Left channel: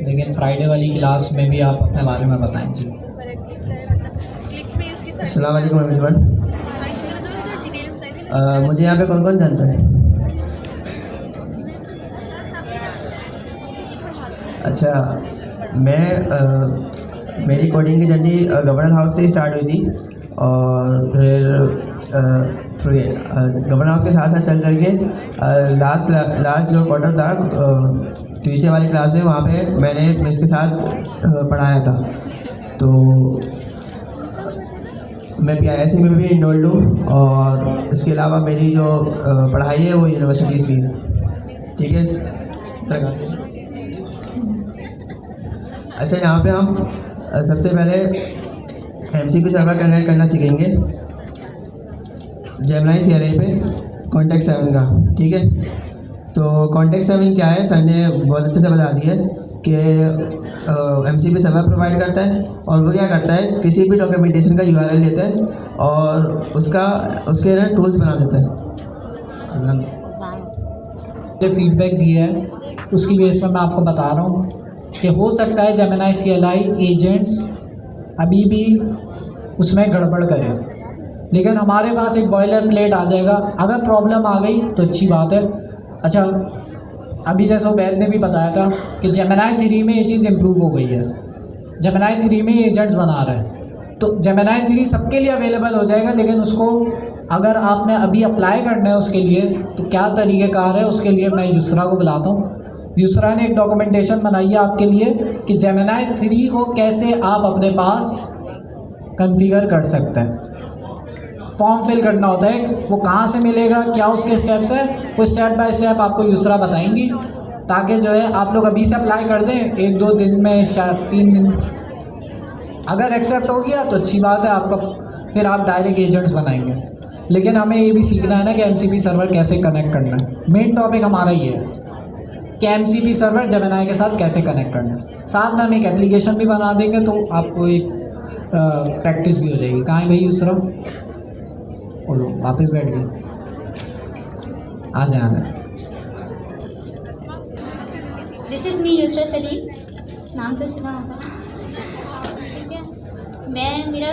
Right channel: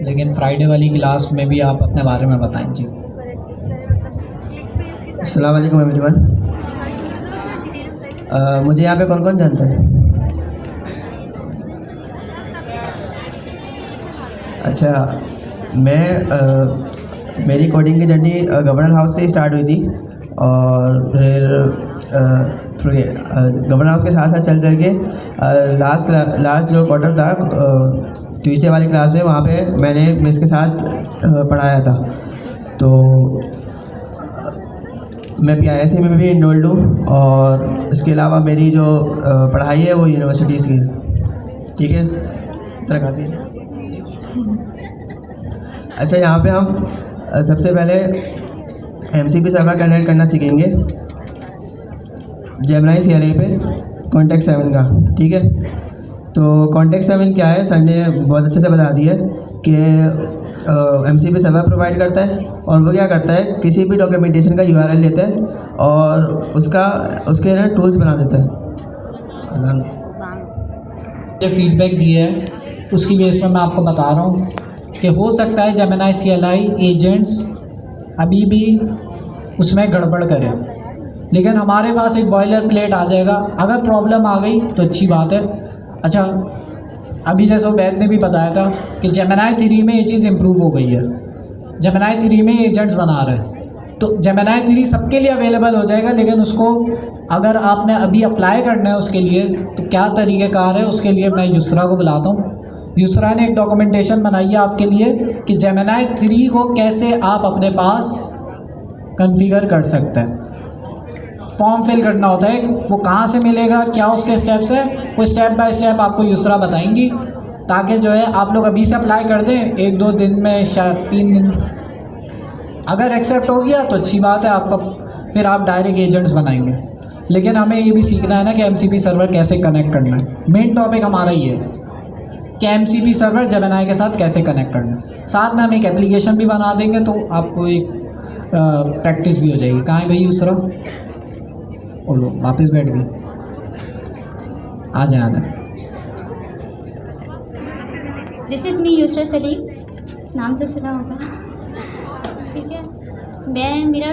लेकिन फ्राइडे वाली क्लास में भी आप अपने बारे में बताएं जी। अस्सलाम वालेकुम एवरीवन। मुझे यहाँ पे कौन कौन जानता है? अच्छा, मेरी कोडिंग की जर्नी गवर्नर हाउस से ही स्टार्ट हुई थी और फिर गवर्नर हाउस के साथ साथ चल के लास्ट जो क्वार्टर था ट्यूसडे वाली क्लास में, वहाँ पे मैंने मिस के साथ पढ़ाया था। तो मैं PISA में भी इनरोल्ड हूँ और इसके अलावा मेरी जो पढ़ाई है वो यूनिवर्सिटीज़ की है। ठीक है, तरह से। अच्छा, यहाँ पे हम सबसे पहले MCP सर्वर कनेक्ट करना सीखेंगे जेमिनी CLI पे कॉन्टेक्स्ट 7 का। ठीक है, तो कॉन्टेक्स्ट 7 क्या है, सर ने बहुत अच्छे से बता दिया कि MCP सर्वर प्रोवाइड करता है और वो क्या करता है, किसी भी डॉक्यूमेंटेशन का URL लेता है और उसके ना टूल्स बना देता है। जो फीडबैक दिए है उसकी बेस पर मैं आपको बता रहा हूँ कि हो सकता है जेमिनी CLI एजेंट्स अभी भी उसमें गड़बड़ करें, लेकिन हमारे पास एक बॉयलर प्लेट आ जाएगा। अगर प्रॉब्लम आ गई तो अच्छी बात है। अच्छा, अभी जैसे वैद ने भी बताया था कि जेमिनी 3 में ये चीज़ इम्प्रूव हो गई है। जेमिनी 3 में एजेंट्स बना रहे हैं, तो जेमिनी 3 सबके लिए अवेलेबल हो जाएगा, लेकिन उसको अगर आपने अभी अप्लाई करना है उसके लिए तो क्या तरीक़ेकार है, उसके लिए मैं यूसरा को बुलाता हूँ। यूसरा ने एक डॉक्यूमेंटेशन बनाई है आपके लिए कि जेमिनी 3 को कैसे आप अपने पास कॉन्फ़िगर कर सकते हैं। फॉर्म फिल करना होता है, वो कहाँ से मिलेगा, क्या उसके स्टेप्स है, वो स्टेप बाय स्टेप आपको यूसरा बताएंगी, ताकि जो है आप लोग अभी से अप्लाई कर दें 1-2 दिन में, शायद 3 दिन। अगर एक्सेप्ट हो गया तो अच्छी बात है आपका, फिर आप डायरेक्ट एजेंट्स बनाएंगे। लेकिन हमें ये भी सीखना है ना कि MCP सर्वर कैसे कनेक्ट करना है। मेन टॉपिक हमारा ये है कि MCP सर्वर जेमिनी के साथ कैसे कनेक्ट करना है। साथ में हम एक एप्लीकेशन भी बना देंगे तो आपको एक प्रैक्टिस भी हो जाएगी। कहाँ है भाई यूसरा? और वापस बैठ गई, आ जाना। This is me Yusra Salim, नाम तो सुना होगा। ठीक है, मेरा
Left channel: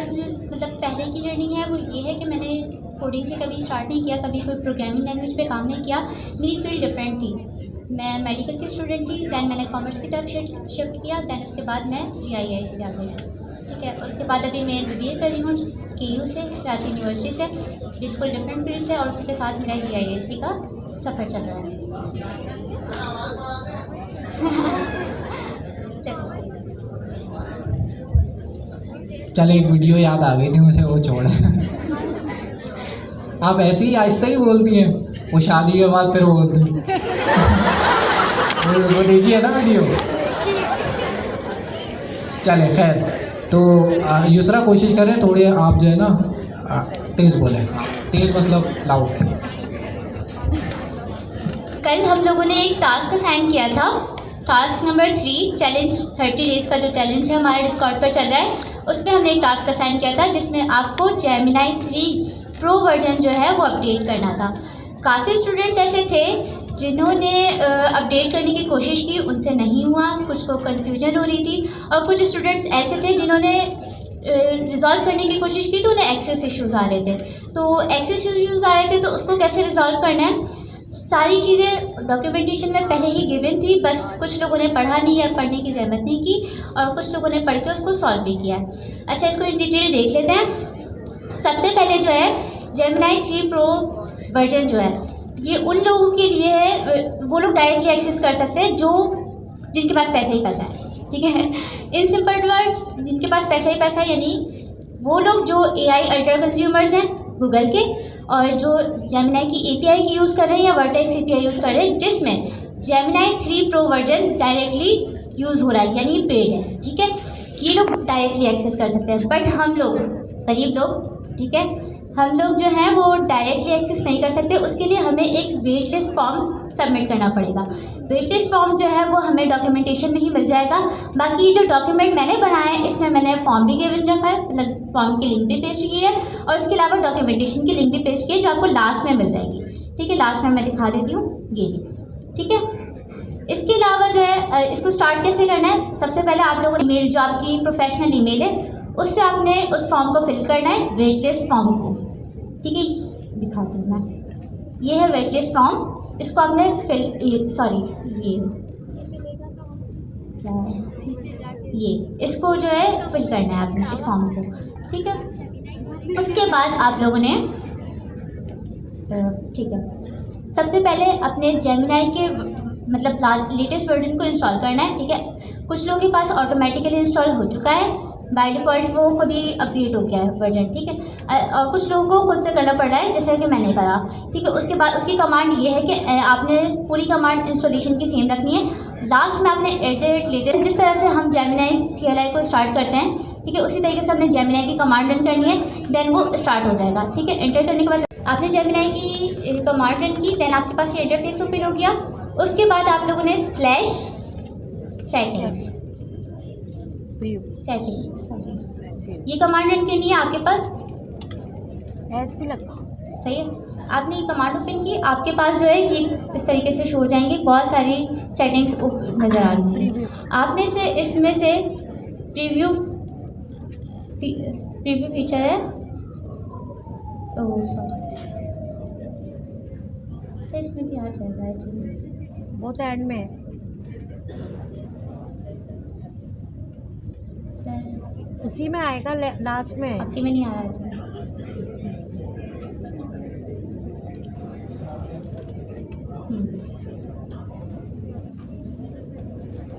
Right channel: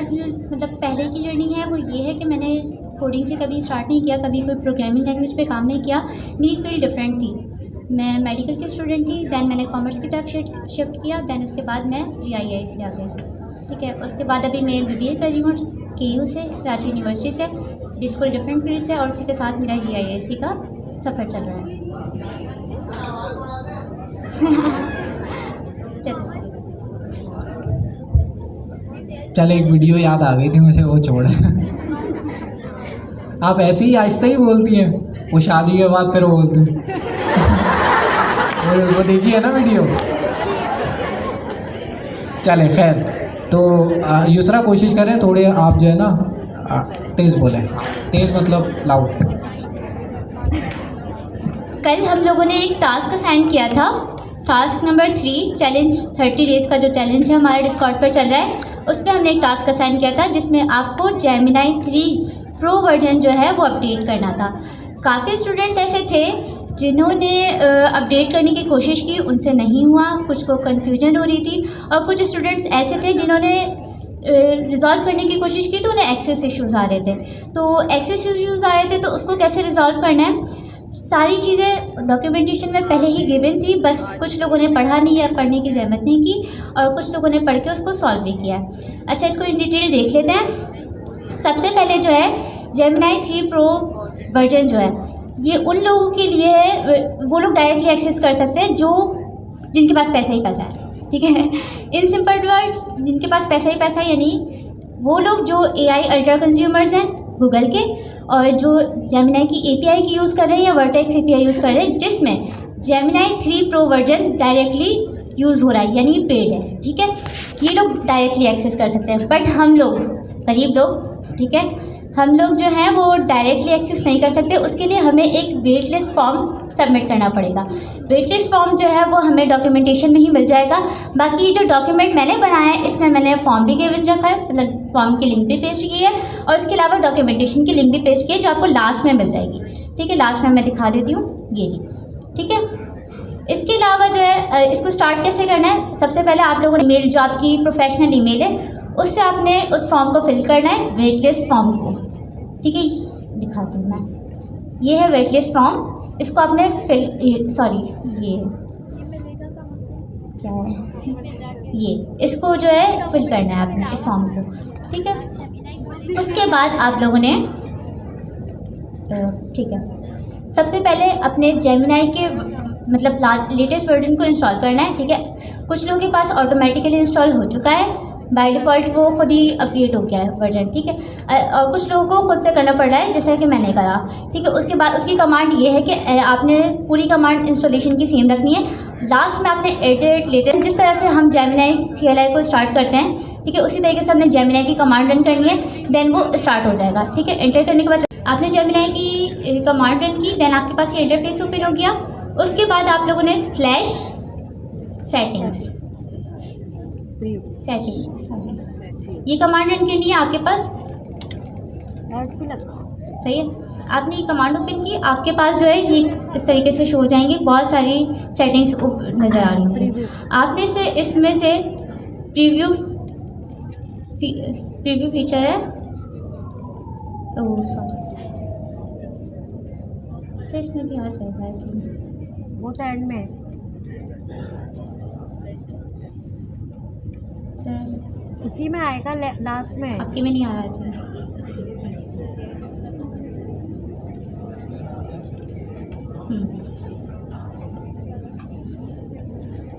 मतलब पहले की जर्नी है वो ये है कि मैंने कोडिंग से कभी स्टार्ट नहीं किया, कभी कोई प्रोग्रामिंग लैंग्वेज पे काम नहीं किया। मेरी फील्ड डिफरेंट थी। मैं मेडिकल की स्टूडेंट थी, दैन मैंने कॉमर्स की तरफ शिफ्ट किया, दैन उसके बाद मैं GII से आ गई। ठीक है, उसके बाद अभी मैं BBA कर रही हूँ KU से, रांची यूनिवर्सिटी से। बिल्कुल डिफरेंट फील्ड से, और उसी के साथ मेरा GISC का सफ़र चल रहा है। चल, एक वीडियो याद आ गई थी मुझे, वो छोड़। आप ऐसे ही आहिस्ता ही बोलती हैं, वो शादी के बाद फिर वो बोलती हैं। वो देखी है ना वीडियो। चले खैर, तो यूसरा कोशिश करें थोड़े आप जो है ना तेज़ बोलें, तेज़ मतलब लाउड। कल हम लोगों ने एक टास्क असाइन किया था, टास्क नंबर 3 चैलेंज 30 डेज़ का जो चैलेंज है हमारा डिस्कॉर्ड पर चल रहा है, उस पर हमने एक टास्क असाइन किया था जिसमें आपको जेमिनी 3 प्रो वर्जन जो है वो अपडेट करना था। काफ़ी स्टूडेंट्स ऐसे थे जिन्होंने अपडेट करने की कोशिश की, उनसे नहीं हुआ, कुछ को कन्फ्यूजन हो रही थी, और कुछ स्टूडेंट्स ऐसे थे जिन्होंने रिज़ॉल्व करने की कोशिश की तो उन्हें एक्सेस इश्यूज़ आ रहे थे। तो एक्सेस इश्यूज़ आ रहे थे तो उसको कैसे रिज़ॉल्व करना है, सारी चीज़ें डॉक्यूमेंटेशन में पहले ही गिवन थी, बस कुछ लोगों ने पढ़ा नहीं या पढ़ने की ज़रूरत नहीं की, और कुछ लोगों ने पढ़ के उसको सॉल्व भी किया। अच्छा, इसको इन डिटेल देख लेते हैं। सबसे पहले जो है जेमिनी 3 प्रो वर्जन जो है ये उन लोगों के लिए है, वो लोग डायरेक्टली एक्सेस कर सकते हैं जिनके पास पैसा ही पैसा है। ठीक है, इन सिंपल वर्ड्स, जिनके पास पैसा ही पैसा, यानी वो लोग जो AI अल्ट्रा कंज्यूमर्स हैं गूगल के, और जो जेमिनी की API की यूज़ कर रहे हैं या वर्टेक्स API यूज़ कर रहे हैं, जिसमें Gemini 3 pro version directly use हो रहा है, यानी पेड है। ठीक है, ये लोग डायरेक्टली एक्सेस कर सकते हैं। बट हम लोग गरीब लोग, ठीक है, हम लोग जो हैं वो डायरेक्टली एक्सेस नहीं कर सकते। उसके लिए हमें एक वेट लिस्ट फॉर्म सबमिट करना पड़ेगा। वेट लिस्ट फॉर्म जो है वो हमें डॉक्यूमेंटेशन में ही मिल जाएगा। बाकी ये जो डॉक्यूमेंट मैंने बनाया है इसमें मैंने फॉर्म भी गिवन रखा है, मतलब फॉर्म की लिंक भी पेस्ट की है, और इसके अलावा डॉक्यूमेंटेशन की लिंक भी पेस्ट की है जो आपको लास्ट में मिल जाएगी। ठीक है, लास्ट में मैं दिखा देती हूँ ये। ठीक है, इसके अलावा जो है इसको स्टार्ट कैसे करना है, सबसे पहले आप लोगों ने ईमेल, जो आपकी प्रोफेशनल ईमेल है, उससे आपने उस फॉर्म को फिल करना है, वेट लिस्ट फॉर्म को। ठीक है, दिखाती हूँ मैं। ये है वेट लिस्ट फॉर्म, इसको आपने ये इसको जो है फिल करना है आपने, इस फॉर्म को। ठीक है, उसके बाद आप लोगों ने ठीक है, सबसे पहले अपने जेमिनाई के मतलब लेटेस्ट वर्जन को इंस्टॉल करना है। ठीक है, कुछ लोगों के पास ऑटोमेटिकली इंस्टॉल हो चुका है, बाय डिफ़ॉल्ट वो खुद ही अपडेट हो गया है वर्जन। ठीक है, और कुछ लोगों को खुद से करना पड़ रहा है, जैसे कि मैंने करा। ठीक है, उसके बाद उसकी कमांड ये है कि आपने पूरी कमांड इंस्टॉलेशन की सेम रखनी है। लास्ट में आपने @later, जिस तरह से हम जेमिनाई CLI को स्टार्ट करते हैं, ठीक है, उसी तरीके से हमने जेमिनाई की कमांड रन करनी है, देन वो स्टार्ट हो जाएगा। ठीक है, एंटर करने के बाद आपने जेमिनाई की कमांड रन की, देन आपके पास ये इंटरफेस ओपन हो गया। उसके बाद आप लोगों ने /settings ये कमांड रन करनी है आपके पास। भी लगता सही है, आपने ये कमांड ओपन की, आपके पास जो है ये इस तरीके से शो हो जाएंगे, बहुत सारी सेटिंग्स नज़र आ रही हैं। आपने से इसमें से प्रीव्यू फीचर है, ओह सॉरी, तो इसमें भी आ जाएगा आई थिंक, वो तो एंड में उसी में आएगा, लास्ट में। आपके में नहीं आ रहा था।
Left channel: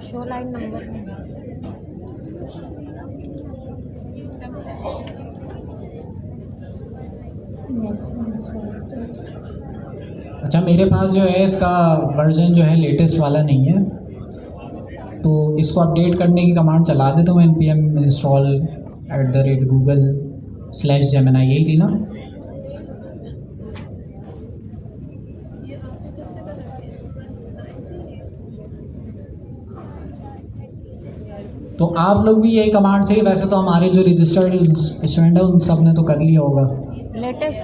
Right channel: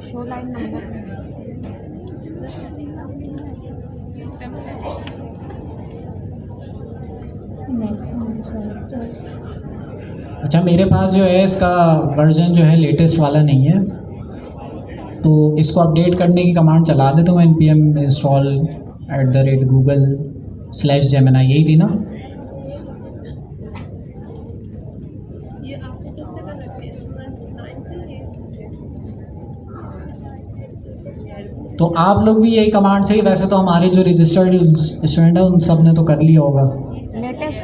शो लाइन नंबर अच्छा, मेरे पास जो है इसका वर्जन जो है लेटेस्ट वाला नहीं है, तो इसको अपडेट करने की कमांड चला देता हूँ, npm install @google/gemini, यही थी ना। तो आप लोग भी यही कमांड से ही, वैसे तो हमारे जो रजिस्टर्ड स्टूडेंट है उन सब ने तो कर लिया होगा। लेटेस्ट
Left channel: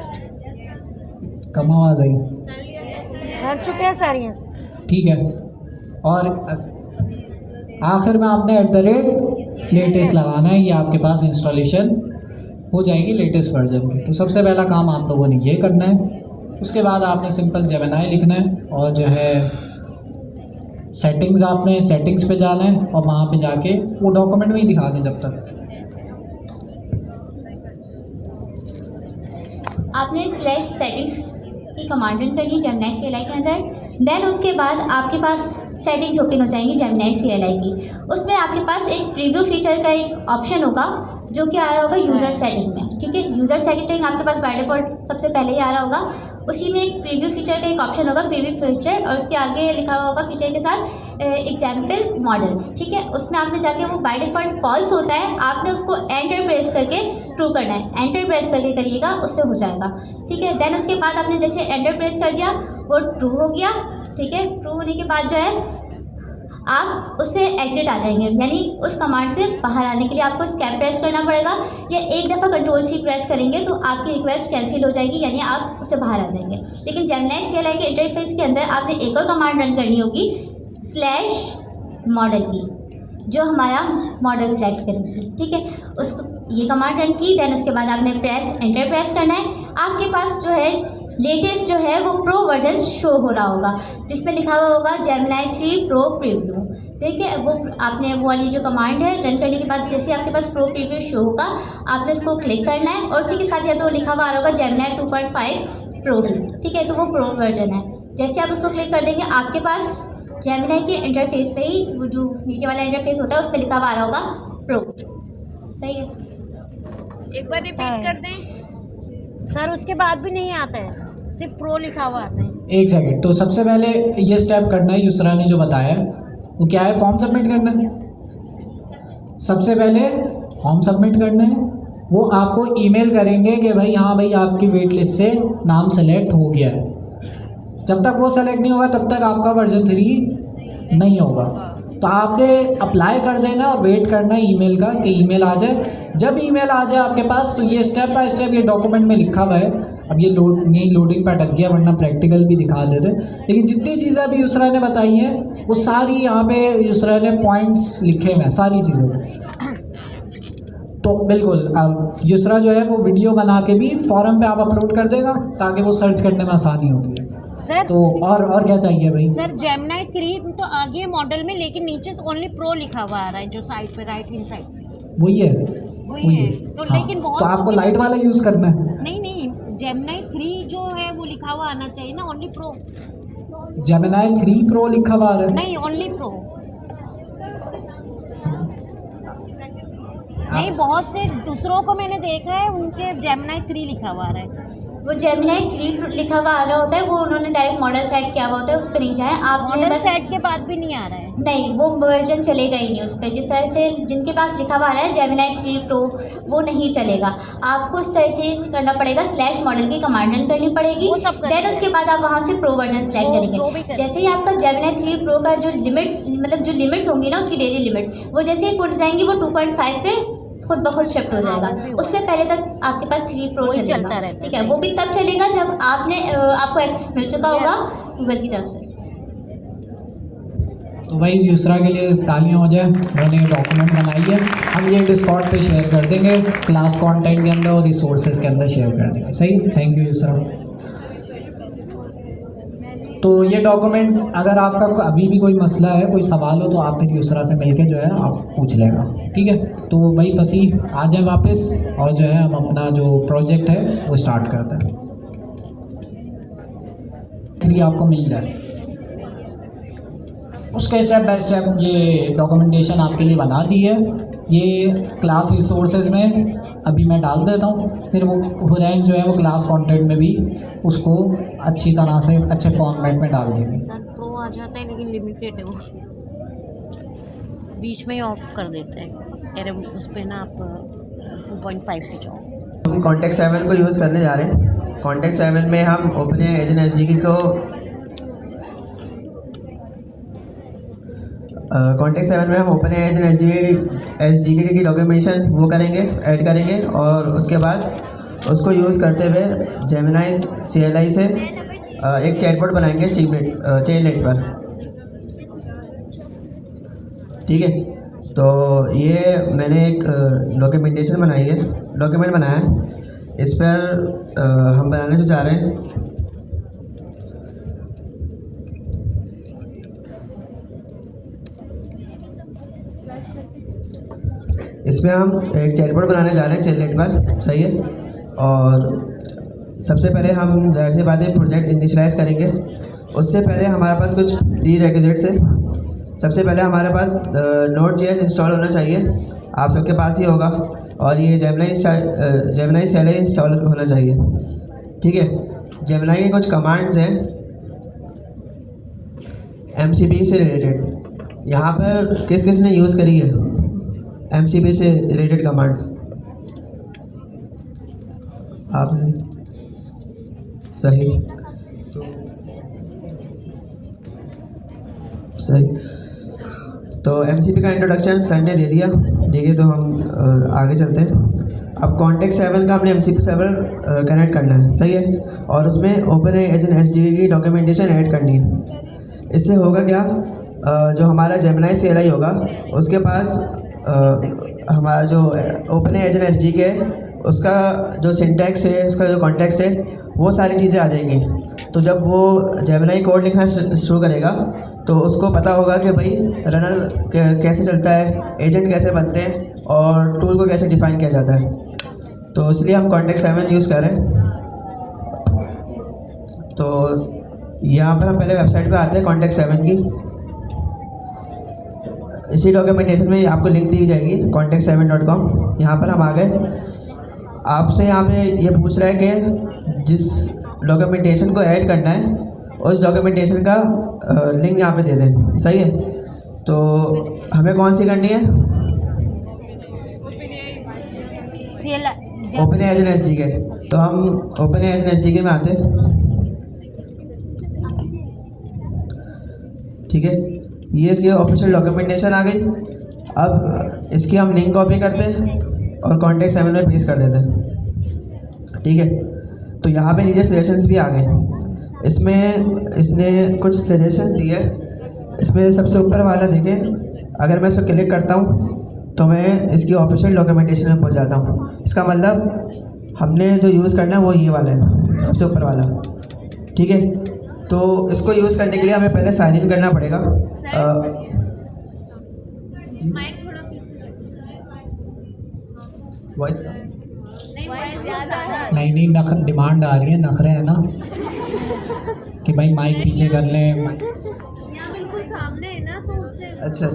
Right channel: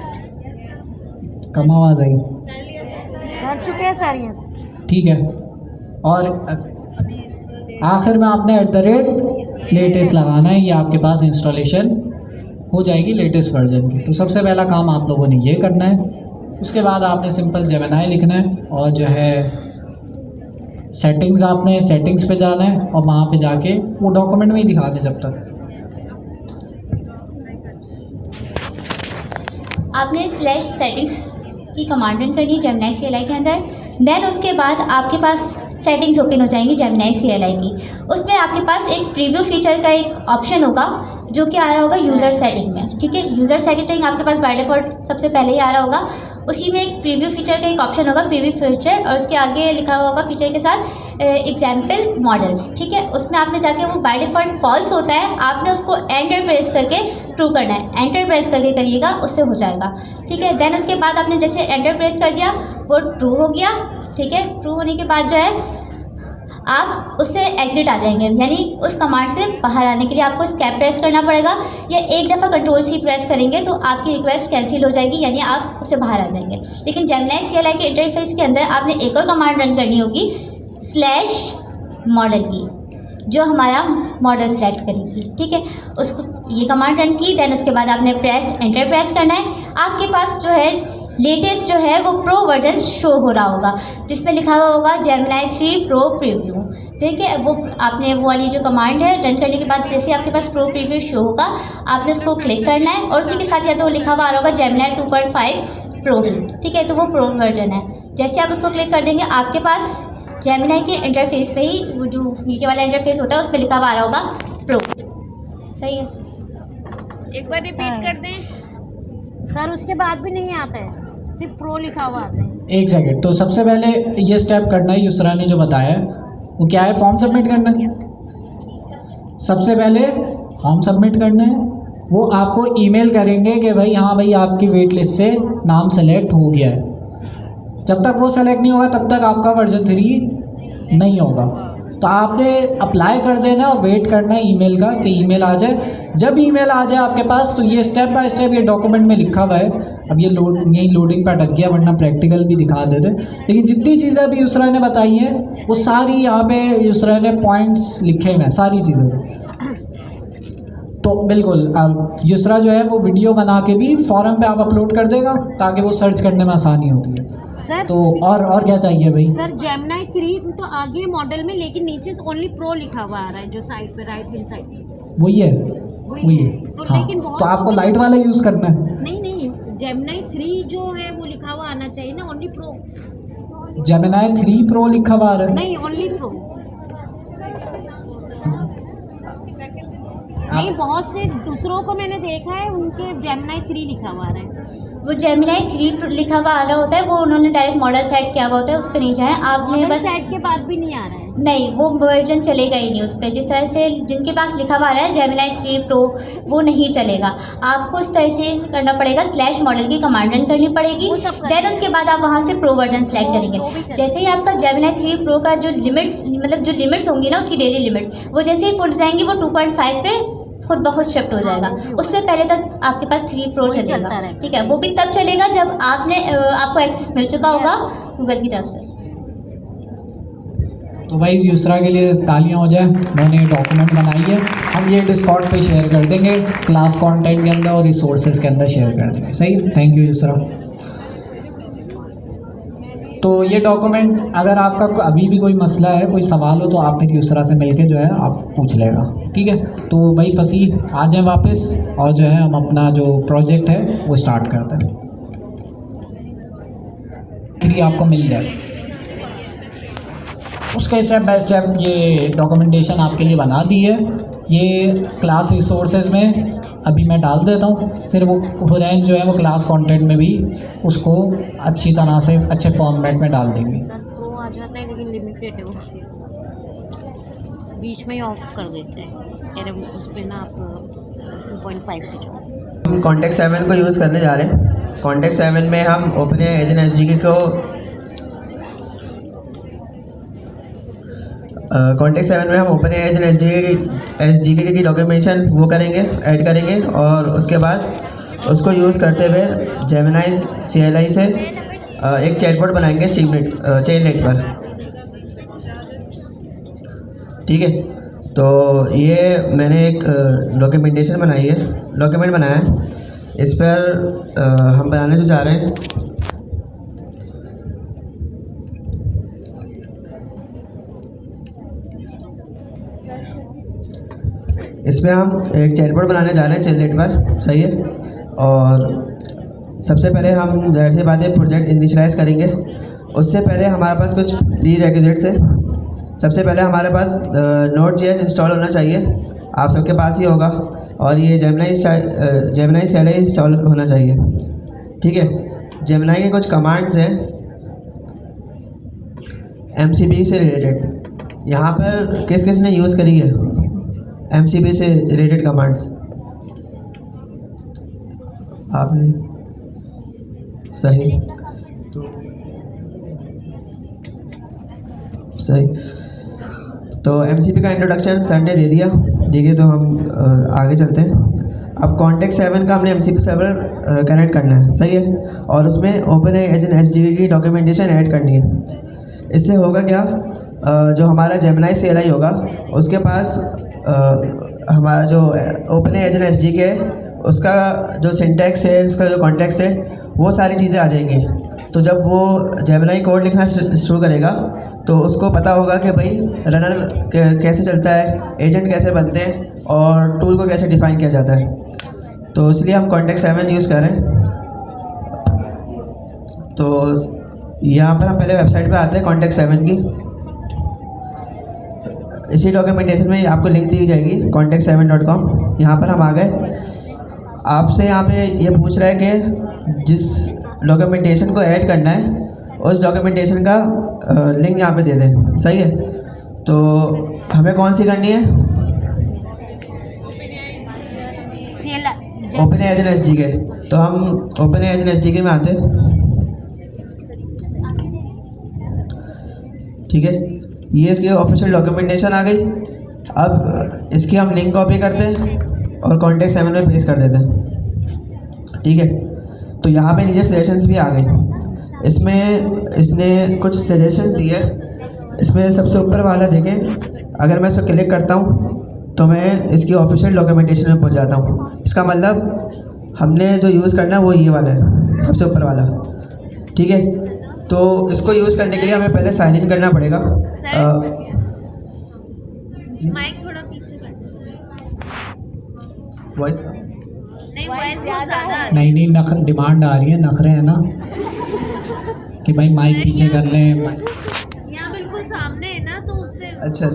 कम आवाज़ आई, कर चुके हैं सारी। ठीक है, और आखिर में आपने @latest लगाना है, ये आपके पास इंस्टॉलेशन हो जाएगी लेटेस्ट वर्जन की। तो सबसे पहला काम आप लोगों ने ये करना है। उसके बाद आपने सिंपल जेमिनाई लिखना है और जो है सेटिंग्स, आपने सेटिंग्स पे जाना है और वहाँ पे जाके वो डॉक्यूमेंट में ही दिखा दें जब तक। आपने /settings की कमांड रन करनी है जेमिनाई CLI के अंदर। देन उसके बाद आपके पास सेटिंग्स ओपन हो जाएंगी जेमिनाई CLI की। उसमें आपके पास एक प्रीव्यू फीचर का एक ऑप्शन होगा जो कि आ रहा होगा यूज़र सेटिंग में। ठीक है, यूज़र सेटिंग आपके पास बाय डिफ़ॉल्ट सबसे पहले ही आ रहा होगा। उसी में एक प्रीव्यू फीचर का एक ऑप्शन होगा, प्रीव्यू फीचर, और उसके आगे लिखा हुआ होगा फीचर के साथ एग्जाम्पल मॉडल्स। ठीक है, उसमें आपने जाके, वो बाय डिफ़ॉल्ट फॉल्स होता है, आपने उसको एंटर प्रेस करके ट्रू करना है। एंटर प्रेस करके करिएगा, उससे हो जाएगा। ठीक है, देन उसके बाद आपने जैसे एंटर प्रेस कर दिया, वो ट्रू हो गया। ठीक है, ट्रू होने के बाद जो है आप उससे एग्जिट आ जाएंगे, यानी उस कमांड से बाहर आने के लिए आपको स्केप प्रेस करना पड़ेगा, या एक दफ़ा Ctrl+C प्रेस करेंगे तो आपकी रिक्वेस्ट कैंसिल हो जाएगी, यानी आप उससे बाहर आ जाएंगे। लेकिन जेमिनाई CLI के इंटरफेस के अंदर आपने एक और कमांड रन करनी होगी, /model की, जो हमारा मॉडल सेलेक्ट करेगी। ठीक है, उसको ये कमांड रन की, देन उसके बाद आपने एंटर प्रेस करना है। आपके पास जो है लेटेस्ट जो है वो प्रो वर्जन शो हो रहा होगा, जिसमें लिखा हुआ होगा जेमिनाई 3 प्रो प्रीव्यू। ठीक है, वो आपने वो वाली जो कमांड है रन करने के बाद जैसे आपके पास प्रो प्रीव्यू शो होगा, आपने उसको क्लिक करना है, और उसी के साथ या तो लिखा हुआ आ रहा होगा जेमिनाई 2.5 प्रो ही। ठीक है, तो वो प्रो वर्जन है। जैसे आप उसको क्लिक कर देंगे, आपके पास जेमिनाई के इंटरफेस पे ही वो जो नीचे वाला इंटरफेस होता है उस पर लिखा हुआ आ रहा होगा प्रो। सही है, एक बार रिपीट कर दें सर, उसके बाद भी नहीं आता है, सिर्फ प्रो लिखा हुआ आता है। एक सेकंड, तो सबसे पहले ये स्टेप करना है, युसरा ने जो बताया वो क्या है, फॉर्म सबमिट करना है। सबसे पहले फॉर्म सबमिट करना है, वो आपको ईमेल करेंगे कि भाई हाँ भाई आपकी वेट लिस्ट से नाम सेलेक्ट हो गया है। जब तक वो सेलेक्ट नहीं होगा तब तक आपका वर्जन 3 नहीं होगा। तो आपने अप्लाई कर देना और वेट करना है ईमेल का कि ईमेल आ जाए। जब ईमेल आ जाए आपके पास, तो ये स्टेप बाय स्टेप ये डॉक्यूमेंट में लिखा हुआ है, अब ये यही लोडिंग पे अटक गया, वरना प्रैक्टिकल भी दिखा देते। लेकिन जितनी चीज़ें अभी यूसरा ने बताई हैं वो सारी यहाँ पे यूसरा ने पॉइंट्स लिखे हुए हैं सारी चीज़ों को। तो बिल्कुल यूसरा जो है वो वीडियो बना के भी फोरम पे आप अपलोड कर देगा ताकि वो सर्च करने में आसानी होती है। सर तो और क्या चाहिए भाई? सर जेमिनी 3 तो आगे मॉडल में, लेकिन नीचे से ओनली प्रो लिखा हुआ आ रहा है जो साइड पे राइट हैंड साइड वही है वही है। तो हाँ, लेकिन बहुत तो आपको लाइट वाला यूज़ करना है। नहीं जेमिनी 3 जो है वो लिखा हुआ आना चाहिए ना, ओनली प्रो। जेमिनी 3 प्रो लिखा हुआ आ रहा है। नहीं ओनली प्रो। नहीं बहुत से दूसरों को मैंने देखा है उनके जेमिनी 3 लिखा हुआ आ रहा है। वो जेमिनी 3 लिखा हुआ आ रहा होता है, वो उन्होंने डायरेक्ट मॉडल सेट किया हुआ होता है, उस पर नहीं जाए आपने मॉडल बस। सेट के बाद भी नहीं आ रहा है। नहीं वो वर्जन चलेगा ही नहीं उस पर। जिस तरह से जिनके पास लिखा हुआ आ रहा है जेमिनी 3 प्रो वो नहीं चलेगा। आपको इस तरह से करना पड़ेगा, स्लैश मॉडल की कमांड रन करनी पड़ेगी, वो सब करते देन उसके बाद आप वहाँ से प्रो वर्जन सेलेक्ट वो भी करेंगे। करते जैसे ही आपका जेमिनी 3 प्रो का जो लिमिट्स मतलब जो लिमिट्स होंगी ना उसकी डेली लिमिट्स, वो जैसे ही फुल जाएंगी वो 2.5 पे खुद ब खुद शिफ्ट हो जाएगा। उससे पहले तक आपके पास 3 प्रो वही चलेगा, चलता रहता है। ठीक है। वो भी तब चलेगा जब आपको एक्सेस मिल चुका होगा गूगल की तरफ से। तो भाई यूसरा के लिए तालियां हो जाए, मैंने डॉक्यूमेंट बनाई है, हम ये डिस्कॉर्ड पे शेयर कर देंगे, क्लास कंटेंट के अंदर और रिसोर्सेज के अंदर शेयर कर देंगे। सही, थैंक यू यूसरा। तो ये डॉक्यूमेंट अगर आपका अभी भी कोई मसला है, कोई सवाल हो तो आप फिर यूसरा से मिलके जो है आप पूछ लेगा, ठीक है। तो भाई फसीह आ जाए वापस और जो है हम अपना जो प्रोजेक्ट है वो स्टार्ट करते हैं। फिर आपको मिल जाए उसके स्टेप बाय स्टेप ये डॉक्यूमेंटेशन आपके लिए बना दी है। ये क्लास रिसोर्सेज में अभी मैं डाल देता हूँ, फिर वो हुरैन जो है वो क्लास कंटेंट में भी उसको अच्छी तरह से अच्छे फॉर्मेट में डाल देंगे। सर प्रो आ जाता है लेकिन लिमिटेड है वो, बीच में ही ऑफ कर देते हैं। कह रहे उस पर ना आप 2.5 पे जाओ। हम कॉन्टेक्ट 7 को यूज़ करने जा रहे हैं। कॉन्टेक्ट 7 में हम ओपनएआई एजेंट एसडीके को कॉन्टेक्ट 7 में हम ओपनएआई एजेंट एसडीके की डॉक्यूमेंटेशन वो करेंगे, ऐड करेंगे और उसके बाद उसको यूज़ करते हुए जेमिनी CLI से एक चैटबॉट बनाएंगे चेनलेट पर, ठीक है। तो ये मैंने एक डॉक्यूमेंट बनाया है। इस पर हम बनाने जो जा रहे हैं इसमें हम एक चैटबॉट बनाने जा रहे हैं चैटलेट पर, सही है। और सबसे पहले हम ज़ाहिर सी बात है प्रोजेक्ट इनिशियलाइज़ करेंगे। उससे पहले हमारे पास कुछ प्री रेक्विजिट्स है। सबसे पहले हमारे पास Node.js इंस्टॉल होना चाहिए, आप सबके पास ही होगा, और ये जेमिनी CLI इंस्टॉल होना चाहिए, ठीक है। जेमिनी के कुछ कमांड्स हैं MCP से रिलेटेड, यहाँ पर किस किस ने यूज़ करी है MCP से रिलेटेड कमांड्स? आपने, सही सही। तो MCP का इंट्रोडक्शन संडे दे दिया, ठीक है। तो हम आगे चलते हैं। अब कॉन्टेक्ट 7 का हमने MCP सर्वर कनेक्ट करना है, सही है, और उसमें ओपनएआई एजेंट एसडीके की डॉक्यूमेंटेशन ऐड करनी है। इससे होगा क्या, जो हमारा जेमिनी CLI होगा उसके पास हमारा जो ओपनएआई एजेंट एसडीके है उसका जो सिंटैक्स है, उसका जो कॉन्टेक्स्ट है, वो सारी चीज़ें आ जाएंगी। तो जब वो जेमिनी कोड लिखना शुरू करेगा तो उसको पता होगा कि भाई रनर कैसे चलता है, एजेंट कैसे बनते हैं और टूल को कैसे डिफाइन किया जाता है। तो इसलिए हम कॉन्टेक्ट 7 यूज़ कर रहे हैं। तो यहाँ पर हम पहले वेबसाइट पे आते हैं कॉन्टेक्ट 7 की। इसी डॉक्यूमेंटेशन में आपको लिंक दी जाएगी contact7.com। यहाँ पर हम आ गए। आपसे यहाँ पे ये पूछ रहा है कि जिस डॉक्यूमेंटेशन को ऐड करना है उस डॉक्यूमेंटेशन का लिंक यहाँ पे दे दें, सही है। तो हमें कौन सी करनी है? OpenAI agent SDK. तो हम ओपनएआई एजेंट एसडीके में आते हैं, ठीक है। ये इसकी ऑफिशियल डॉक्यूमेंटेशन आ गई। अब इसकी हम लिंक कॉपी करते हैं और कॉन्टेक्ट 7 में पेस्ट कर देते हैं, ठीक है। तो तो यहाँ पे नीचे सजेशंस भी आ गए। इसमें इसने कुछ सजेशंस दिए। इसमें सबसे ऊपर वाला देखें, अगर मैं इसको क्लिक करता हूँ तो मैं इसकी ऑफिशियल डॉक्यूमेंटेशन में पहुँच जाता हूँ। इसका मतलब हमने जो यूज़ करना है वो ये वाला है, सबसे ऊपर वाला, ठीक है। तो इसको यूज़ करने के लिए हमें पहले साइन इन करना पड़ेगा। माइक थोड़ा पीछे कर वॉइस नहीं, वॉइस बहुत ज़्यादा नहीं नख डिमांड आ रही है, नखरे हैं ना कि भाई माइक पीछे कर लें। यहाँ बिल्कुल सामने है ना, तो उससे अच्छा,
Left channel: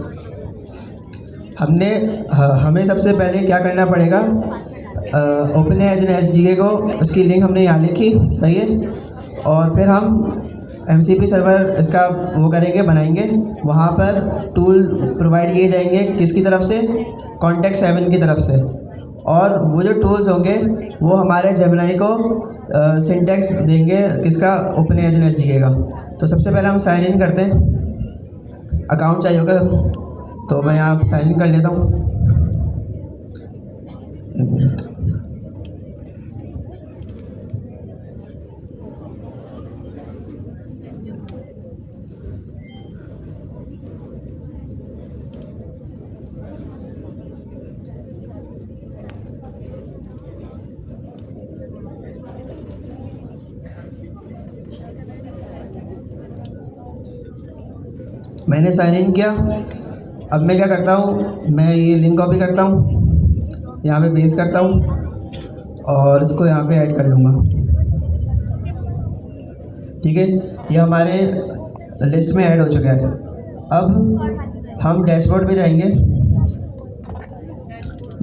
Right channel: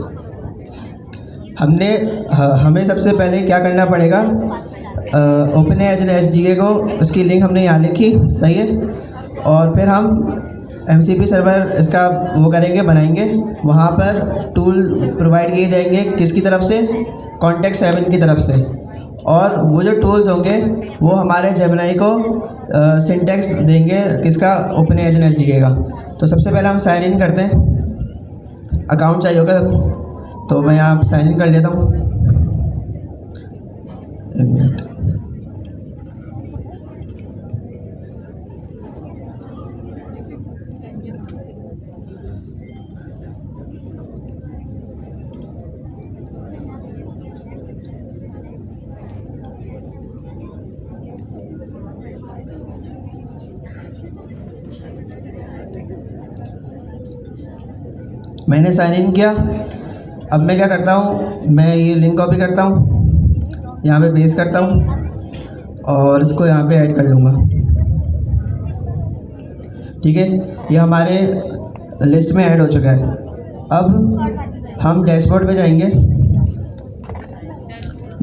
हमें सबसे पहले क्या करना पड़ेगा, ओपन एचडीके को उसकी लिंक हमने यहाँ लिखी, सही है। और फिर हम MCP सर्वर इसका वो करेंगे, बनाएंगे। वहाँ पर टूल प्रोवाइड किए जाएंगे, किसकी तरफ से, कॉन्टेक्ट 7 की तरफ से। और वो जो टूल्स होंगे वो हमारे जेमिनी को सिंटेक्स देंगे, किसका, ओपन एचडीके का। तो सबसे पहले हम साइन इन करते हैं। अकाउंट चाहिए होगा, तो मैं यहाँ साइन इन कर लेता हूँ। एक मिनट। मैंने साइन इन किया। अब मैं क्या करता हूँ, मैं ये लिंक कॉपी करता हूँ, यहाँ पे पेस्ट करता हूँ और इसको यहाँ पे ऐड कर लूँगा, ठीक है। ये हमारे लिस्ट में ऐड हो चुका है। अब हम डैशबोर्ड पे जाएंगे।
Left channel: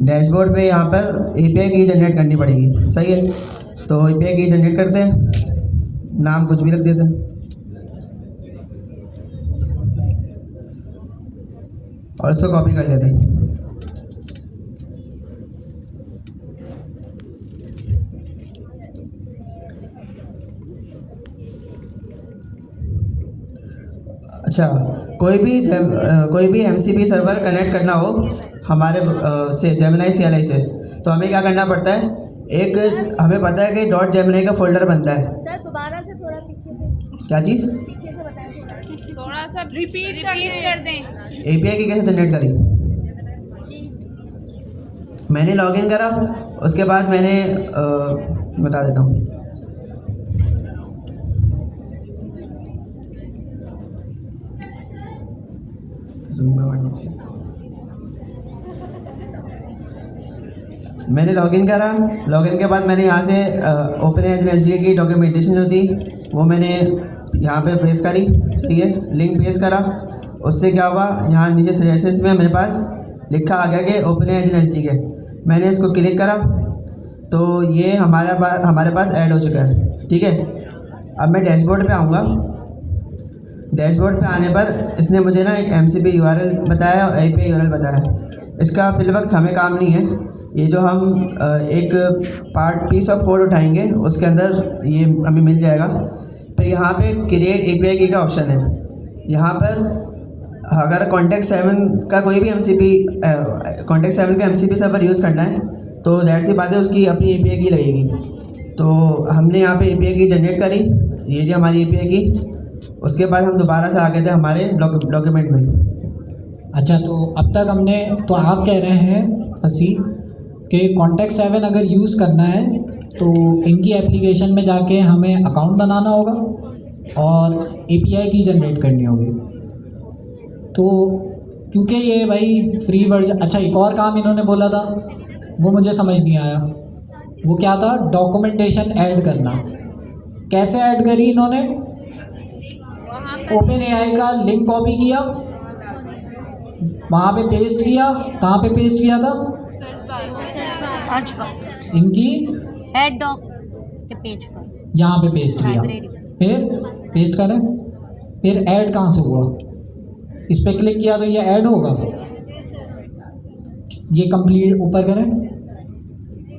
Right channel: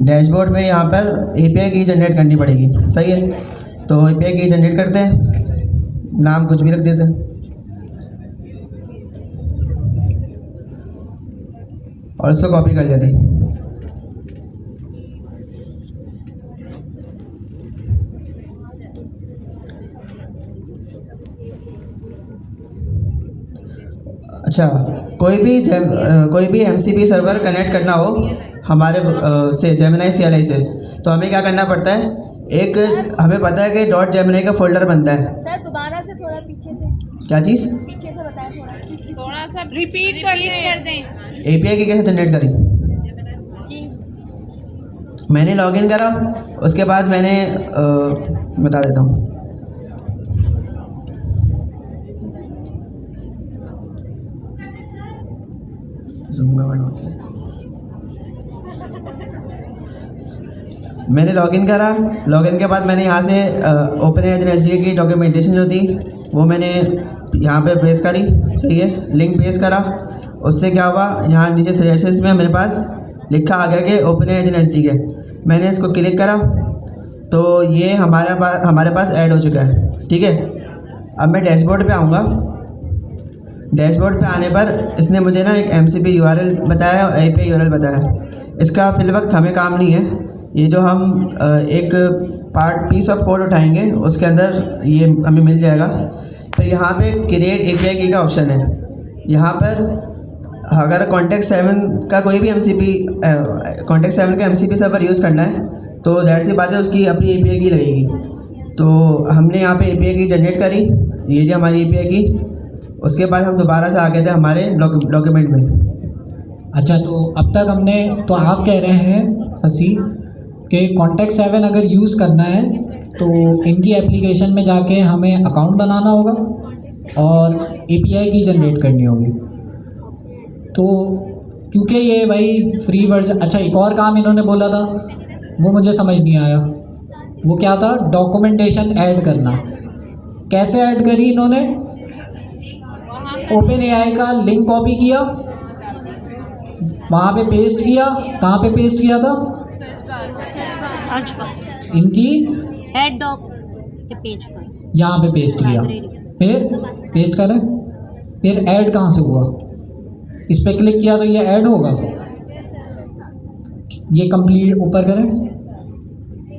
डैशबोर्ड में यहाँ पर API की जनरेट करनी पड़ेगी, सही है। तो API की जनरेट करते हैं, नाम कुछ भी रख देते हैं और इसको कॉपी कर लेते हैं। अच्छा, कोई भी MCP सर्वर कनेक्ट करना हो हमारे से जेमिनी CLI से, तो हमें क्या करना पड़ता है, एक हमें पता है कि .gemini का फोल्डर बनता है। सर दोबारा से थोड़ा पीछे से, क्या चीज़, पीछे से बताएं, थोड़ा सा रिपीट कर दें। API की कैसे जनरेट करी। मैंने लॉगिन करा, उसके बाद मैंने बता देता हूँ। मैंने लॉगिन करा। लॉगिन के बाद मैंने यहाँ से ओपन एचडीके की डॉक्यूमेंटेशन जो थी वो मैंने यहाँ पे पेस्ट करी, सही है। लिंक पेस्ट करा, उससे क्या हुआ, यहाँ नीचे सजेशंस में मेरे पास लिखा आ गया कि ओपन एचडीके। मैंने इसको क्लिक करा तो ये हमारे पास ऐड हो चुका है, ठीक है। अब मैं डैशबोर्ड पे आऊँगा। डैशबोर्ड पे आने पर इसने मुझे ना एक MCP URL बताया और API URL बताया। इसका फिल वक्त हमें काम नहीं है। ये जो हम एक पीस ऑफ कोड उठाएंगे उसके अंदर ये हमें मिल जाएगा। फिर यहाँ पे क्रिएट API की का ऑप्शन है। यहाँ पर अगर कॉन्टेक्ट 7 का कोई भी कॉन्टेक्ट 7 का MCP सर्वर यूज़ करना है तो जाहिर सी बात है उसकी अपनी API की लगेगी। तो हमने यहाँ पे API की जनरेट करी, ये जो हमारी API की। उसके बाद हम दोबारा से आ गए थे हमारे डॉक्यूमेंट में। अच्छा, तो अब तक हमने, तो आप कह रहे हैं फसी कि कॉन्टेक्ट 7 अगर यूज़ करना है तो इनकी एप्लीकेशन में जाके हमें अकाउंट बनाना होगा और API की जनरेट करनी होगी। तो क्योंकि ये भाई फ्री वर्जन। अच्छा, एक और काम इन्होंने बोला था वो मुझे समझ नहीं आया, वो क्या था, डॉक्यूमेंटेशन ऐड करना। कैसे ऐड करी इन्होंने, ओपन AI का लिंक कॉपी किया, वहाँ पे पेस्ट किया। कहाँ पे पेस्ट किया था, सर्च पर, इनकी हेड डॉक के पेज पर, यहाँ पे पेस्ट किया। फिर पेस्ट करें, फिर ऐड कहाँ से हुआ, इस पर क्लिक किया तो ये ऐड होगा। ये कंप्लीट ऊपर करें,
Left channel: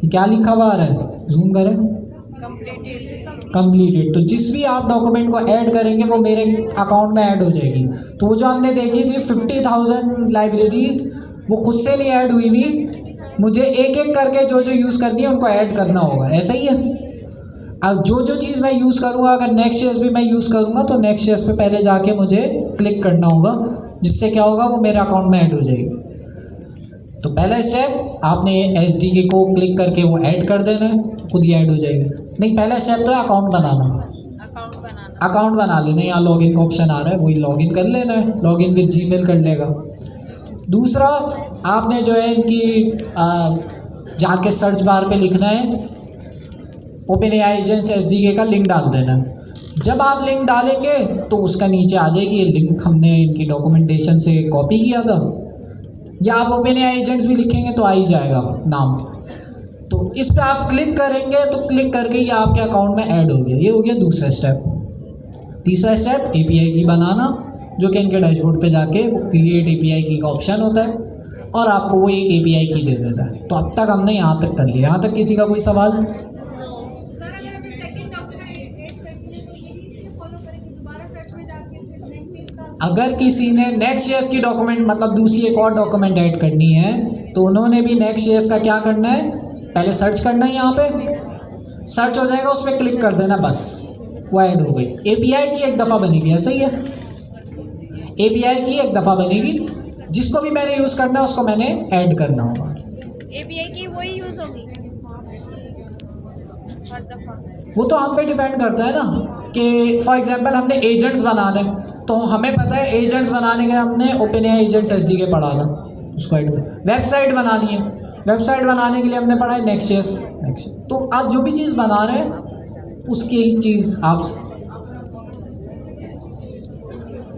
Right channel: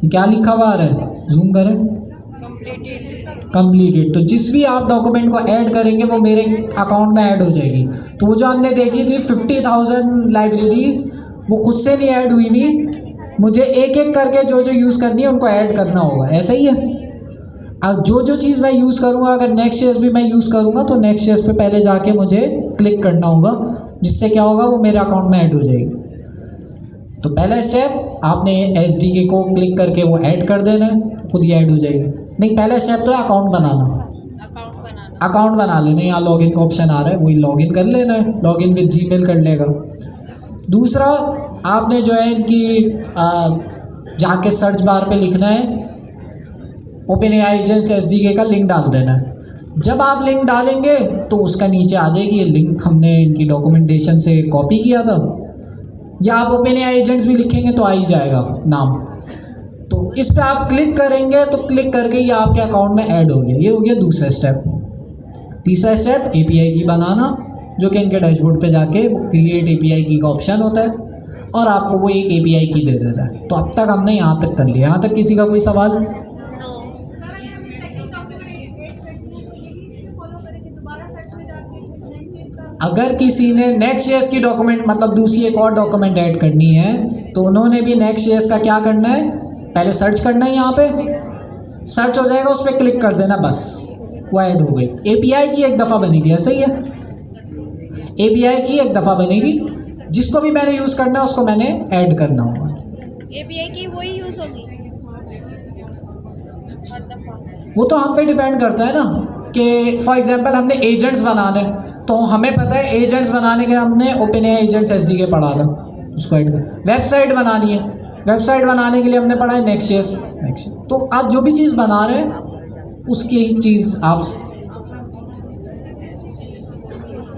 ये क्या लिखा हुआ आ रहा है, जूम करें, कंप्लीटेड। तो जिस भी आप डॉक्यूमेंट को ऐड करेंगे वो मेरे अकाउंट में ऐड हो जाएगी। तो वो जो हमने देखी थी 50,000 लाइब्रेरीज, वो खुद से नहीं ऐड हुई हुई, मुझे एक एक करके जो जो यूज़ करनी है उनको ऐड करना होगा, ऐसा ही है। अब जो चीज़ मैं यूज़ करूँगा, अगर नेक्स्ट ईयर भी मैं यूज़ करूँगा तो नेक्स्ट ईयर पे पहले जाके मुझे क्लिक करना होगा, जिससे क्या होगा वो मेरे अकाउंट में ऐड हो जाएगी। तो पहला स्टेप आपने SDK को क्लिक करके वो ऐड कर देना है, खुद ही ऐड हो जाएगी। नहीं, पहला स्टेप तो है अकाउंट बनाना। अकाउंट बना लेना, यहाँ लॉगिन का ऑप्शन आ रहा है, वही लॉगिन कर लेना है, लॉगिन विद जीमेल कर लेगा। दूसरा आपने जो है इनकी जाके सर्च बार पे लिखना है OpenAI एजेंट्स SDK का लिंक डाल देना है। जब आप लिंक डालेंगे तो उसका नीचे आ जाएगी ये लिंक, हमने इनकी डॉक्यूमेंटेशन से कॉपी किया था, या आप OpenAI एजेंट्स भी लिखेंगे तो आ ही जाएगा नाम। तो इस पर आप क्लिक करेंगे तो क्लिक करके ये आपके अकाउंट में ऐड हो गया। ये हो गया दूसरा स्टेप। तीसरा स्टेप API की बनाना, जो कि इनके डैशबोर्ड पे जाके क्रिएट API की का ऑप्शन होता है और आपको वो एक API की दे देता है। तो अब तक हमने यहाँ तक कर लिया। यहाँ तक किसी का कोई सवाल? अगर किसी ने नेक्स्ट ईयर्स की डॉक्यूमेंट मतलब दूसरी एक और डॉक्यूमेंट ऐड करनी है तो उन्होंने भी नेक्स्ट ईयर्स का क्या करना है, पहले सर्च करना है, यहाँ पे सर्च हो जाएगा, उस पर क्लिक कर देना, बस वो ऐड हो गई। API की एक दफ़ा बनेगी, ऐसा ही है, API की एक दफ़ा बनेगी, जिसको भी मैंने यूज़ करना है उसको मैंने ऐड करना होगा। API की वही यूज होगी हर दफा। वो तो हम पे डिपेंड करता है ना कि फॉर एग्जांपल हमने एजेंट्स बनाने, तो हमें पता है एजेंट्स बनाने के हमने OpenAI एजेंट्स SDK पढ़ा था, उसको ऐड कर। वेबसाइट बनानी है, वेबसाइट बनाने के लिए हमने पढ़ा है नेक्स्ट। तो आप जो भी चीज़ बना रहे हैं उसकी ही चीज़ आप।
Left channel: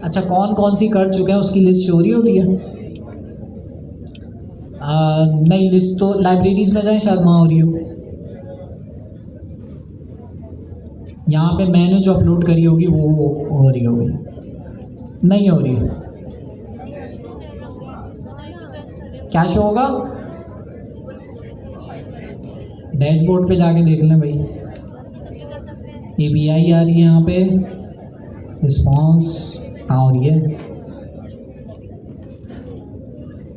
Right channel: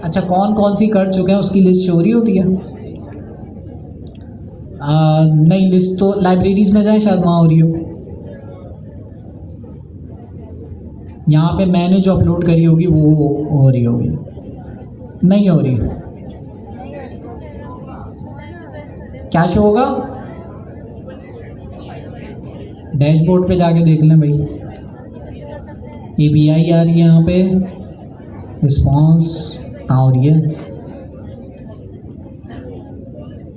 अच्छा, कौन कौन सी कर चुके हैं उसकी लिस्ट चोरी होती है? नहीं, लिस्ट तो लाइब्रेरीज में जाए, शायद वहाँ हो रही हो। यहाँ पे मैंने जो अपलोड करी होगी वो हो रही होगी, नहीं हो रही। क्या शो होगा? डैशबोर्ड पे जाके देख लें भाई, API आ रही है यहाँ पे, रिस्पॉन्स कहाँ हो रही है?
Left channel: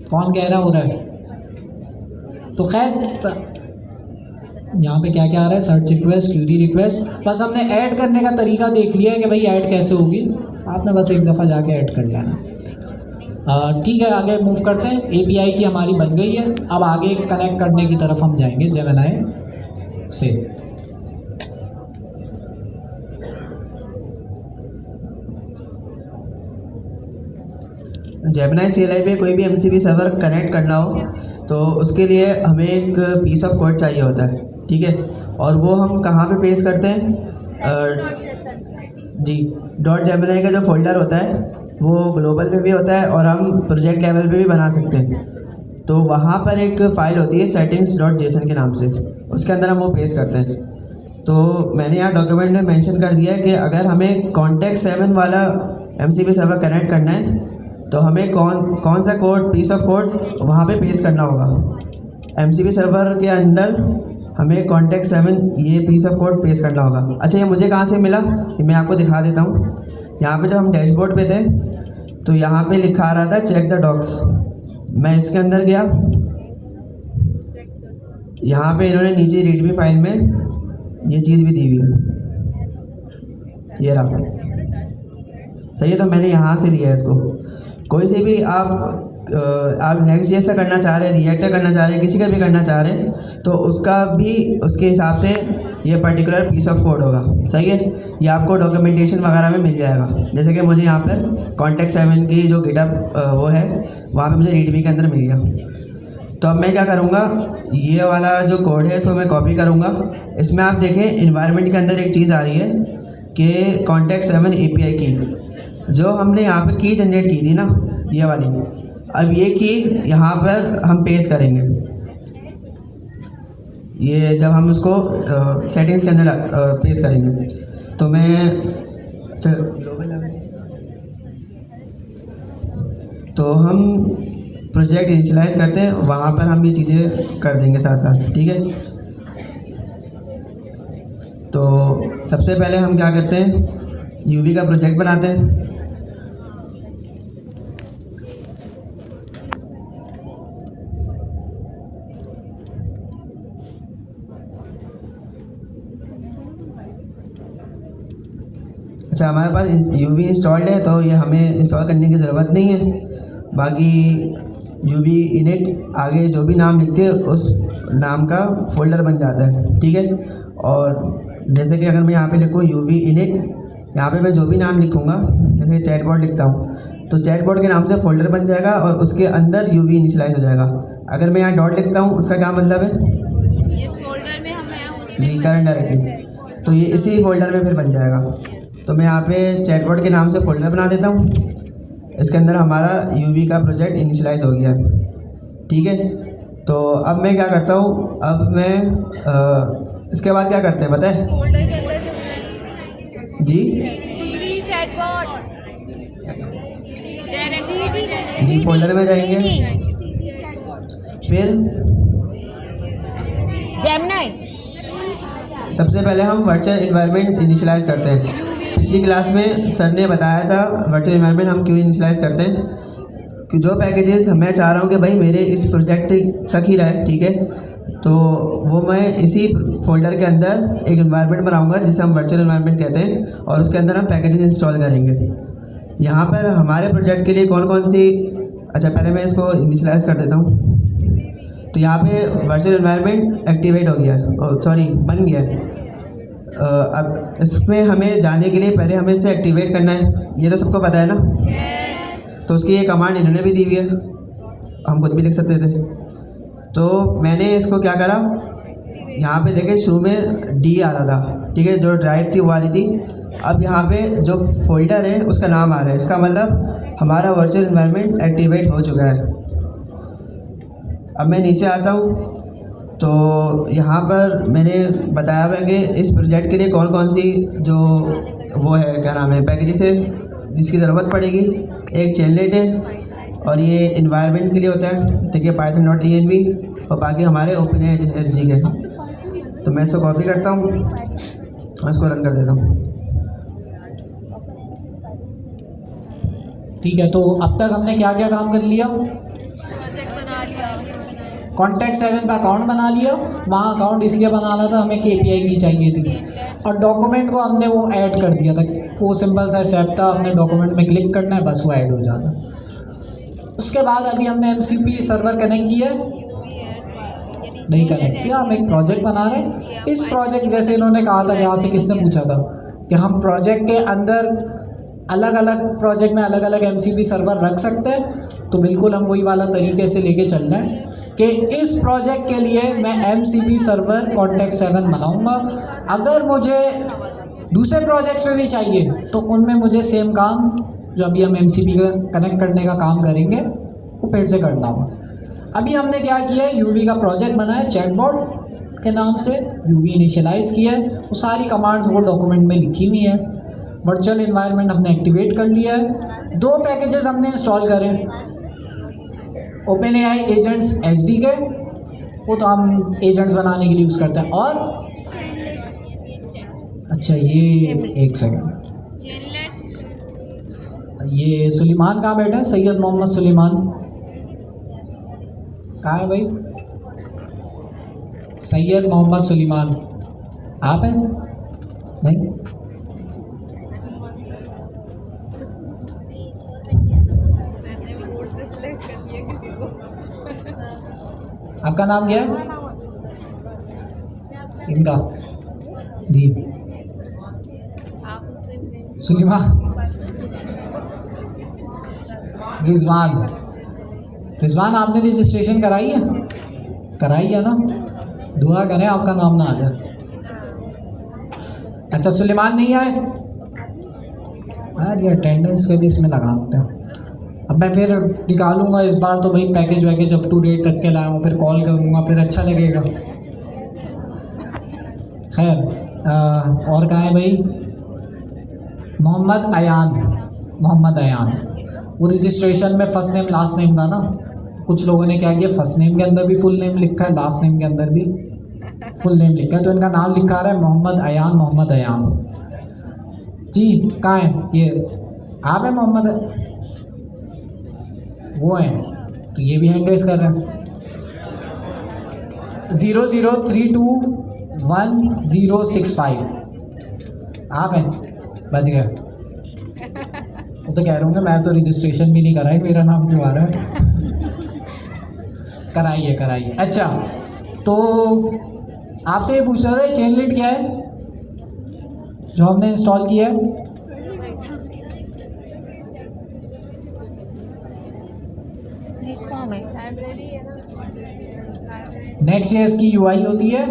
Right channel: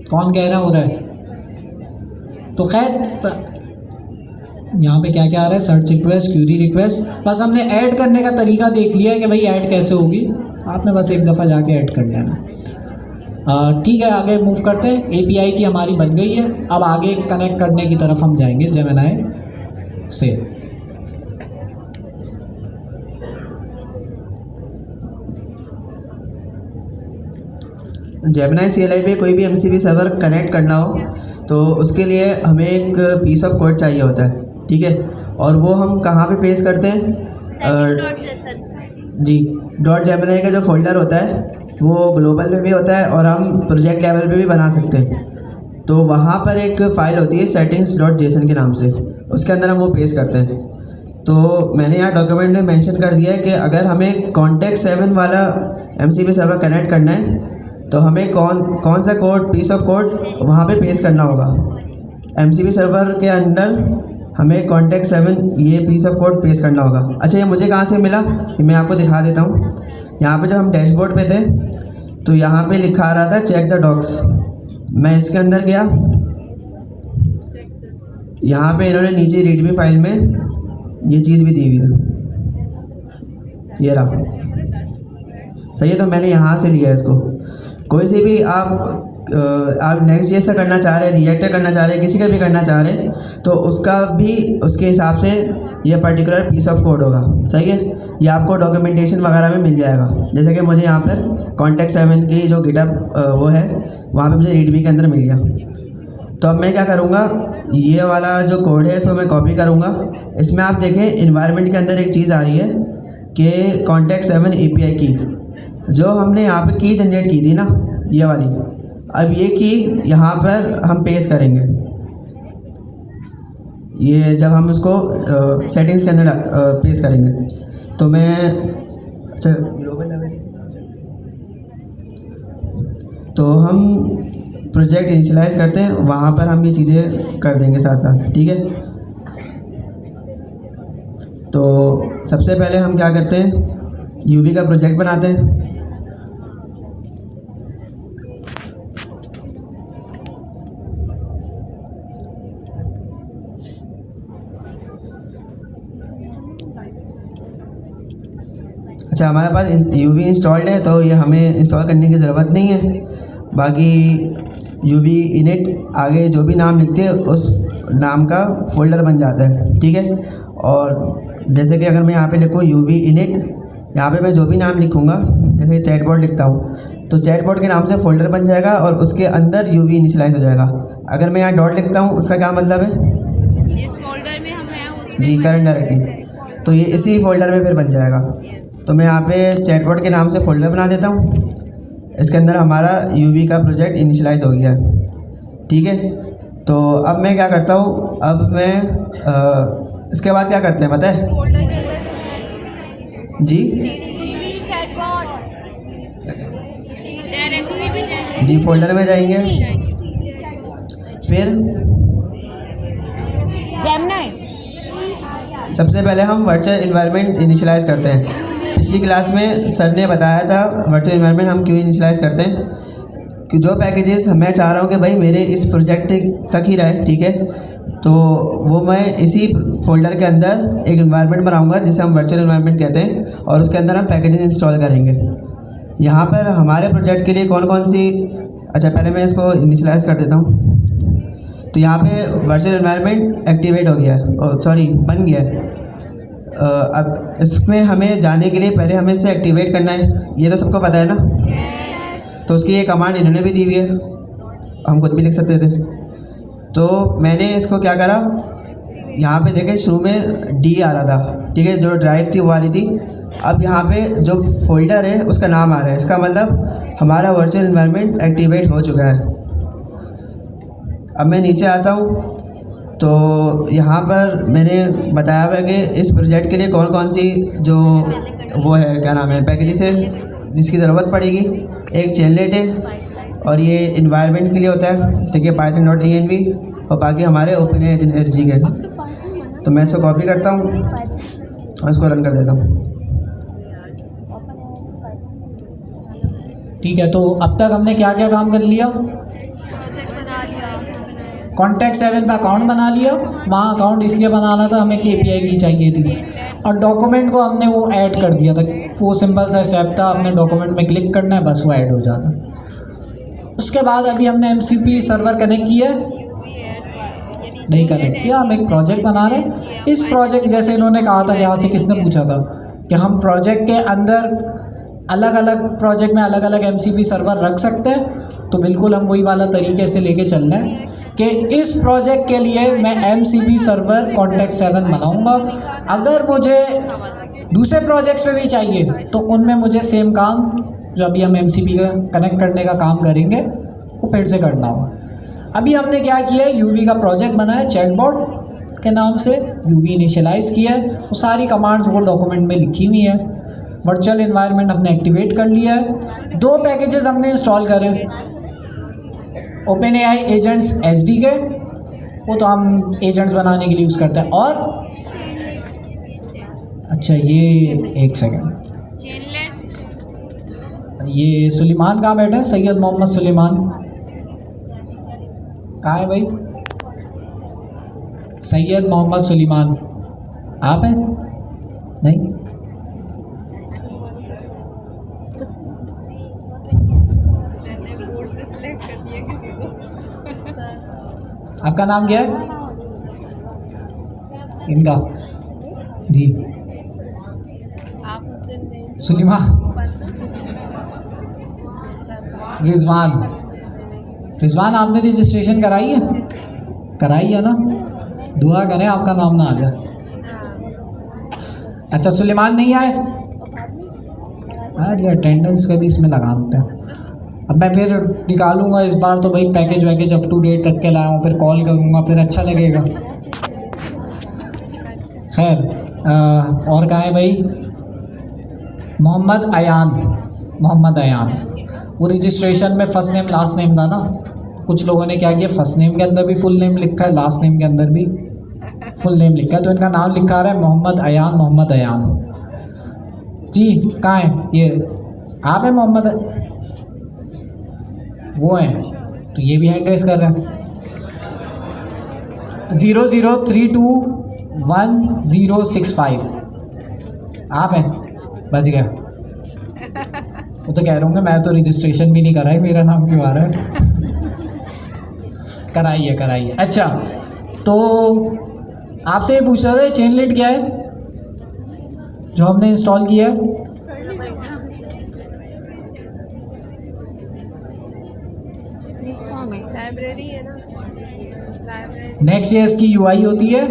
कौन कह रहा हो रहा है? तो खैर यहाँ पे क्या क्या आ रहा है, सर्च रिक्वेस्ट, क्यूरी रिक्वेस्ट। बस हमने ऐड करने का तरीका देख लिया है कि भाई ऐड कैसे होगी, आपने बस एक दफ़ा जाके ऐड कर लेना। ठीक है, आगे मूव करते हैं। API की हमारी बन गई है, अब आगे कनेक्ट करने की तरफ हम जाएंगे जेमिनी से। जेमिनी CLI पे कोई भी MCP सर्वर कनेक्ट करना हो तो उसके लिए हमें एक पीस ऑफ कोड चाहिए होता है, ठीक है। और वो हम कहाँ पे पेस्ट करते हैं? जी, .gemini का जो फोल्डर होता है वो ग्लोबल में भी होता है और हम प्रोजेक्ट लेवल पे भी बना सकते हैं। तो वहाँ पर एक फ़ाइल होती है settings.json के नाम से, उसके अंदर हम वो पेस्ट करते हैं। तो मैंने यहाँ डॉक्यूमेंट में मेंशन कर दिया है कि अगर हमें Context7 वाला MCP सर्वर कनेक्ट करना है तो हमें कौन सा कोड, पीस ऑफ कोड वहाँ पे पेस्ट करना होगा। MCP सर्वर के अंदर हमें Context7 ये पीस ऑफ कोड पेस्ट करना होगा। अच्छा, ये मुझे कहाँ से मिला, ये मैं आपको दिखा देता हूँ। यहाँ पे जब हम डैशबोर्ड पे थे तो यहाँ पे लिखा आ रहा था चेक द डॉक्स। मैं इसके अंदर गया, यहाँ पे इन्होंने नीचे रीडमी फाइल में ये चीज़ भी दी हुई है, ये रहा, सही है। तो मैंने यहाँ से लिया है इसको। कोई से भी आप नेक्स्ट जेस करना चाह रहे हैं, रिएक्टर करना चाह रहे हैं, किसी का भी करना चाह रहे हैं तो उसका भी उसके हिसाब से ये पर्टिकुलर पीस ऑफ कोड होगा, सही है। ये आपको डॉक्यूमेंटेशन वगैरह में मिल जाएगा। जैसे कि मुझे यहाँ पर Context7 की जो गिटहब वो है वहाँ पे मुझे रीडमी के अंदर मिल गया। तो अब मैं क्या करूँगा, ये वाला जो कोड है इसको मैं कॉपी करूँगा। इसमें आप देखें इन्वायरमेंट के अंदर एक चीज़ आ रही है कि Context7 API की, जो हमने यहाँ पे की जनरेट की थी ना, ये वाली, अब ये की यहाँ पर हम पेस्ट करेंगे। ये जब हम उसको सेटिंग्स के अंदर पेस्ट करेंगे तो मैं, अच्छा ग्लोबल लेवल, तो हम प्रोजेक्ट इनिशियलाइज करते हैं, वहाँ पर हम ये चीज़ें कर देंगे साथ साथ, ठीक है। तो सबसे पहले हम क्या करते हैं, UV का प्रोजेक्ट बनाते हैं। अच्छा, हमारे पास यूवी इंस्टॉल्ड है तो ये हमें इंस्टॉल करने की ज़रूरत नहीं है। बाकी यूवी इनिट आगे जो भी नाम लिखते हैं उस नाम का फ़ोल्डर बन जाता है, ठीक है। और जैसे कि अगर मैं यहाँ पे लिखूँ यूवी इनिट, यहाँ पे मैं जो भी नाम लिखूँगा, जैसे चैटबॉट लिखता हूँ तो चैटबॉट के नाम से फ़ोल्डर बन जाएगा और उसके अंदर यूवी इनिशियलाइज हो जाएगा। अगर मैं यहाँ डॉट लिखता हूँ उसका क्या मतलब है? इस फोल्डर में हम नया उसमें जी, करंट डायरेक्टरी, तो ये इसी फोल्डर में फिर बन जाएगा। तो मैं यहाँ पे चैटबॉट के नाम से फ़ोल्डर बना देता हूँ, इसके अंदर हमारा यूवी का प्रोजेक्ट इनिशियलाइज हो गया, ठीक है। तो अब मैं क्या करता हूँ, अब मैं इसके बाद क्या करते हैं पता है? फोल्डर के अंदर जी चैटबॉट डायरेक्टरी भी जाना जी, फोल्डर में जाएंगे, फिर जेमिनी सबसे पहले हम वर्चुअल इन्वायरमेंट इनिशियलाइज करते हैं। पिछली क्लास में सर ने बताया था वर्चुअल इन्वायरमेंट हम क्यों इनिशियलाइज करते हैं, कि जो पैकेजेस मैं चाह रहा हूँ कि भाई मेरे इस प्रोजेक्ट तक ही रहे, ठीक है, तो वो मैं इसी फोल्डर के अंदर एक इन्वायरमेंट बनाऊंगा जिसे हम वर्चुअल इन्वायरमेंट कहते हैं, और उसके अंदर हम पैकेजेस इंस्टॉल करेंगे। यहाँ पर हमारे प्रोजेक्ट के लिए कौन कौन सी, अच्छा पहले मैं इसको इनिशियलाइज कर देता हूँ। तो यहाँ पे वर्चुअल इन्वायरमेंट एक्टिवेट हो गया है, सॉरी बन गया है। अब इसमें हमें जाने के लिए पहले हमें इसे एक्टिवेट करना है, ये तो सबको पता है ना। तो उसकी ये कमांड इन्होंने भी दी हुई है, हम खुद भी लिख सकते थे। तो मैंने इसको क्या करा, यहाँ पे देखे शुरू में डी आ रहा था, ठीक है, जो ड्राइव थी वो आ रही थी। अब यहाँ पे जो फोल्डर है उसका नाम आ रहा है, इसका मतलब हमारा वर्चुअल इन्वायरमेंट एक्टिवेट हो चुका है। अब मैं नीचे आता हूँ तो यहाँ पर मैंने बताया हुआ है कि इस प्रोजेक्ट के लिए कौन कौन सी जो वो है, क्या नाम है, पैकेजेस है जिसकी ज़रूरत पड़ेगी। एक चेनलेट है और ये इन्वायरमेंट के लिए होता है, ठीक है, python.env, और बाकी हमारे OpenAI के। तो मैं इसको कॉपी करता हूँ और इसको रन कर देता हूँ। ठीक है, तो अब तक हमने क्या क्या काम कर लिया? कॉन्टैक्ट 7 पे अकाउंट बना लिया, वहाँ अकाउंट इसलिए बनाना था हमें KPI की चाहिए थी, और डॉक्यूमेंट को हमने वो ऐड कर दिया था, वो सिंपल सा स्टेप था, हमने डॉक्यूमेंट में क्लिक करना है बस वो ऐड हो जाता। उसके बाद अभी हमने MCP सर्वर कनेक्ट किया, नहीं कनेक्ट किया, हम एक प्रोजेक्ट बना रहे हैं। इस प्रोजेक्ट जैसे इन्होंने कहा था, यहाँ से किसने पूछा था कि हम प्रोजेक्ट के अंदर अलग अलग प्रोजेक्ट में अलग अलग MCP सर्वर रख सकते हैं, तो बिल्कुल हम वही वाला तरीके से लेके चलना है कि इस प्रोजेक्ट के लिए मैं MCP सर्वर कॉन्टैक्ट 7 बनाऊंगा। अगर मुझे दूसरे प्रोजेक्ट्स में भी चाहिए तो उनमें मुझे सेम काम जो अभी हम MCP का कनेक्ट करने का काम करेंगे वो फिर से करना होगा। अभी हमने क्या किया है, यूवी का प्रोजेक्ट बनाया चैटबॉट के नाम से, यूवी इनिशियलाइज किया है, वो सारी कमांड्स वो डॉक्यूमेंट में लिखी हुई है। वर्चुअल इन्वायरमेंट हमने एक्टिवेट कर लिया है। 2 पैकेजेस हमने इंस्टॉल करे, OpenAI एजेंट्स SD के, वो तो हम एजेंट्स बनाने के लिए यूज़ करते हैं। और अच्छा ये एक सेकंड, ये सुलेमान कहाँ बैठे हैं? सैयद मोहम्मद सुलेमान कहाँ है भाई? सैयद मोहम्मद सुलेमान आप हैं? नहीं, आपका नाम क्या है? इनका जी सुलेमान, रिजवान आपने रजिस्ट्रेशन कराई है? कराई है ना, दुआ करें आपका नाम ना आ जाए। अच्छा सुलेमान नहीं आए यार, ये अटेंडेंस का भी इसमें लगा होता है। अब मैं फिर निकालूंगा इस बार तो भाई पैकेज वैकेज अप टू डेट रख के लाया, फिर कॉल करूँगा, फिर अच्छा लगेगा। खैर और कहाँ है भाई? मोहम्मद अयान, वो रजिस्ट्रेशन में फर्स्ट नेम लास्ट नेम था ना, कुछ लोगों ने क्या किया, फर्स्ट नेम के अंदर भी फुल नेम लिखा है, लास्ट नेम के अंदर भी फुल नेम लिखा है, तो इनका नाम लिखा रहा है मोहम्मद अयान जी। कहाँ है ये? आप है मोहम्मद? वो हैं, तो ये भी हैंड रेस कर रहे हैं। 00321065 आप हैं, बच गया। वो तो कह रहा हूँ कि मैं तो रजिस्ट्रेशन भी नहीं कराई, मेरा नाम क्यों आ रहा है? कराइए। अच्छा, तो आपसे ये पूछ रहा था चेन लिट क्या है जो हमने इंस्टॉल किया है? लाइब्रेरी है ना, नेक्स्ट ये इसकी यूआई होती है।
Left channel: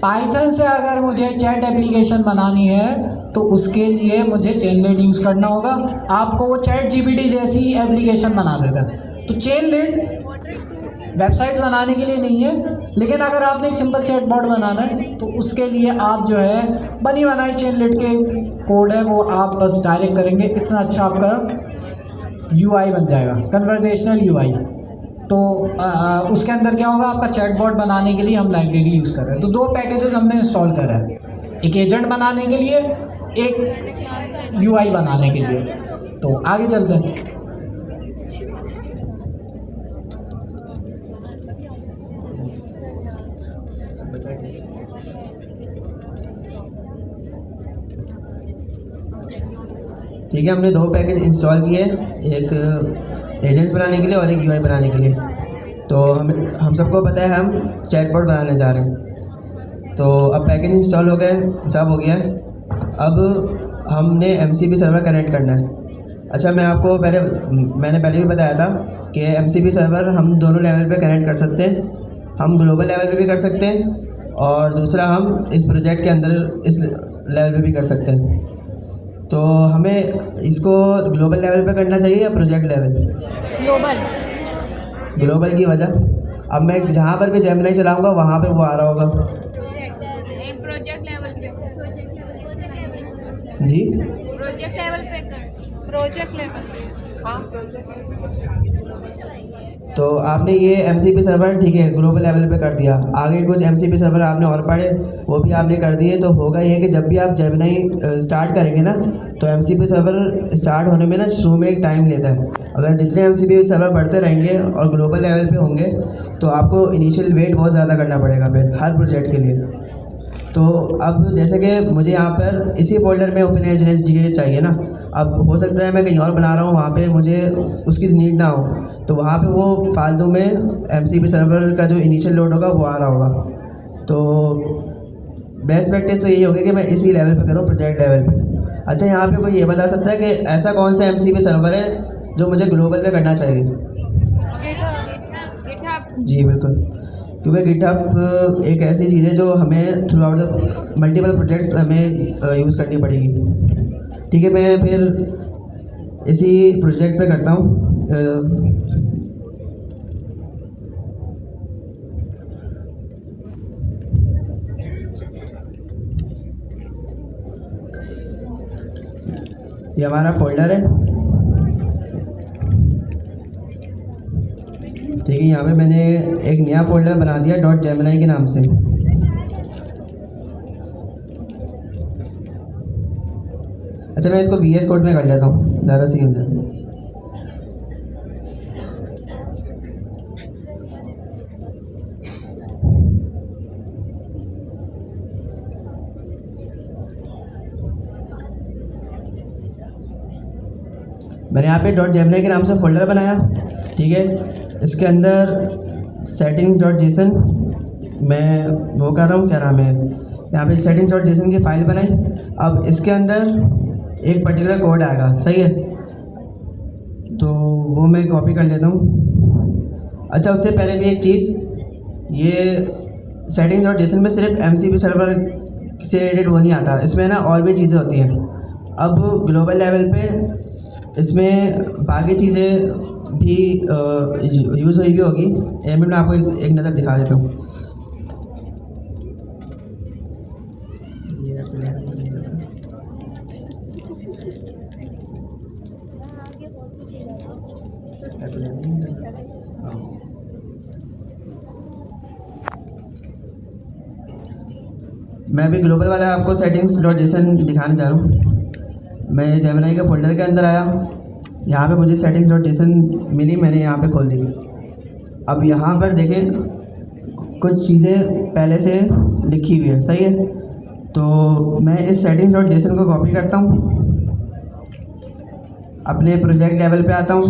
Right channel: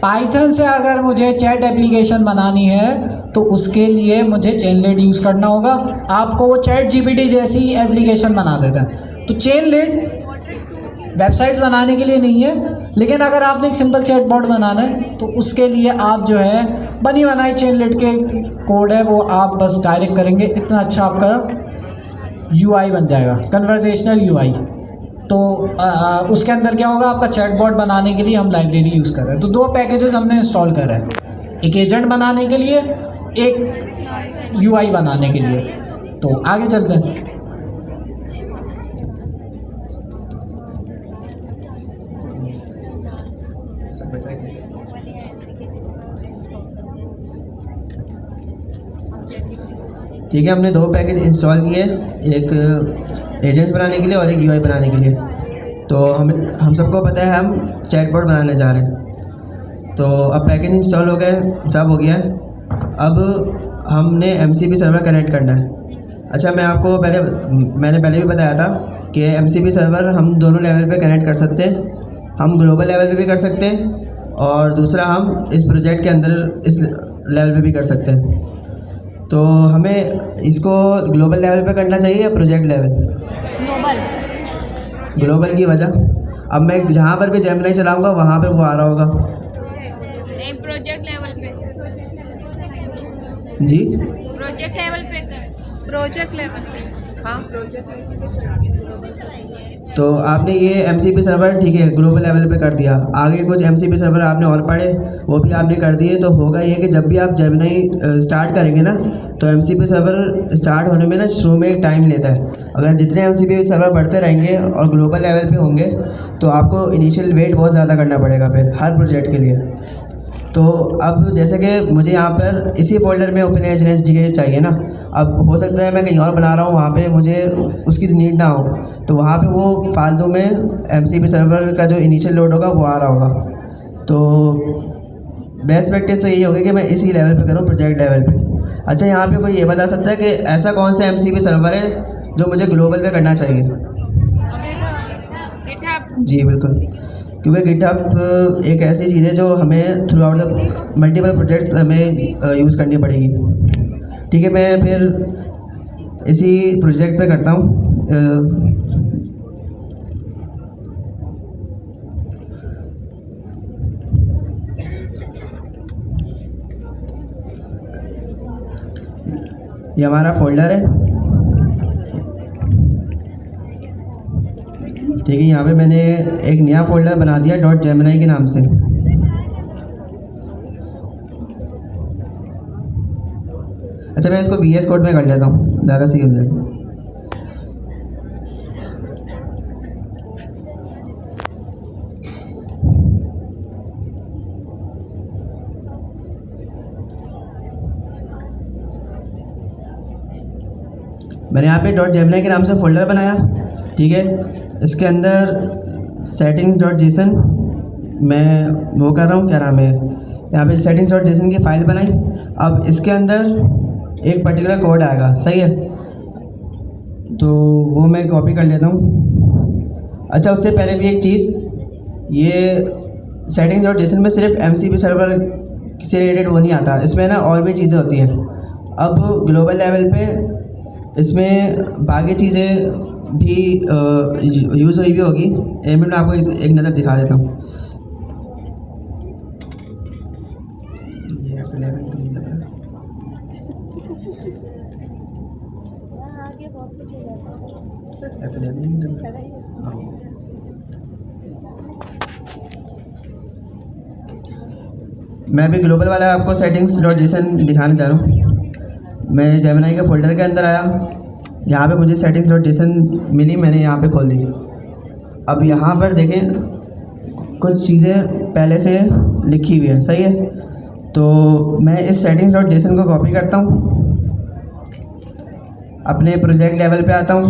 पाइथन से अगर मुझे चैट एप्लीकेशन बनानी है तो उसके लिए मुझे चेनलेट यूज़ करना होगा। आपको वो चैट जीपीटी जैसी एप्लीकेशन बना देता है। तो चेनलेट वेबसाइट्स बनाने के लिए नहीं है, लेकिन अगर आपने एक सिंपल चैट बॉट बनाना है तो उसके लिए आप जो है बनी बनाई चेनलेट के कोड है वो आप बस डायरेक्ट करेंगे, इतना अच्छा आपका यूआई बन जाएगा, कन्वर्सेशनल यूआई। तो उसके अंदर क्या होगा, आपका चैट बॉट बनाने के लिए हम लाइब्रेरी यूज़ कर रहे हैं। तो 2 पैकेजेस हमने इंस्टॉल करे हैं, एक एजेंट बनाने के लिए, एक यूआई बनाने के लिए। तो आगे चलते हैं। ठीक है, हमने 2 पैकेज इंस्टॉल किए, एक एजेंट्स बनाने के लिए और एक यूआई बनाने के लिए। तो हम सबको पता है हम चैटबॉट बनाने जा रहे हैं। तो अब पैकेज इंस्टॉल हो गए, सब हो गया। अब हमने एमसीपी सर्वर कनेक्ट करना है। अच्छा, मैंने पहले भी बताया था कि एमसीपी सर्वर हम दोनों लेवल पे कनेक्ट कर सकते हैं। हम ग्लोबल लेवल पे भी कर सकते हैं और दूसरा हम इस प्रोजेक्ट के अंदर इस लेवल पे भी कर सकते हैं। तो हमें इसको ग्लोबल लेवल पे करना चाहिए या प्रोजेक्ट लेवल? ग्लोबल की वजह, अब मैं जहाँ पर भी जेमिनी चलाऊँगा वहाँ पे वो आ रहा होगा। प्रोजेक्ट लेवल पे, जी प्रोजेक्ट लेवल पे कर, प्रोजेक्ट लेवल पे, हाँ प्रोजेक्ट लेवल पे। तो आपने ये एमसीपी सर्वर ठीक है ग्लोबल लेवल पे कर दिया, आगे कुछ एमसीपी सर्वर आपने और पढ़े वो भी आपने कर दिए। तो होगा ये कि जब भी आप जेमिनी स्टार्ट करेंगे ना तो एमसीपी सर्वर स्टार्ट होने में ना शुरू में एक टाइम लेता है। अगर जितने एमसीपी सर्वर बढ़ते रहेंगे और ग्लोबल लेवल पे होंगे तो आपको इनिशियल वेट बहुत ज़्यादा करना पड़ेगा फिर हर प्रोजेक्ट के लिए। तो अब जैसे कि मुझे यहाँ पर इसी फोल्डर में ओपन एच चाहिए ना, अब हो सकता है मैं कहीं और बना रहा हूँ वहाँ पे मुझे उसकी नीड ना हो, तो वहाँ पे वो फालतू में एमसीपी सर्वर का जो इनिशियल लोड होगा वो आ रहा होगा। तो बेस्ट प्रैक्टिस तो यही होगी कि मैं इसी लेवल पे करूँ, प्रोजेक्ट लेवल पे। अच्छा, यहाँ पे कोई ये बता सकता है कि ऐसा कौन सा एमसीपी सर्वर है जो मुझे ग्लोबल पे करना चाहिए? गिटहब। जी बिल्कुल, क्योंकि गिटहब एक ऐसी चीज़ है जो हमें through out the multiple projects हमें यूज़ करनी पड़ेगी। ठीक है, मैं फिर इसी प्रोजेक्ट पे करता हूँ। ये हमारा फोल्डर है। ठीक है, यहाँ पे मैंने एक नया फोल्डर बना दिया .gemini के नाम से। अच्छा, मैं इसको VS कोड में कर लेता हूँ, ज़्यादा सही हो जाएगा। मैंने यहाँ पे .gemini के नाम से फोल्डर बनाया। ठीक है, इसके अंदर settings.json मैं वो कर रहा हूँ, क्या नाम है, यहाँ पे settings.json की फ़ाइल बनाई। अब इसके अंदर एक पर्टिकुलर कोड आएगा, सही है, तो वो मैं कॉपी कर लेता हूँ। अच्छा, उससे पहले भी एक चीज़, ये settings.json में सिर्फ एमसीपी सर्वर से रिलेटेड वो नहीं आता, इसमें ना और भी चीज़ें होती हैं। अब ग्लोबल लेवल पे इसमें बाकी चीज़ें भी यूज़ हुई भी होगी। एक मिनट में आपको एक नज़र दिखा देता हूँ। मैं अभी ग्लोबल वाला आपको settings.json दिखाने जा रहा हूँ। मैं जेमिनी के फोल्डर के अंदर आया, यहाँ पे मुझे settings.json मिली, मैंने यहाँ पे खोल दी। अब यहाँ पर देखें कुछ चीज़ें पहले से लिखी हुई है, सही है। तो मैं इस सेटिंग्स डॉट जेसन को कॉपी करता हूँ, अपने प्रोजेक्ट लेवल पे आता हूँ,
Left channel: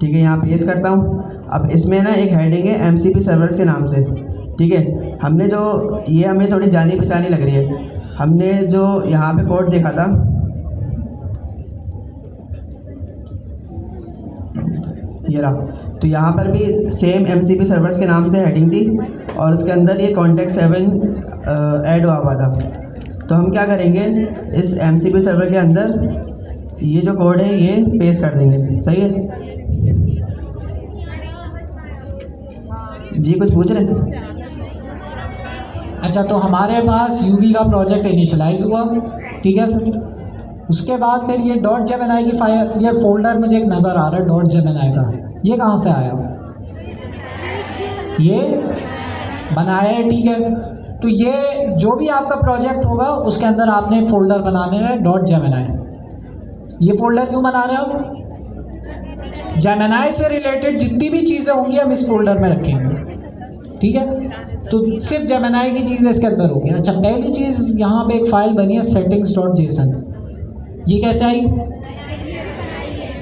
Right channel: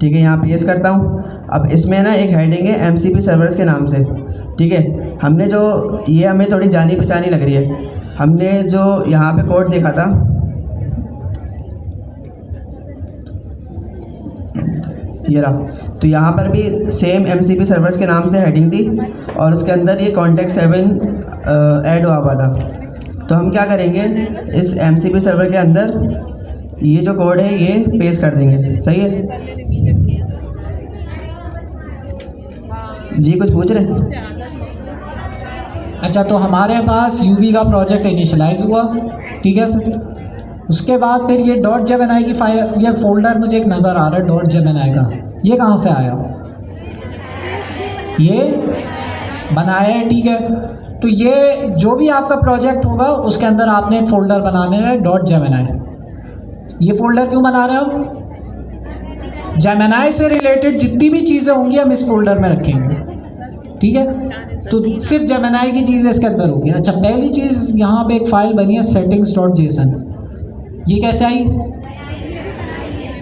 ठीक है, यहाँ पेस्ट करता हूँ। अब इसमें ना एक हेडिंग है MCP सर्वर्स के नाम से, ठीक है। हमने जो ये हमें थोड़ी जानी पहचानी लग रही है, हमने जो यहाँ पे कोड देखा था, ये रहा, तो यहाँ पर भी सेम MCP सर्वर्स के नाम से हेडिंग थी और उसके अंदर ये कॉन्टेक्स्ट 7 ऐड हुआ था। तो हम क्या करेंगे, इस MCP सर्वर के अंदर ये जो कोड है ये पेस्ट कर देंगे, सही है जी? कुछ पूछ रहे हैं? अच्छा, तो हमारे पास यूवी का प्रोजेक्ट इनिशियलाइज हुआ, ठीक है सर। उसके बाद फिर ये डॉट जेमिनाई की फाइल, ये फोल्डर मुझे एक नज़र आ रहा है डॉट जेमिनाई का, ये कहाँ से आया? ये बनाया है, ठीक है। तो ये जो भी आपका प्रोजेक्ट होगा उसके अंदर आपने एक फ़ोल्डर बनाने है डॉट जेमिनाई। ये फ़ोल्डर क्यों बना रहे हो? जेमिनाई से रिलेटेड जितनी भी चीज़ें होंगी हम इस फोल्डर में रखेंगे, ठीक है। तो सिर्फ जेमिनाई की चीज़ इसके अंदर होगी। अच्छा, पहली चीज़ यहाँ पे एक फ़ाइल बनी है सेटिंग्स डॉट जेसन, ये कैसे आई?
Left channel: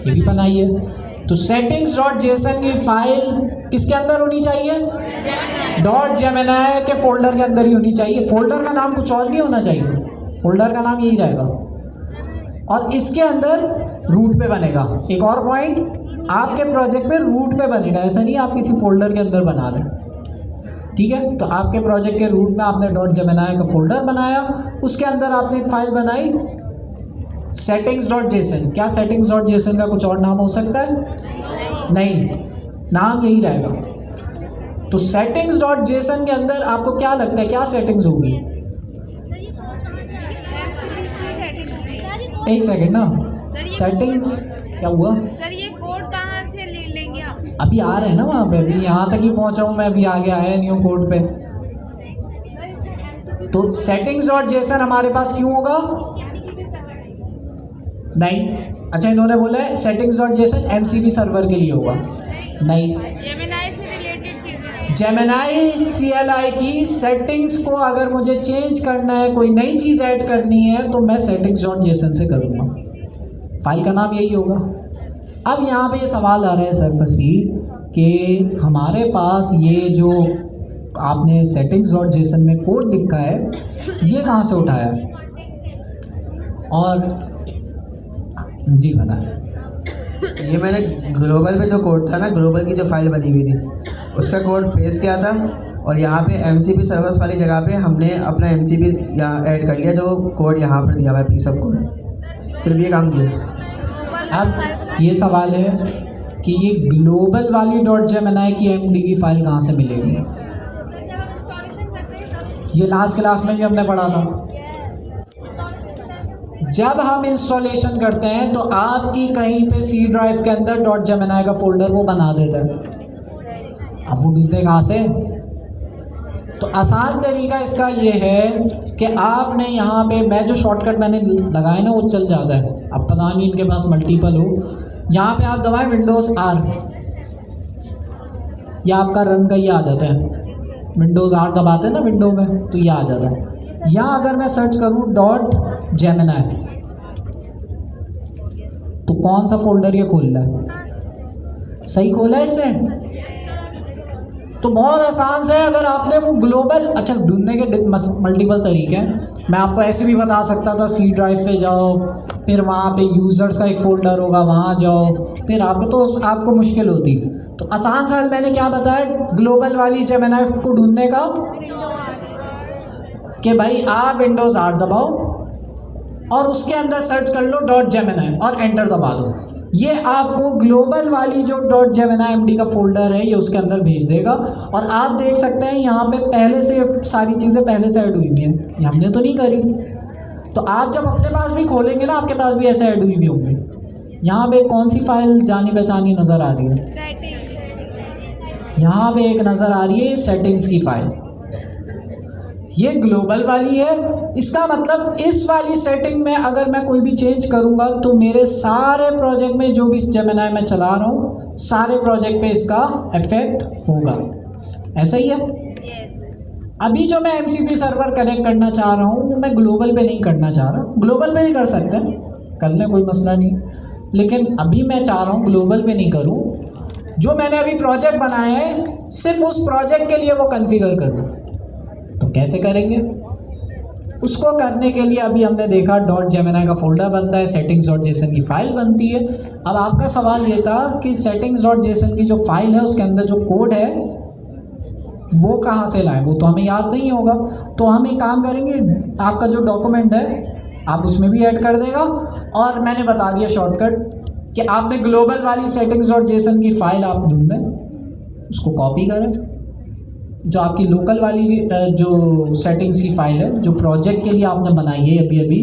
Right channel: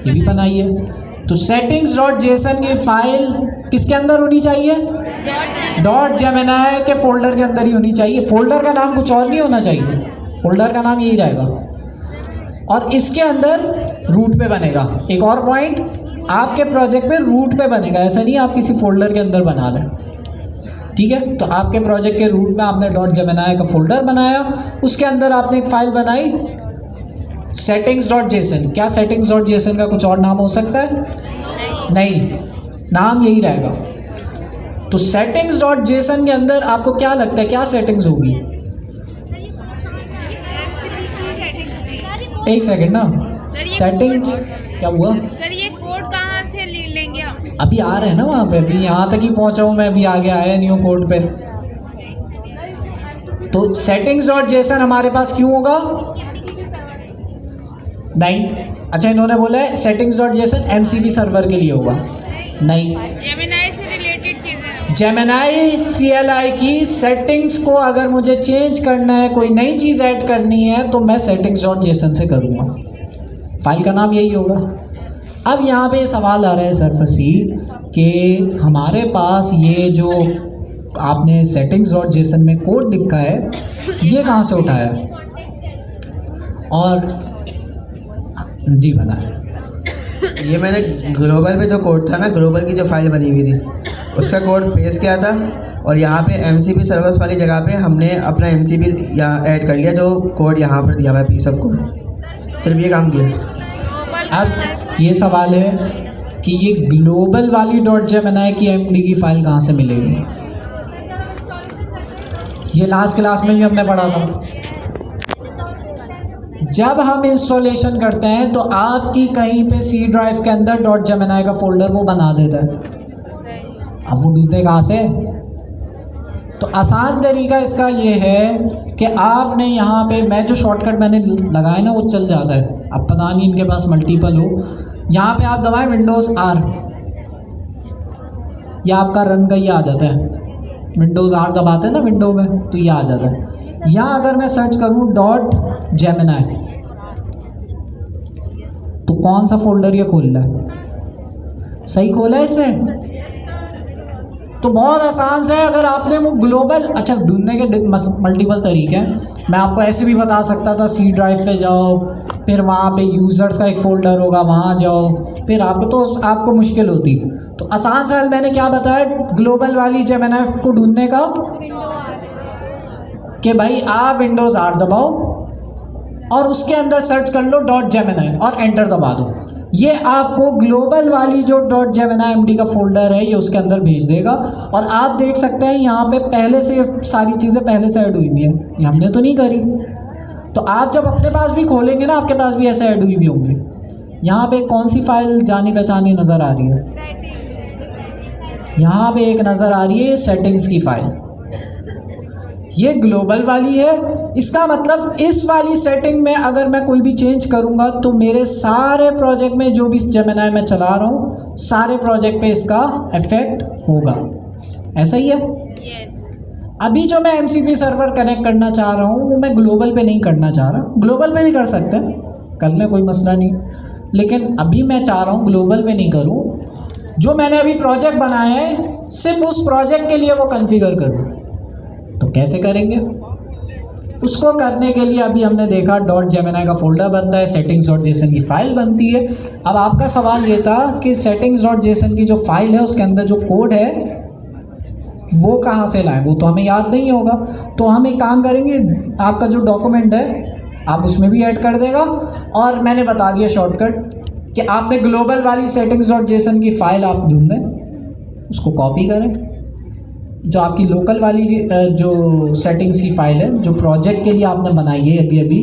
ये भी बनाई है। तो सेटिंग्स डॉट जेसन की फाइल किसके अंदर होनी चाहिए? डॉट जेमिनाई के फोल्डर के अंदर ही होनी चाहिए। फोल्डर का नाम कुछ और नहीं होना चाहिए, फोल्डर का नाम यही रहेगा। और इसके अंदर रूट पे बनेगा। एक और पॉइंट, आपके प्रोजेक्ट में रूट पे बनेगा, ऐसा नहीं आप किसी फोल्डर के अंदर बना लें, ठीक है। तो आपके प्रोजेक्ट के रूट में आपने डॉट जेमिनाई का फोल्डर बनाया, उसके अंदर आपने एक फाइल बनाई सेटिंग्स डॉट जेसन। क्या सेटिंग्स डॉट जेसन का कुछ और नाम हो सकता है? नहीं, नाम यही रहेगा। तो सेटिंग्स डॉट जेसन के अंदर आपको क्या लगता है क्या सेटिंग्स होगी? एक सेकेंड ना, सेटिंग्स क्या हुआ? सर ये कोड कहाँ से लेंगे हम? अभी आ रहे हैं ना वहाँ पे, अभी यहाँ तक ही पहुँचा हूँ मैं, अभी आगे आया नहीं हूँ कोड पे। तो सेटिंग्स डॉट जेसन हमारे पास क्यों होगा? नहीं। अच्छा, इन्होंने बोला है settings dot JSON MCP server के लिए होगा, नहीं। जेमिनाई से रिलेटेड चीजें, जेमिनाई CLI की सेटिंग्स को अगर मुझे चेंज करना है, कोई नई चीज़ ऐड करनी है, तो मैं सेटिंग्स डॉट जेसन से करूँगा, फाइल का नाम यही होगा। अब यहाँ पे सवाल आ रहे हैं सरफसी कि हमारे पास ये जो आपने सेटिंग्स डॉट जेसन में कोड लिखा है ये कहाँ से उठाया? और जी बनाया। ये मैंने ग्लोबल पे जो कोड था ना, ग्लोबल की जो फाइल बनी हुई थी उसका कोड पेस्ट किया था और यहाँ पे MCP सर्वर्स वाली जगह पे हमने अपना MCP यहाँ ऐड कर लिया, जो कोड यहाँ पर दिया हुआ है पीस ऑफ कोड, सिर्फ ये काम किया। अब ये सवाल है कि ये ग्लोबल वाली डॉट जेमिनाई की MD की फाइल कहाँ से मिलेगी? ये लास्ट क्लास में भी हमने पढ़ा था। जब हम इंस्टॉलेशन करते हैं तो आपकी कहीं पे C ड्राइव के अंदर डॉट जेमिनाई का फोल्डर वो बना देता है। अब वो ढूंढते कहाँ से? तो आसान तरीका इसका ये है कि आपने यहाँ पे, मैं जो शॉर्टकट मैंने लगाया ना वो चल जाता है, अब पता नहीं इनके पास मल्टीपल हो। यहाँ पे आप दबाएं विंडोज़ R, या आपका रन का ये आ जाता है, विंडोज़ R दबाते हैं ना विंडो में तो ये आ जाता है। यहाँ अगर मैं सर्च करूँ डॉट जेमिनाई तो कौन सा फोल्डर ये खोल रहा है? सही खोला है इसने? तो बहुत आसान से, अगर आपने वो ग्लोबल, अच्छा ढूंढने के मल्टीपल तरीके हैं, मैं आपको ऐसे भी बता सकता था C ड्राइव पे जाओ, फिर वहाँ पे यूज़र्स का एक फ़ोल्डर होगा वहाँ जाओ, फिर आपको मुश्किल होती। तो आसान सा मैंने क्या बताया ग्लोबल वाली जेमिनाई को ढूंढने का, कि भाई आप विंडोज़ R दबाओ और उसके अंदर सर्च कर लो डॉट जेमिनाई और एंटर दबा दो। ये आपको ग्लोबल वाली जो डॉट जेमिनाई MD का फोल्डर है ये उसके अंदर भेज देगा। और आप देख सकते हैं यहाँ पे पहले से सारी चीज़ें पहले से ऐड हुई हुई हैं, ये हमने तो नहीं करी। तो आप जब अपने पास भी खोलेंगे ना आपके पास भी ऐसे ऐड हुई भी होंगी। यहाँ पे कौन सी फाइल जानी पहचानी नज़र आ रही है? यहाँ पे एक नज़र आ रही है सेटिंग्स की फाइल, ये ग्लोबल वाली है। इसका मतलब इस वाली सेटिंग में अगर मैं कोई भी चेंज करूंगा तो मेरे सारे प्रोजेक्ट में जो भी जेमिनाई मैं चला रहा हूँ सारे प्रोजेक्ट पे इसका इफेक्ट होगा। ऐसा ही है? यस। अभी जो मैं MCP सर्वर कनेक्ट करना चाह रहा हूँ वो मैं ग्लोबल पे नहीं करना चाह रहा। ग्लोबल पे भी कर सकते हैं, कर लें, कोई मसला नहीं, लेकिन अभी मैं चाह रहा हूँ ग्लोबल पे नहीं करूँ। जो मैंने अभी प्रोजेक्ट बनाया है सिर्फ उस प्रोजेक्ट के लिए वो कॉन्फ़िगर करूँ। तो कैसे करेंगे उसको करने के लिए अभी हमने देखा .gemini का फोल्डर बनता है, settings.json की फाइल बनती है। अब आपका सवाल ये था कि settings.json की जो फाइल है उसके अंदर जो कोड है वो कहाँ से लाएं, वो तो हमें याद नहीं होगा। तो हम एक काम करेंगे, आपका जो डॉक्यूमेंट है आप उसमें भी ऐड कर देगा, और मैंने बता दिया शॉर्टकट कि आपने ग्लोबल वाली settings.json की फाइल आप ढूंढें, उसको कॉपी करें, जो आपकी लोकल वाली जो सेटिंग्स की फाइल है जो प्रोजेक्ट के लिए आपने बनाई है अभी अभी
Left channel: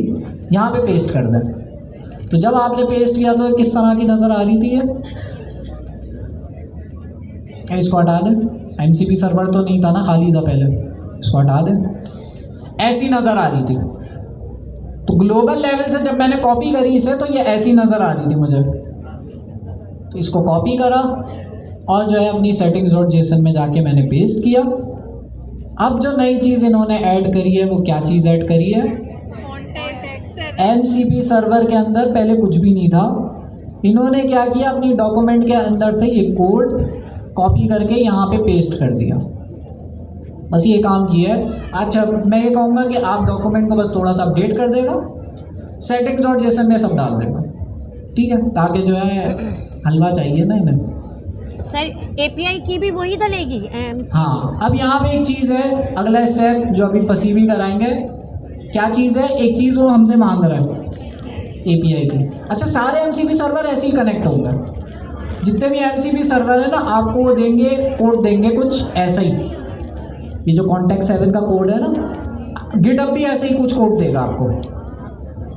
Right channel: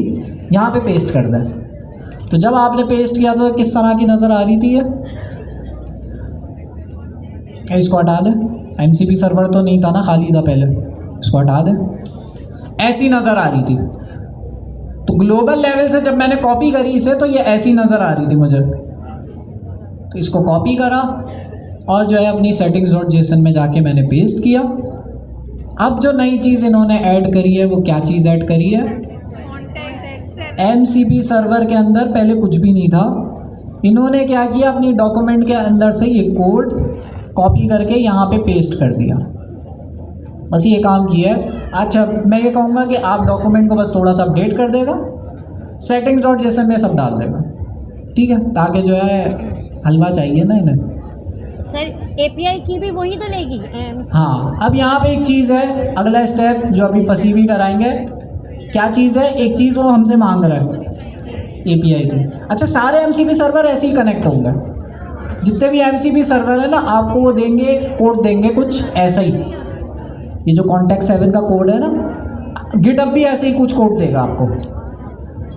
यहाँ पे पेस्ट कर दें। तो जब आपने पेस्ट किया तो किस तरह की नज़र आ रही थी ये, इसको हटा दें। MCP सर्वर तो नहीं था ना, खाली था पहले, इसको हटा दें। ऐसी नज़र आ रही थी। तो ग्लोबल लेवल से जब मैंने कॉपी करी इसे तो ये ऐसी नज़र आ रही थी मुझे। तो इसको कॉपी करा और जो है अपनी settings.json में जाके मैंने पेस्ट किया। अब जो नई चीज़ इन्होंने ऐड करी है वो क्या चीज़ ऐड करी है, MCP सर्वर के अंदर पहले कुछ भी नहीं था। इन्होंने क्या किया, अपनी डॉक्यूमेंट के अंदर से ये कोड कॉपी करके यहाँ पे पेस्ट कर दिया, बस ये काम किया है। अच्छा, मैं ये कहूँगा कि आप डॉक्यूमेंट को बस थोड़ा सा अपडेट कर देगा, settings.json में सब डाल देगा, ठीक है, ताकि जो है हलवा चाहिए ना इन्हें। सर API की भी वही डलेगी? हाँ, अब यहाँ पे एक चीज़ है, अगला स्टेप जो अभी फसी भी कराएंगे। क्या चीज़ है, एक चीज़ वो हमसे मांग रहा है API की। अच्छा, सारे MCP सर्वर ऐसे ही कनेक्ट होंगे, जितने भी MCP सर्वर है ना, आपको वो देंगे, कोड देंगे कुछ ऐसा ही। ये जो कॉन्टेक्ट 7 का कोड है ना, गिटहब भी ऐसे ही कुछ कोड देगा आपको।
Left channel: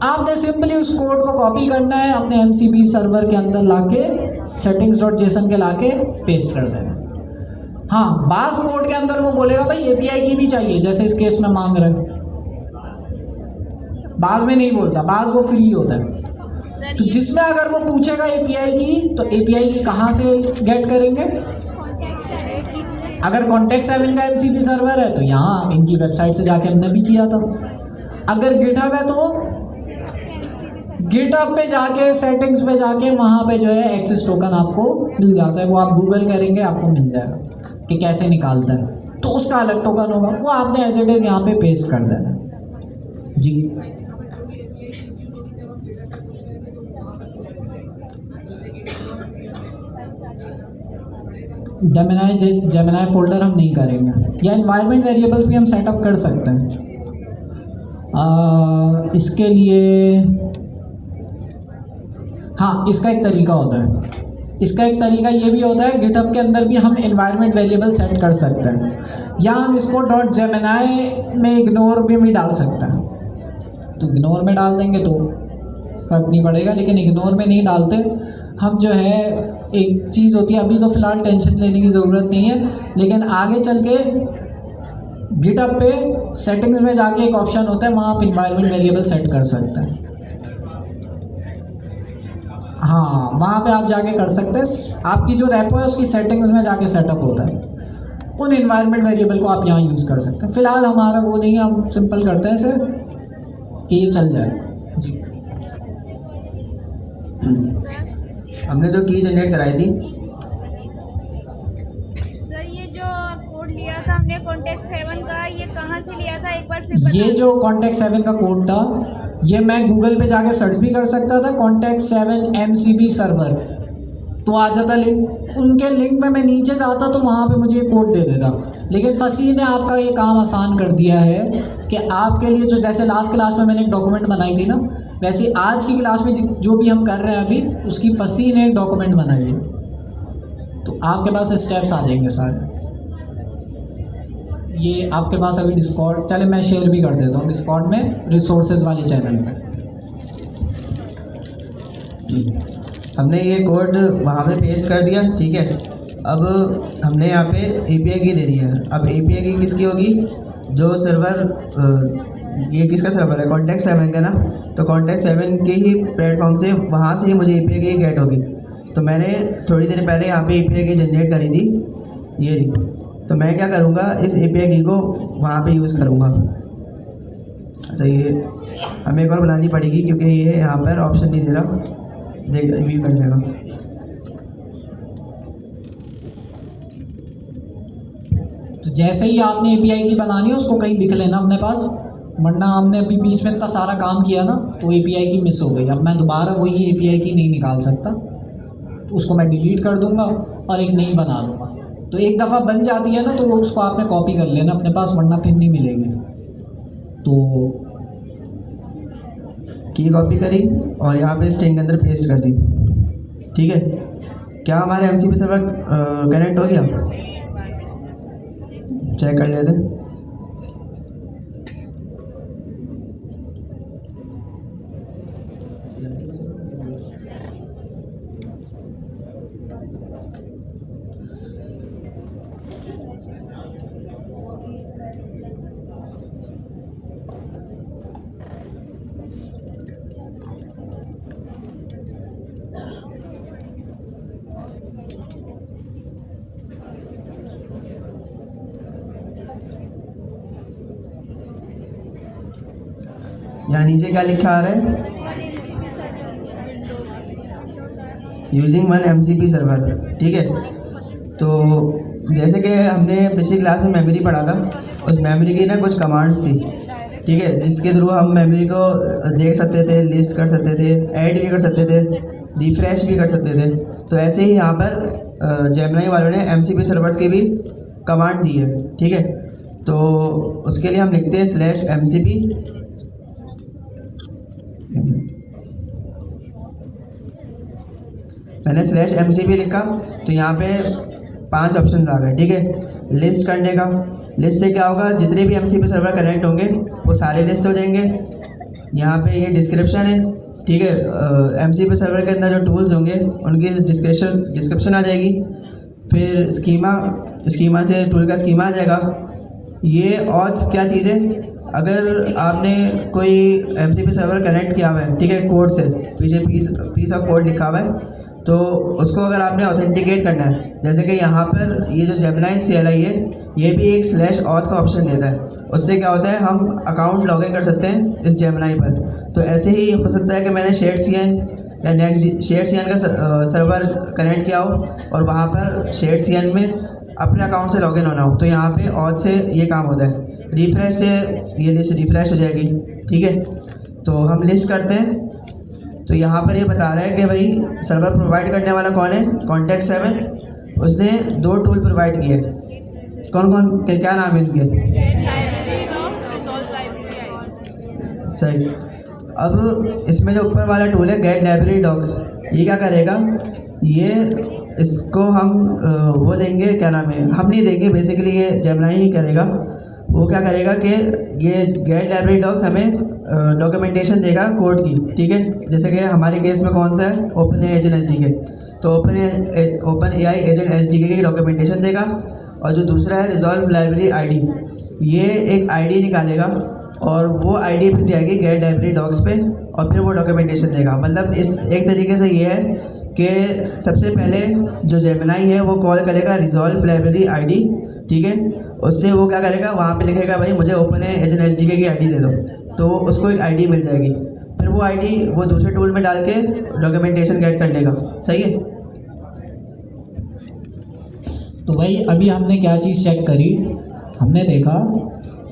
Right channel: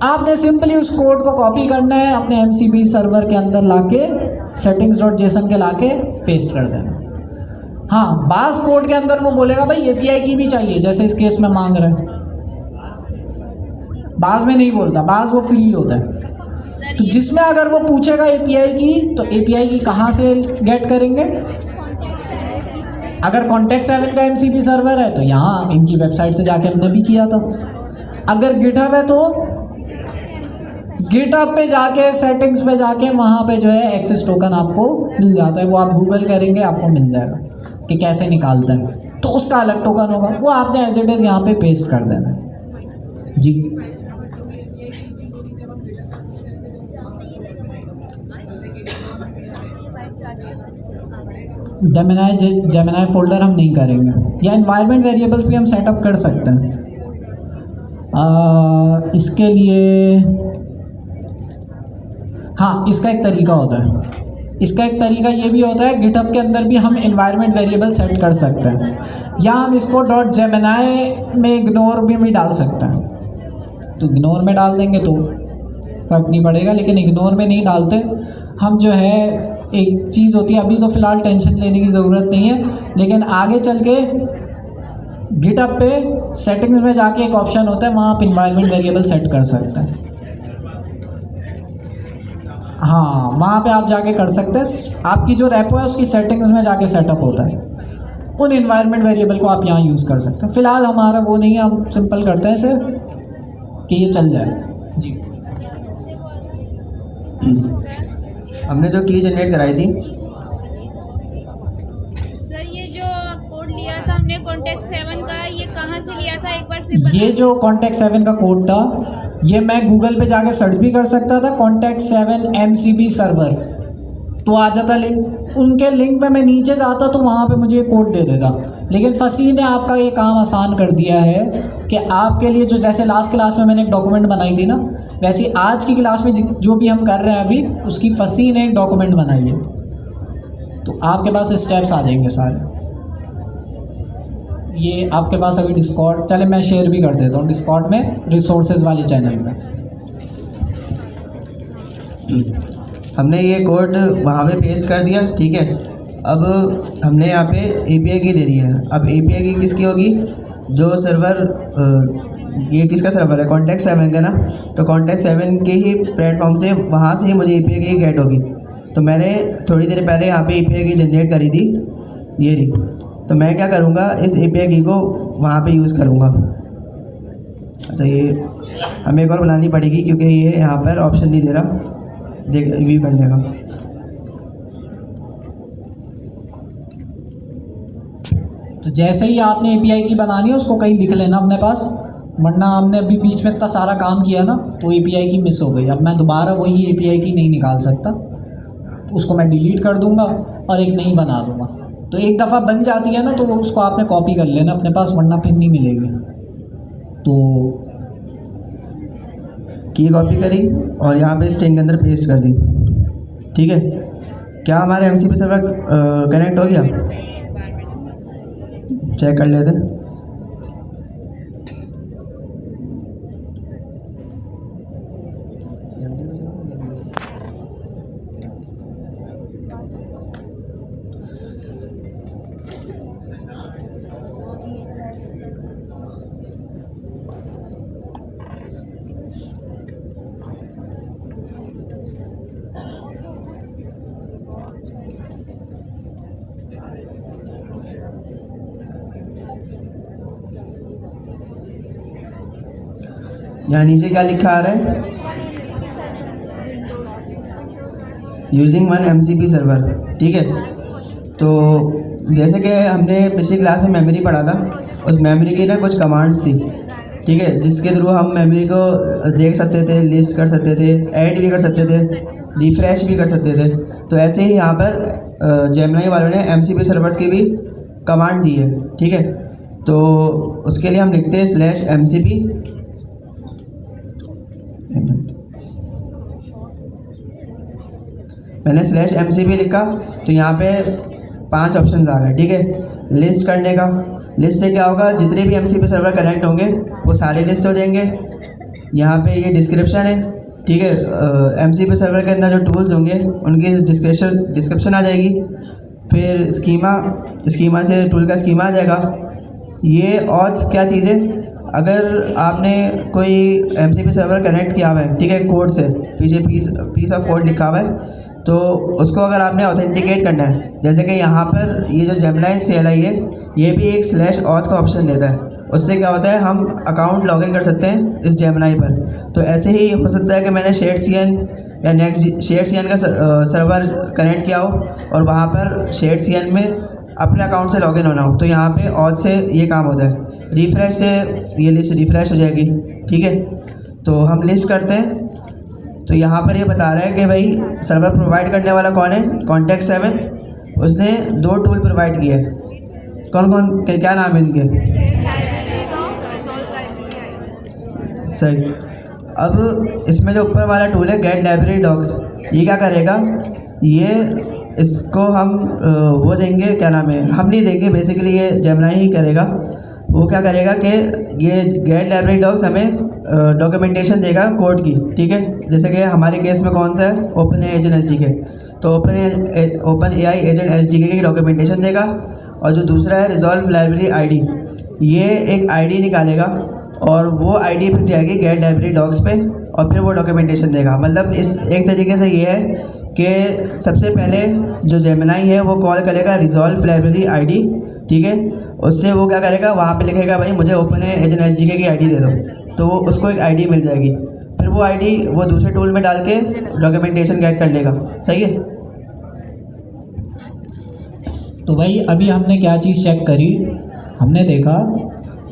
आपने सिंपली उस कोड को कॉपी करना है, अपने MCP सर्वर के अंदर लाके settings.json के लाके पेस्ट कर देना। हाँ, बास कोड के अंदर वो बोलेगा भाई API की भी चाहिए, जैसे इस केस में मांग रहे हैं। बास में नहीं बोलता, बास वो फ्री होता है। तो जिसमें अगर वो पूछेगा API की, तो API की कहाँ से गेट करेंगे। अगर कॉन्टेक्ट 7 का MCP सर्वर है तो यहाँ इनकी वेबसाइट से जाके हमने भी किया था। अगर गिटहब है तो गिटहब पे जाके सेटिंग्स पे जाके वहाँ पे जो है एक्सेस टोकन आपको मिल जाता है। वो आप गूगल करेंगे आपको मिल जाएगा कि कैसे निकालते हैं, तो उसका अलग टोकन होगा, वो आपने एज इट इज़ यहाँ पे पेस्ट कर देना जी। जेमिनाई फोल्डर हम नहीं करेंगे, या एनवायरनमेंट वेरिएबल्स भी हम सेटअप कर सकते हैं। इसके लिए हाँ, इसका एक तरीका होता है। इसका एक तरीका ये भी होता है, गिटहब के अंदर भी हम एनवायरनमेंट वेरिएबल सेट कर सकते हैं, या हम इसको .gemini में इग्नोर भी डाल सकते हैं। तो इग्नोर में डाल देंगे तो फर्क नहीं पड़ेगा, लेकिन इग्नोर में नहीं डालते हम। जो है एक चीज़ होती है, अभी तो फ़िलहाल टेंशन लेने की ज़रूरत नहीं है, लेकिन आगे चल के गिटहब पे सेटिंग्स में जाके एक ऑप्शन होता है, वहाँ आप एनवायरनमेंट वेरिएबल सेट कर सकते हैं। हाँ, वहाँ पे आप जाके कर सकते हैं। आपकी जो रेपो है उसकी सेटिंग्स में जाके सेटअप होता है, उन एनवायरनमेंट वेरिएबल को आप यहाँ यूज़ कर सकते हैं। फ़िलहाल हमारा वो नहीं है, हम सिंपल करते हैं इसे कि ये चल जाए जी। हमने जो की जनरेट कराई थी, सर ये जो कोड लिया था हमने कॉन्टेक्ट 7 का, ये कहाँ से लिया था, एक बार फिर बता। ये जो कॉन्टेक्ट 7 का कोड था, ये मैं गूगल पे जाके सर्च भी कर सकता था, कॉन्टेक्ट 7 MCP सर्वर, तो आ जाता लिंक। उनके लिंक पे मैं नीचे जाता तो वहाँ पे मुझे कोड दे देता। लेकिन फसी ने आपका ये काम आसान कर दिया है कि आपके लिए जो, जैसे लास्ट क्लास में मैंने एक डॉक्यूमेंट बनाई थी ना, वैसे आज की क्लास में जो भी हम कर रहे हैं अभी, उसकी फसी ने एक डॉक्यूमेंट बनाई है। तो आपके पास स्टेप्स आ जाएंगे सारे। ये आपके पास अभी डिस्कॉर्ड, चले मैं शेयर भी कर देता हूँ डिस्कॉर्ड में, रिसोर्सेज वाले चैनल में। हमने ये कोड वहाँ पे पेस्ट कर दिया, ठीक है। अब हमने यहाँ पे API की दे दी है। अब API की किसकी होगी, जो सर्वर, ये किसका सर्वर है, कॉन्टेक्ट 7 का ना, तो कॉन्टेक्ट 7 के ही प्लेटफॉर्म से, वहाँ से ही मुझे API की गेट होगी। तो मैंने थोड़ी देर पहले यहाँ पे API की जनरेट करी थी, ये रही। तो मैं क्या करूँगा, इस API की को वहाँ पे यूज़ करूँगा। अच्छा, ये हमें एक और बनानी पड़ेगी क्योंकि ये यहाँ पर ऑप्शन नहीं दे रहा देख व्यू करने का। तो जैसे ही आपने API की बनानी है उसको कहीं लिख लेना अपने पास, वरना हमने अभी बीच में इतना सारा काम किया ना तो API की मिस हो गई। अब मैं दोबारा वही API की नहीं निकाल सकता, तो उसको मैं डिलीट कर दूंगा और एक नई बना दूंगा। तो एक दफ़ा बन जाती है ना तो उसको आपने कॉपी कर लेना अपने पास, वरना फिर नहीं मिलेगी। तो की कॉपी करी और यहाँ पे स्ट्रिंग के अंदर पेस्ट कर दी। ठीक है, क्या हमारे MCP सर्वर कनेक्ट हो गया? चेक कर लेते हैं। यहाँ नीचे क्या लिखा आ रहा है? Using one MCP server. ठीक है, तो जैसे कि हमने पिछली क्लास में मेमोरी पढ़ा था, उस मेमोरी की ना कुछ कमांड्स थी। ठीक है, जिसके थ्रू हम मेमोरी को देख सकते थे, लिस्ट कर सकते थे, ऐड भी कर सकते थे, रिफ्रेश भी कर सकते थे। तो ऐसे ही यहाँ पर जेमिनी वालों ने MCP सर्वर्स की भी कमांड दी है। ठीक है, तो उसके लिए हम लिखते हैं /MCP। मैंने /MCP लिखा तो यहाँ पे 5 ऑप्शन आ गए। ठीक है, लिस्ट करने का, लिस्ट से क्या होगा, जितने भी MCP सर्वर कनेक्ट होंगे वो सारे लिस्ट हो जाएंगे। यहाँ पे ये डिस्क्रिप्शन है। ठीक है, MCP सर्वर के अंदर जो टूल्स होंगे उनकी डिस्क्रिप्शन आ जाएगी। फिर स्कीमा से टूल का स्कीमा आ जाएगा। ये ऑथ क्या चीज़ है, अगर आपने कोई MCP सर्वर कनेक्ट किया हुआ है, ठीक है, कोड से पीछे पीस ऑफ कोड लिखा हुआ है, तो उसको अगर आपने ऑथेंटिकेट करना है, जैसे कि यहाँ पर ये जो जेमिनी CLI है, ये भी एक /auth का ऑप्शन देता है। उससे क्या होता है, हम अकाउंट लॉगिन कर सकते हैं इस जेमिनी पर। तो ऐसे ही हो सकता है कि मैंने SharedCN या SharedCN का सर्वर कनेक्ट किया हो और वहाँ पर SharedCN में अपने अकाउंट से लॉगिन होना हो, तो यहाँ पे auth से ये काम होता है। रिफ्रेश से ये लिस्ट रिफ्रेश हो जाएगी। ठीक है, तो हम लिस्ट करते हैं। तो यहाँ पर ये बता रहा है कि भाई सर्वर प्रोवाइड करने वाला कौन है, Context7। उसने 2 टूल प्रोवाइड किए। कौन कौन के क्या नाम है इनके? सही। अब इसमें जो ऊपर वाला टूल है गेट लाइब्रेरी डॉक्स, ये क्या करेगा, ये इसको हम वो देंगे, क्या नाम है, हम नहीं देंगे, बेसिकली ये जेमिनी ही करेगा। वो क्या करेगा कि ये गेट लाइब्रेरी डॉक्स हमें डॉक्यूमेंटेशन देगा कोड की। ठीक है, जैसे कि हमारे केस में कौन सा है, OpenAI एजेंट SDK, तो OpenAI एजेंट SDK की डॉक्यूमेंटेशन देगा। और जो दूसरा है रिजॉल्व लाइब्रेरी ID, ये एक ID निकालेगा और वो ID फिर जाएगी गेट लाइब्रेरी डॉक्स पे और फिर वो डॉक्यूमेंटेशन देगा। मतलब इस एक तरीके से ये है कि सबसे पहले जो जेमिनी है वो कॉल करेगा रिजॉल्व लाइब्रेरी ID। ठीक है, उससे वो क्या करेगा, वहाँ पे लिखेगा भाई मुझे OpenAI एजेंट SDK की ID दे दो, तो उसको एक ID मिल जाएगी। फिर वो ID वो दूसरे टूल में डाल के डॉक्यूमेंटेशन गेट कर लेगा। सही है। तो भाई अभी हमने क्या चीज़ चेक करी, हमने देखा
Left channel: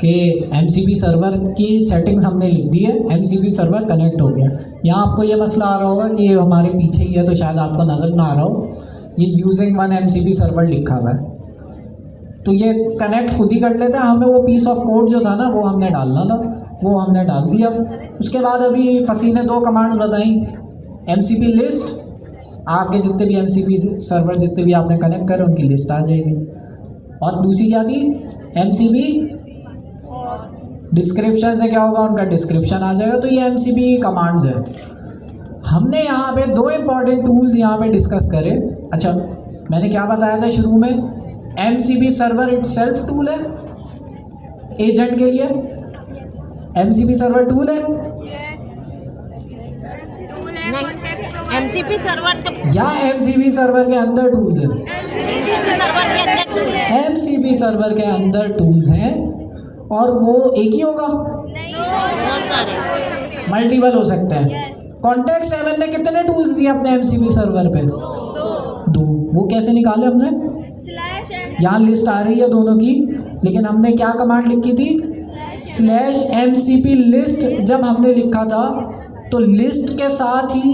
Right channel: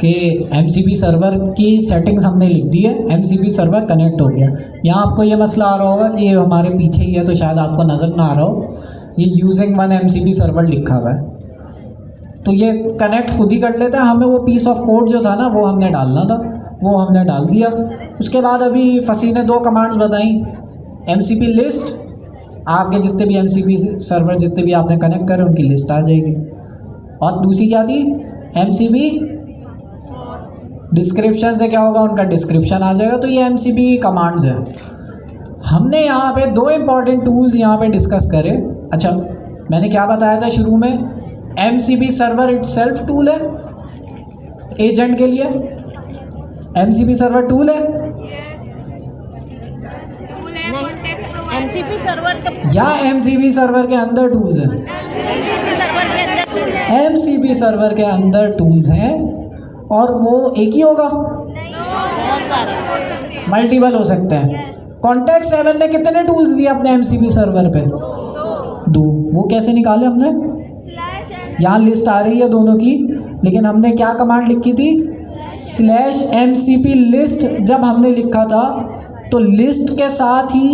कि MCP सर्वर की सेटिंग्स हमने लिख दी है, MCP सर्वर कनेक्ट हो गया। यहाँ आपको ये मसला आ रहा होगा कि ये हमारे पीछे ही है तो शायद आपको नज़र ना आ रहा हो, ये यूजिंग वन MCP सर्वर लिखा हुआ है। तो ये कनेक्ट खुद ही कर लेता है, हमें वो पीस ऑफ कोड जो था ना वो हमने डालना था, वो हमने डाल दिया। उसके बाद अभी फसी ने 2 कमांड्स बताई, MCP लिस्ट, आगे जितने भी MCP सर्वर जितने भी आपने कनेक्ट करे उनकी लिस्ट आ जाएगी। और दूसरी क्या थी, MCP डिस्क्रिप्शन से क्या होगा, उनका डिस्क्रिप्शन आ जाएगा। तो ये MCP कमांड्स है। हमने यहाँ पे 2 इंपॉर्टेंट टूल्स यहाँ पे डिस्कस करे। अच्छा, मैंने क्या बताया था शुरू में, MCP सर्वर इटसेल्फ टूल है एजेंट के लिए, MCP सर्वर टूल है MCP सर्वर या MCP सर्वर के अंदर टूल्स है। MCP सर्वर के अंदर टूल्स हैं और वो एक ही होगा, बहुत सारे। मल्टीपल हो सकते हैं। कॉन्टैक्ट 7 ने कितने टूल्स दिए अपने MCP सर्वर पे? 2। वो कैसे निकाले हमने? यहाँ लिस्ट आ रही है दोनों की, लेकिन हमने क्या कमांड लिखी थी? /MCP list. जब हमने लिखा था तो लिस्ट के साथ ही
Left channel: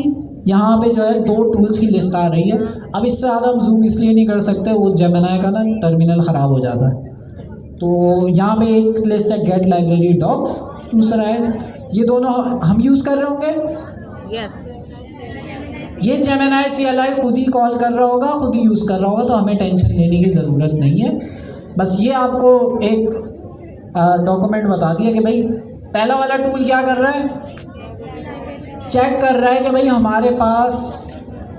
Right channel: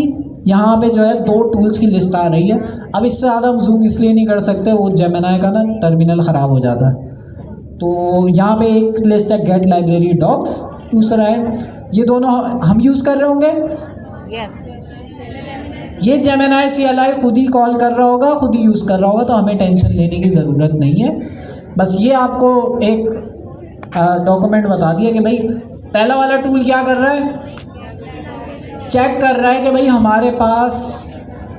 यहाँ पे जो है 2 टूल्स की लिस्ट आ रही है। अब इससे ज़्यादा हम जूम इसलिए नहीं कर सकते, वो जेमिनी का ना टर्मिनल ख़राब हो जाता है। तो यहाँ पे एक लिस्ट है गेट लाइब्रेरी डॉक्स, दूसरा है ये दोनों हम यूज़ कर रहे होंगे। यस। ये जेमिनी CLI खुद ही कॉल कर रहा होगा, खुद ही यूज़ कर रहा होगा, तो हमें टेंशन लेने की ज़रूरत नहीं है। बस ये आपको एक डॉक्यूमेंट बता दिया कि भाई पहला वाला टूल क्या कर रहा है, चेक कर रहा है कि भाई हमारे पास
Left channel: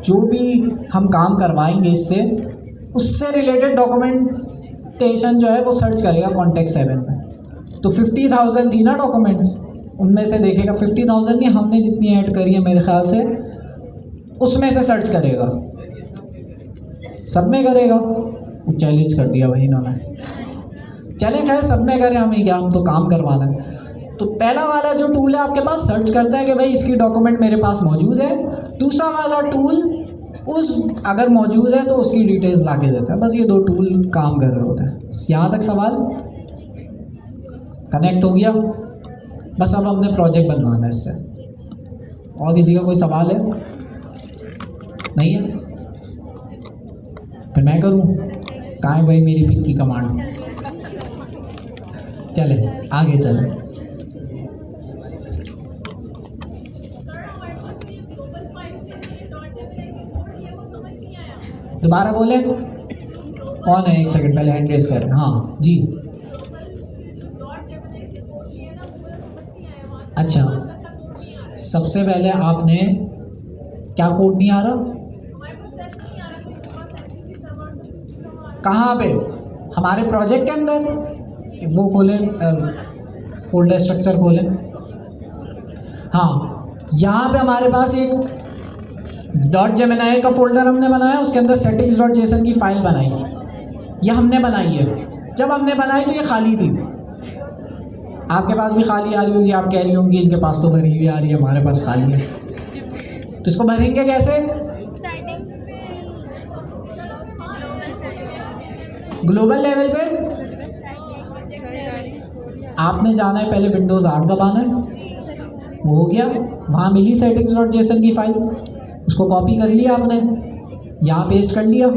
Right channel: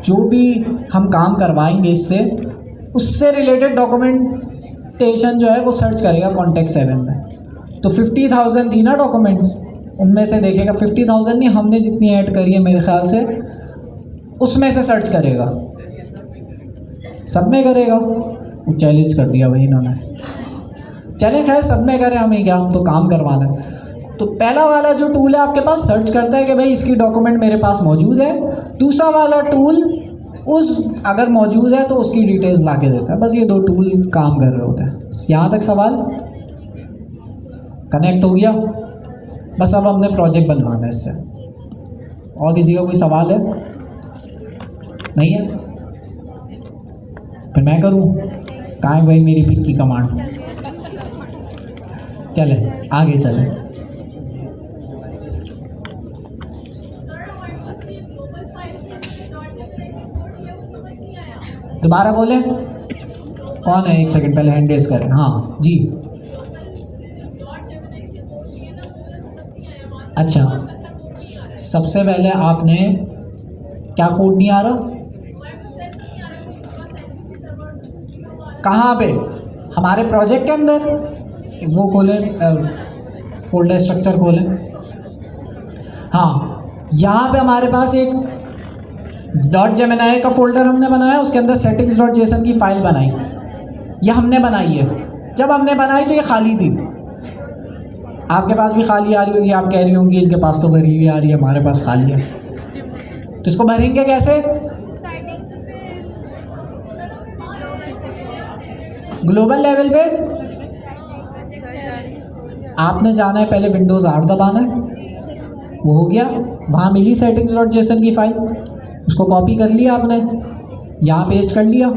जो भी हम काम करवाएंगे इससे, उससे रिलेटेड डॉक्यूमेंटेशन जो है वो सर्च करेगा कॉन्टैक्ट 7 में। तो 50,000 थी ना डॉक्यूमेंट्स, उनमें से देखेगा 50,000 नहीं, हमने जितनी ऐड करी है मेरे ख्याल से उसमें से सर्च करेगा, सब में करेगा। वो चैलेंज कर दिया भाई इन्होंने, चैलेंज है सब में करें, हमें क्या, हम तो काम करवाना है। तो पहला वाला जो टूल है आपके पास सर्च करता है कि भाई इसकी डॉक्यूमेंट मेरे पास मौजूद है। दूसरा वाला टूल उस अगर मौजूद है तो उसकी डिटेल्स ला के देता है। बस ये 2 टूल काम कर रहे होते हैं। यहाँ तक सवाल कनेक्ट हो गया? बस अब हमने प्रोजेक्ट बनवाना है इससे। और किसी का कोई सवाल है? नहीं है? फिर मैं करूँ? कहाँ है भाई मेरी पिक की कमांड? चले आगे चले। दोबारा बोले, कौन है? 1 सेकंड पहले हैंड रेस करें। हाँ जी, अच्छा सबसे पहले आपने क्या कोड नहीं आ रहा? कहाँ पे? हमारे प्रोजेक्ट के अंदर वो खोले, फोल्डर स्ट्रक्चर खोले। हाँ, यहाँ पे हमारे पास एक .जेमिनी का फोल्डर हमने बनाया, उसके अंदर settings.json की फाइल बनाई। ये हमने बनाई है। जब हमने बनाई तो ये खाली थी, आपके पास भी खाली आ रही होगी, आप कह रही होंगी इनके पास तो भरी हुई आ रही है, हमारे पास खाली है। तो इसको भरेंगे कैसे? ग्लोबल लेवल पे आपने जाना है, पहले विंडोज 8 दबाना है, वो हो गया। वहाँ मिली settings.json की फाइल, उसको कॉपी कर लिया आपने, यहाँ पेस्ट कर लिया।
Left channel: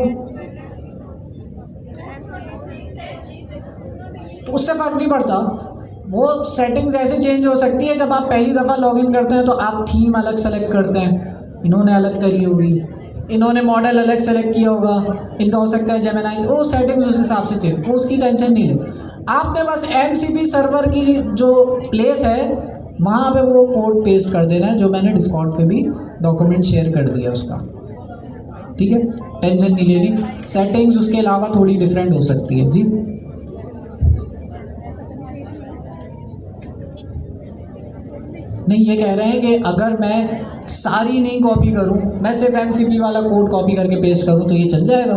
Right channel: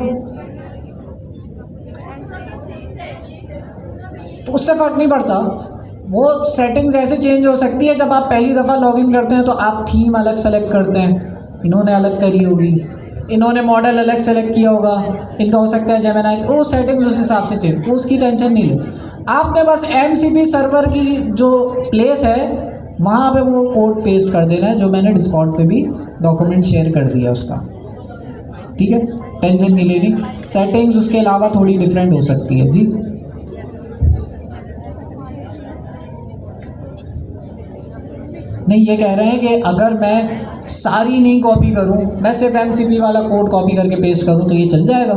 तो उससे फर्क नहीं पड़ता, वो सेटिंग्स ऐसे चेंज हो सकती है। जब आप पहली दफ़ा लॉगिन करते हैं तो आप थीम अलग सेलेक्ट करते हैं, इन्होंने अलग करी होगी, इन्होंने मॉडल अलग सेलेक्ट किया होगा, इनका हो सकता है जेमिनी, वो सेटिंग्स उस हिसाब से चेंज, वो उसकी टेंशन नहीं लो। आपने बस MCP सर्वर की जो प्लेस है वहाँ पे वो कोड पेस्ट कर देना है, जो मैंने डिस्कॉर्ड पे भी डॉक्यूमेंट शेयर कर दिया उसका। ठीक है, टेंशन नहीं लेनी। सेटिंग्स उसके अलावा थोड़ी डिफरेंट हो सकती है। जी नहीं, ये कह रहे हैं कि अगर मैं सारी नहीं कॉपी करूं, मैं सिर्फ MCP वाला कोड कॉपी करके पेस्ट करूं तो ये चल जाएगा?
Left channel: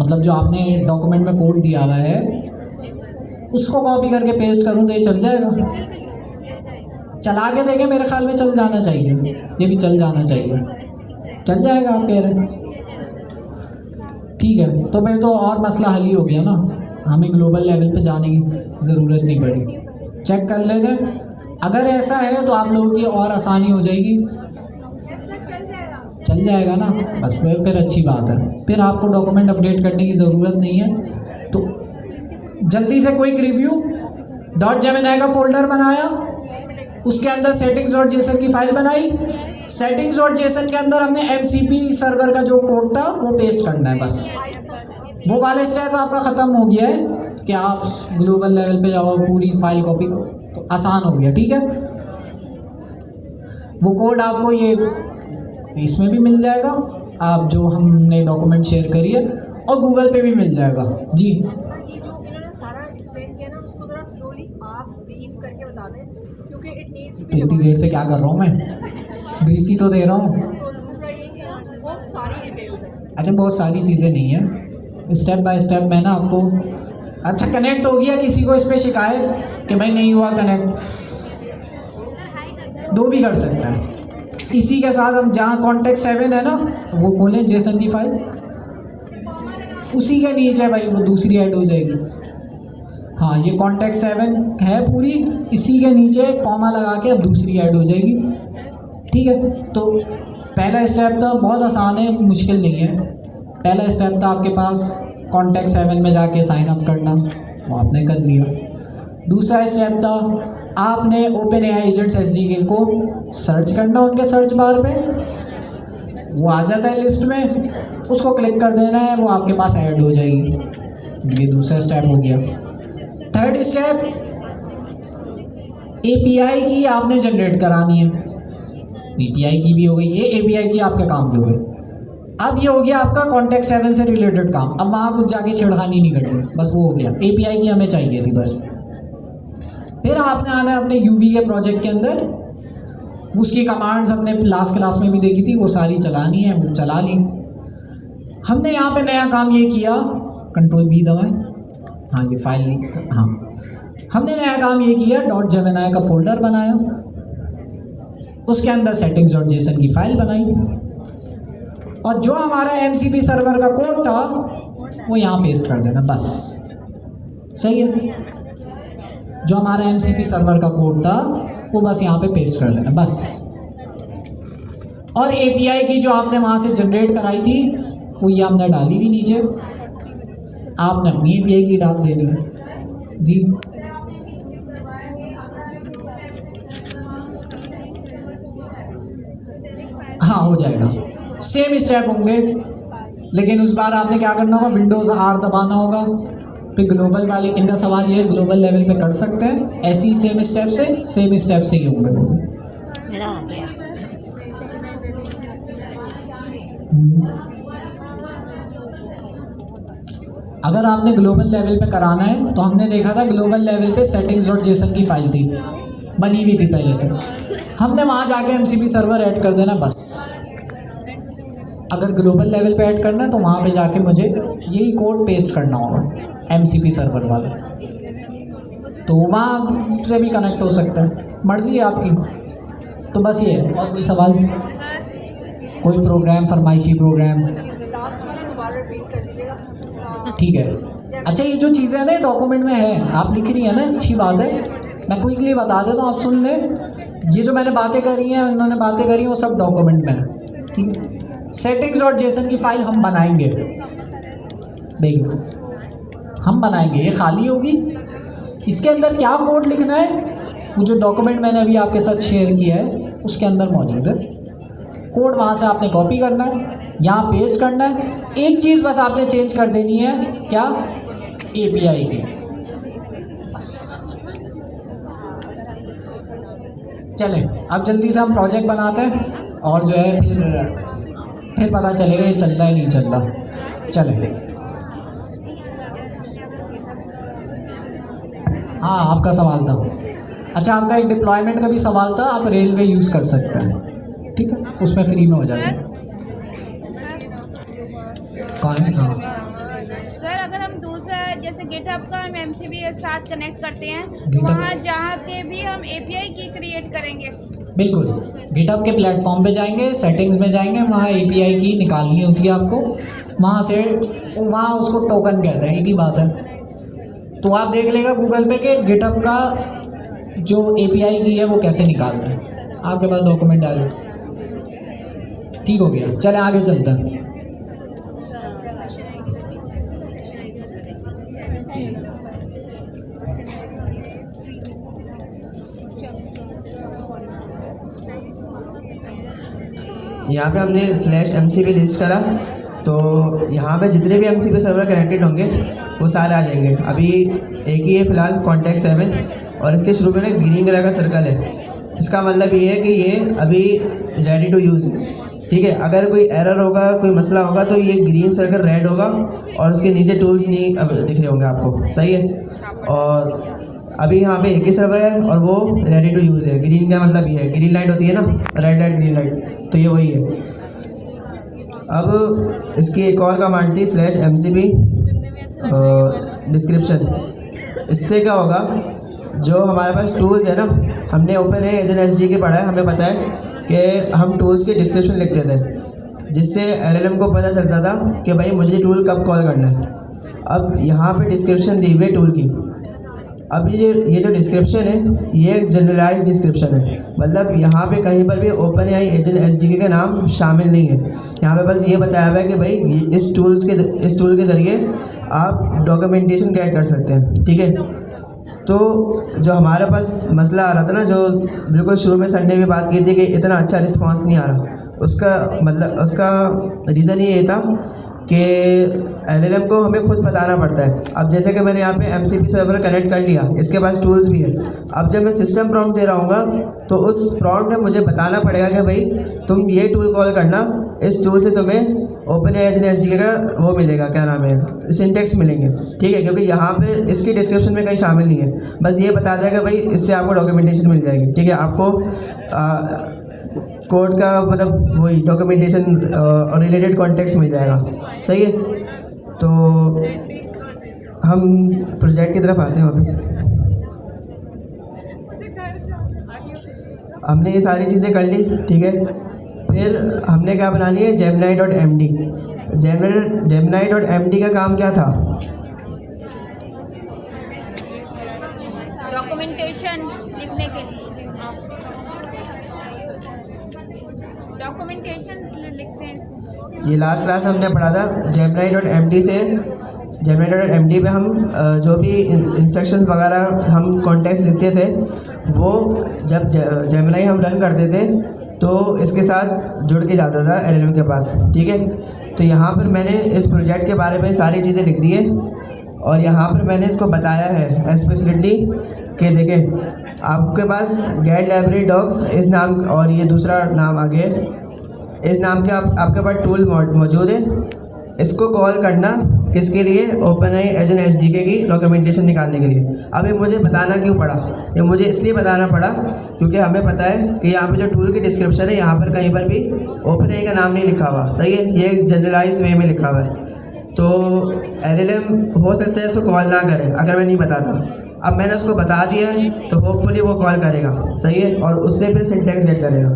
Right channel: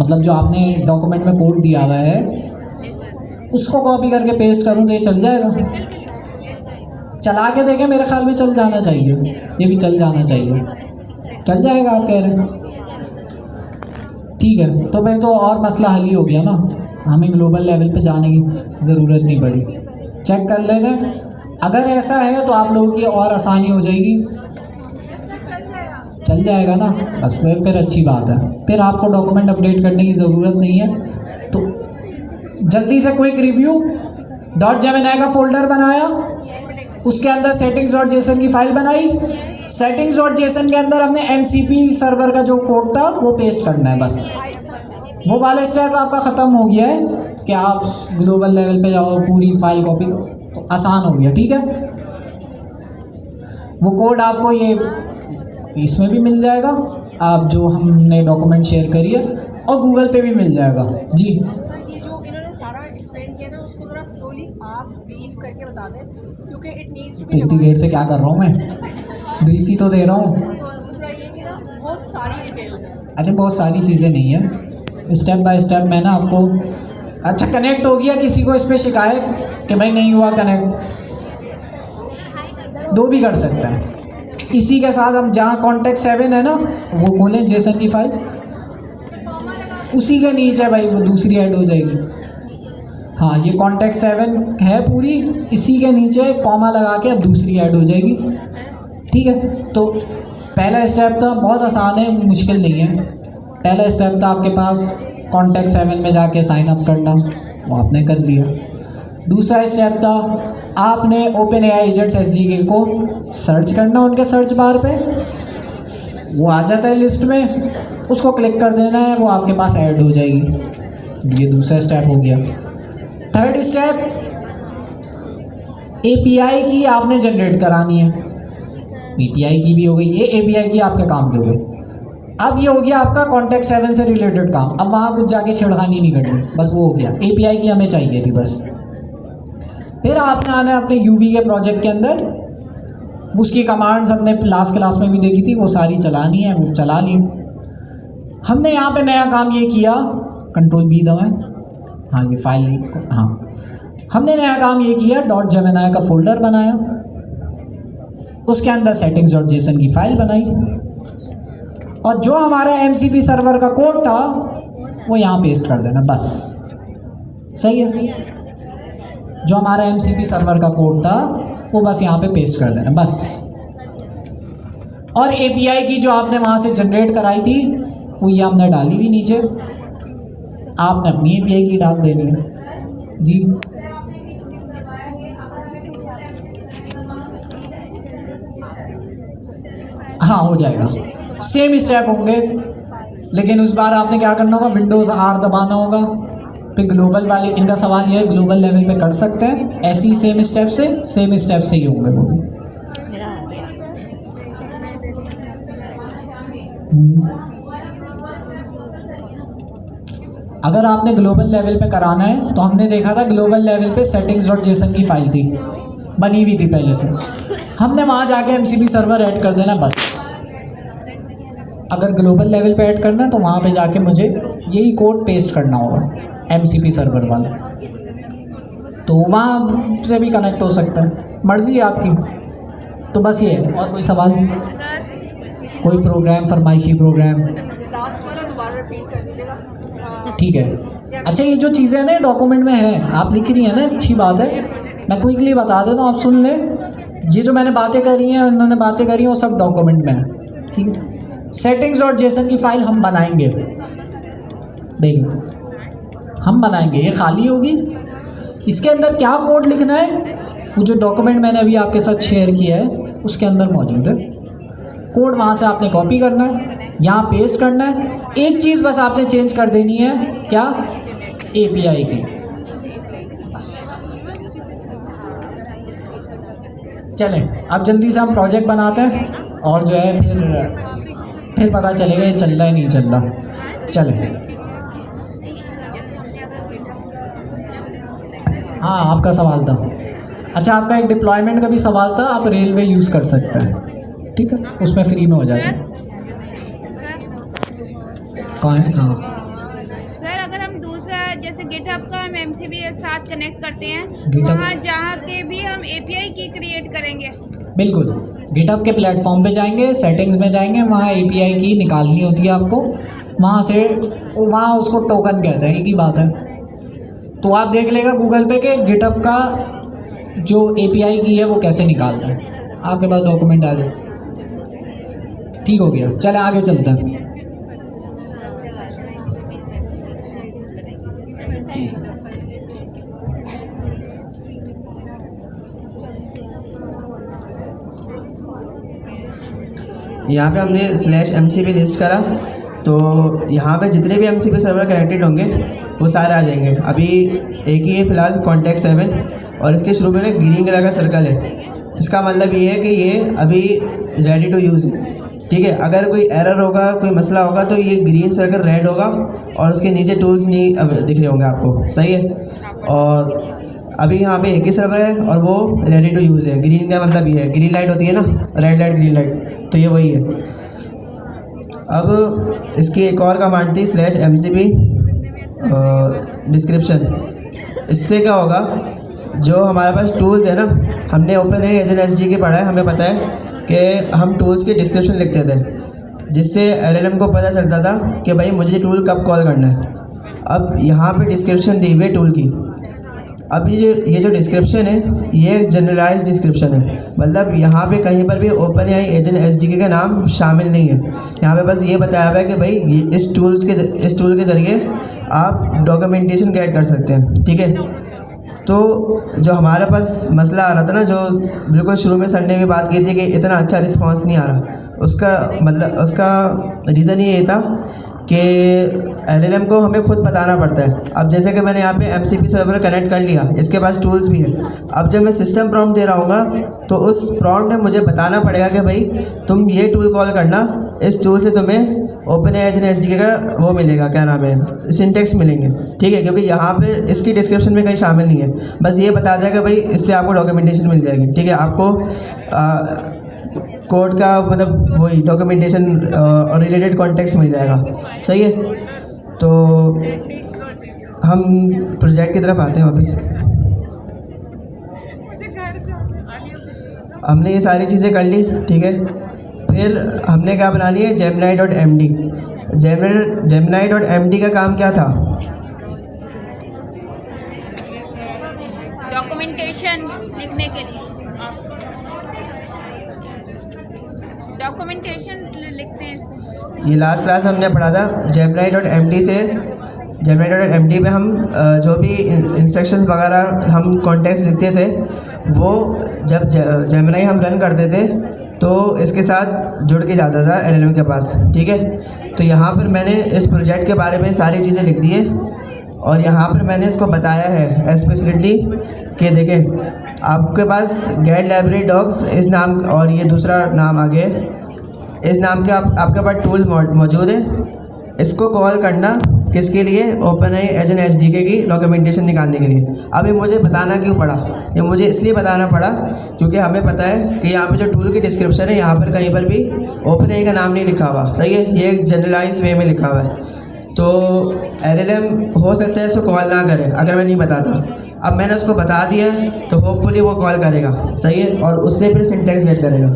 मतलब जो आपने डॉक्यूमेंट में कोड दिया हुआ है उसको कॉपी करके पेस्ट करूं तो ये चल जाएगा? चला के देखें, मेरे ख्याल में चल जाना चाहिए, ये भी चल जाना चाहिए। चल जाएगा आप कह रहे हैं? ठीक है, तो फिर तो और मसला हल ही हो गया ना, हमें ग्लोबल लेवल पे जाने की ज़रूरत नहीं पड़ी। चेक कर लेंगे, अगर ऐसा है तो आप लोगों की और आसानी हो जाएगी। चल जाएगा ना, बस फिर अच्छी बात है। फिर आपको डॉक्यूमेंट अपडेट करने की ज़रूरत नहीं है। तो जल्दी से क्विक रिव्यू, .जेमिनी का फोल्डर बनाया, उसके अंदर settings.json की फाइल बनाई, settings.json के अंदर हमने MCP सर्वर का जो कोड था वो पेस्ट करना है। बस वो वाला स्टेप आपका ख़त्म हो गया है कि आप ग्लोबल लेवल पे जाओ, पूरी फाइल कॉपी, तो आसान हो गया। ठीक है, वो कोड आपको ये इसमें भी मिल जाएगा, आप जो हमने डॉक्यूमेंट शेयर करी है, और गूगल पे भी मिल जाएगा। जी ये जो इन्होंने सारा एक्सप्लेन किया ना, उसको ज़रा स्लोली आप ब्रीफ करके बता दें, क्योंकि इट नीड्स टू बी। इतनी देर से क्या कर रहा हूँ मैं? ब्रीफ ही तो दे रहा हूँ। दूसरा ये कि बहुत सारी डिटेल है। अच्छा बहुत सारी चीज़ें नहीं है, स्टेप बाय स्टेप मैं ना आपको। अच्छा कनेक्ट हो गया, किसी को इस पर शिकायत कि भाई नहीं हुआ कनेक्ट? दो भी कर सकता है। इसी के साथ हम जहाँ कॉन्टेक्ट 7 है ना वो खोलें जेसन की फाइल, उसी के नीचे भाई वो दूसरी ऐड हो जाएगी। हाँ ये कॉन्टेक्ट 7 है पूरी, इसी के नीचे कॉमा लगा के अब दूसरी ऐड हो जाएगी। ठीक है, तो पहला स्टेप था, बहुत आसान है, मुश्किल नहीं है। पहला स्टेप था आपके पास कॉन्टेक्ट 7 में जाके साइन अप करना, वो आपने कर लिया। दूसरा स्टेप था आपने ओपन एआई एजेंट्स एसडीके को सर्च करना, उनके सर्च बार पे वो आ जाता है लिस्ट में, उसको क्लिक कर देना है, वो आपके पास ऐड हो जाएगी। ये दूसरा स्टेप हो गया। थर्ड स्टेप एपीआई की आपने जनरेट करानी है। एपीआई की भी हो गई, ये एपीआई की आपके काम की हो गई। अब ये हो गया आपका कॉन्टेक्ट 7 से रिलेटेड काम। अब वहाँ कुछ जाके छिड़खानी नहीं करनी, बस वो हो गया। एपीआई की हमें चाहिए थी बस। फिर आपने आना है अपने यूवी के प्रोजेक्ट के अंदर, उसकी कमांड्स हमने लास्ट क्लास में भी देखी थी, वो सारी चलानी है, वो चला ली। हमने यहाँ पे नया काम ये किया, कंट्रोल बी दबाएं, हाँ ये फाइल, हाँ हमने नया काम ये किया, .jmini का फोल्डर बनाया, उसके अंदर settings.json की फाइल बनाई, और जो हमारा MCP सर्वर का कोड था वो यहाँ पेस्ट कर देना बस। सही है, जो हमारा MCP सर्वर का कोड था वो बस यहाँ पे पेस्ट कर देना बस। और API की जो आपने वहाँ से जनरेट कराई थी वो ये हमने डाली थी नीचे, आपने अपनी API की डाल देनी है जी। हाँ हो जाएगा, सेम स्टेप होंगे, लेकिन उस बार आपने क्या करना होगा, विंडोज़ R दबाना होगा। फिर ग्लोबल वाले, इनका सवाल ये है ग्लोबल लेवल पे कर सकते हैं ऐसी सेम स्टेप से ही होंगे। मेरा आ गया। अगर आपने ग्लोबल लेवल पे कराना है तो हमने देखा था ग्लोबल लेवल पे settings.json की फाइल थी, बनी हुई थी पहले से, हमने वहाँ जाके MCP सर्वर ऐड कर देना बस। अगर ग्लोबल लेवल पे ऐड करना है तो वहाँ पे जाके मुझे यही कोड पेस्ट करना होगा MCP सर्वर वाला, तो वहाँ से भी कनेक्ट हो सकता है, मर्जी है आपकी। तो बस ये है, और कोई सवाल, कोई प्रोग्राम, फरमाइशी प्रोग्राम? ठीक है। अच्छा ये जो चीज़ें हैं ना डॉक्यूमेंट में है, आप लिख रही हैं ना, अच्छी बात है, मैं क्विकली बता देता हूँ, आप सुन लें। ये जो मैंने बातें करी हैं, उन्होंने बातें करी हैं, वो सब डॉक्यूमेंट में है। ठीक है, settings.json की फाइल हम बनाएंगे, देखिए हम बनाएंगे, ये खाली होगी, इसके अंदर क्या कोड लिखना है वो जो डॉक्यूमेंट मैंने अभी आपके साथ शेयर किया है उसके अंदर मौजूद है। कोड वहाँ से आपने कॉपी करना है, यहाँ पेस्ट करना है। एक चीज़ बस आपने चेंज कर देनी है, क्या? API की। चलें अब जल्दी से हम प्रोजेक्ट बनाते हैं, और जो है फिर पता चलेगा ये चल रहा है नहीं चल रहा। चलें, हाँ आपका सवाल था। अच्छा आपका एक डिप्लॉयमेंट का भी सवाल था, आप रेलवे यूज़ कर सकते हैं, ठीक है, उसमें फ्री में हो जाता है। कहाँ है? हाँ सर अगर हम दूसरा जैसे गिटहब का हम MCP के साथ कनेक्ट करते हैं, GitHub- वहाँ जहाँ के भी हम API की क्रिएट करेंगे। बिल्कुल, गिटहब के प्लेटफॉर्म पे जाएंगे, सेटिंग्स में जाएंगे, वहाँ API की निकालनी होती है आपको, वहाँ से वहाँ उसको टोकन कहते हैं, एक ही बात है। तो आप देख लेगा गूगल पे कि गिटहब का जो API की है वो कैसे निकालता है, आपके पास डॉक्यूमेंट आ जाए। ठीक हो गया, चले आगे चलते हैं। यहाँ पे हमने /MCP लिस्ट करा, तो यहाँ पे जितने भी MCP सर्वर कनेक्टेड होंगे वो सारे आ जाएंगे। अभी एक ही है फ़िलहाल कॉन्टेक्ट 7, और इसके शुरू में ग्रीन कलर का सर्कल है, इसका मतलब ये है कि ये अभी रेडी टू यूज़। ठीक है, अगर कोई एरर होगा, कोई मसला होगा तो ये ग्रीन सर्कल रेड होगा और उसके नीचे टूल्स नहीं अब दिख रहे होंगे आपको। सही है, और अभी यहाँ पे एक ही सर्वर है और वो रेडी टू यूज़ है। ग्रीन का मतलब ये है, ग्रीन लाइट होती है ना, रेड लाइट ग्रीन लाइट, तो ये वही है। अब इसकी एक और कमांड थी /mcp डिस्क्रिप्शन। इससे क्या होगा, जो हमारे पास टूल्स है ना, हमने OpenAI एजेंट SDK के पढ़ा है, हमें पता है कि हम टूल्स की डिस्क्रिप्शन लिखते थे, जिससे LLM को पता चलता था कि भाई मुझे टूल कब कॉल करना है। अब यहाँ पे डिस्क्रिप्शन दी हुई है टूल की। अब ये जो डिस्क्रिप्शन है, ये जनरलाइज डिस्क्रिप्शन है, मतलब यहाँ पे कहीं पर भी OpenAI एजेंट SDK का नाम शामिल नहीं है। यहाँ पे बस ये बताया हुआ है कि भाई इस टूल के ज़रिए आप डॉक्यूमेंटेशन गेट कर सकते हैं, ठीक है। तो जो हमारे पास मसला आ रहा था ना, जो बिल्कुल शुरू में सर ने भी बात की थी कि इतना अच्छा रिस्पांस नहीं आ रहा, उसका रीज़न ये था कि LLM को हमें खुद बताना पड़ता है। अब जैसे कि मैंने यहाँ पे MCP सर्वर कनेक्ट कर लिया, इसके पास टूल्स भी है। अब जब मैं सिस्टम प्रॉम्प्ट दे रहा हूँ तो उस प्रॉम्प्ट में मुझे बताना पड़ेगा कि भाई तुम ये टूल कॉल करना, इस टूल से तुम्हें OpenAI एजेंट SDK का वो मिलेगा, क्या नाम है, सिंटेक्स मिलेंगे, ठीक है। क्योंकि यहाँ पे इसकी डिस्क्रिप्शन में कहीं शामिल नहीं है, बस ये बता देगा भाई इससे आपको डॉक्यूमेंटेशन मिल जाएगी, ठीक है। आपको कोड का मतलब वही डॉक्यूमेंटेशन और रिलेटेड कॉन्टेक्स्ट मिल जाएगा, सही है। तो हम प्रोजेक्ट की तरफ आते हैं वापस। हमने ये सारी चीज़ें कर ली, ठीक है। फिर हमने क्या बनानी है, Gemini.md। Gemini.md का काम क्या था, डॉक्यूमेंटेशन लिखने के लिए, डॉक्यूमेंटेशन लिखते हैं इससे। ये लास्ट क्लास हमने पढ़ा था। Gemini.md पे हम जो भी इंस्ट्रक्शंस वगैरह हम कॉन्टेक्स्ट लिखते थे, वो जब Gemini हम रन करते थे तो इसके साथ जुड़ के जाता था LLM के पास, ठीक है। तो यहाँ पर मैंने इस प्रोजेक्ट के बारे में सारी चीज़ें लिख दी है और यहाँ पर मैंने इसको बताया है एक्सप्लिसिटली कि देखें आपके पास गेट लाइब्रेरी डॉक्स इस नाम और ये दूसरा नाम आगे इस नाम के आपके पास टूल मौजूद है। इसको कॉल करना किसके लिए, OpenAI एजेंट SDK की डॉक्यूमेंटेशन निकालने के लिए। अभी मुझे बताना क्यों पड़ा, ये मुझे इसलिए बताना पड़ा क्योंकि हमें पता है कि यहाँ पे जो टूल की डिस्क्रिप्शन है, यहाँ पर कहीं पर भी OpenAI का नाम नहीं लिखा हुआ, सही है। ये जनरलाइज वे में लिखा हुआ है, तो LLM हो सकता है इसको कॉल ना करे अगर मैं नहीं बताता। अब मैंने उसको बता दिया है तो होपफुली वो कॉल करेगा, सही है, और उससे फिर सिंटेक्स गेट करेगा।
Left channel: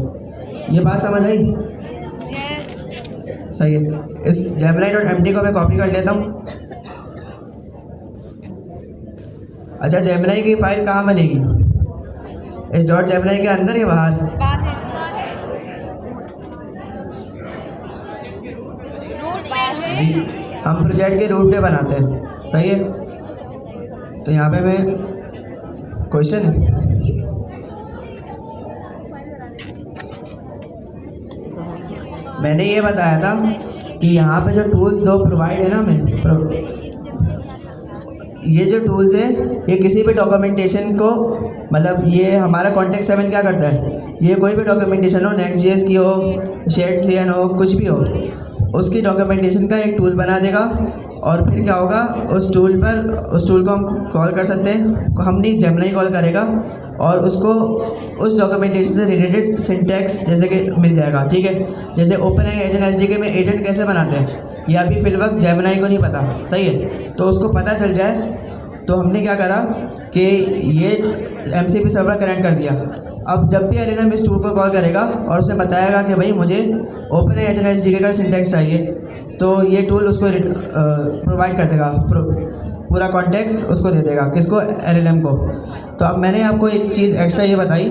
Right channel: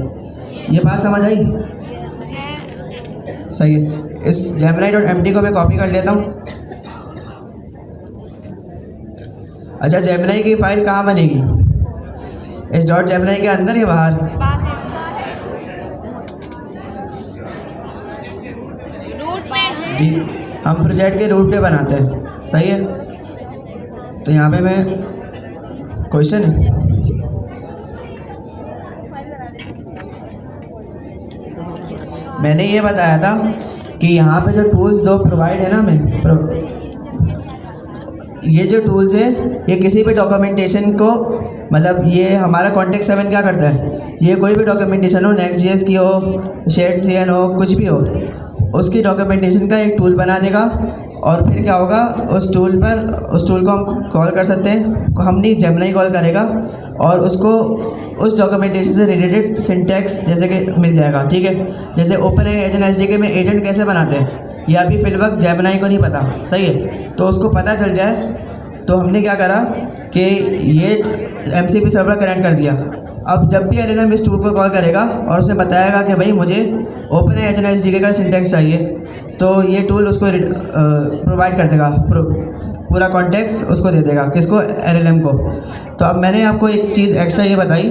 ये बात समझ आई, सही है। इस Gemini.md को मैं कॉपी कर लेता हूँ। अच्छा, Gemini की फाइल कहाँ बनेगी, इस .gemini के अंदर या बाहर, रूट में जी हम प्रोजेक्ट के रूट पे बनाते हैं, सही है। तो यहाँ पे मैं क्वेश्चन है, मैंने ये बताया था कि यहाँ पे जो टूल्स दो प्रोवाइड है ना, ये जो टूल्स है ये किसी भी डॉक्यूमेंटेशन को, मतलब ये हमारा कॉन्टेक्स्ट 7 क्या करता है, ये कोई भी डॉक्यूमेंटेशन हो, Next.js की हो, Shadecn हो, कुछ भी हो, उसकी डॉक्यूमेंटेशन का एक टूल बना देगा। और फिर क्या होगा, उस टूल को हम कॉल कर सकते हैं, हम नहीं Gemini कॉल करेगा और उसको उस डॉक्यूमेंटेशन से रिलेटेड सिंटैक्स जैसे कि मिल जाएगा, ठीक है। जैसे OpenAI एजेंट SDK में एजेंट कैसे बनाते हैं, ये अभी फिल वक्त Gemini को नहीं पता, सही है। तो उसको पता चल जाए तो हमने क्या करा कि ये MCP सर्वर कनेक्ट कर दिया। अब जब भी LLM इस टूल को कॉल करेगा और उसे बताएगा कि भाई मुझे OpenAI एजेंट SDK का सिंटैक्स चाहिए, तो ये टूल उसको प्रोवाइड कर देगा, पूरा कॉन्टेक्स्ट उसको दे देगा, किसको, LLM को। तो अब मैंने आपको एक चीज़ एक्स्ट्रा ये बताई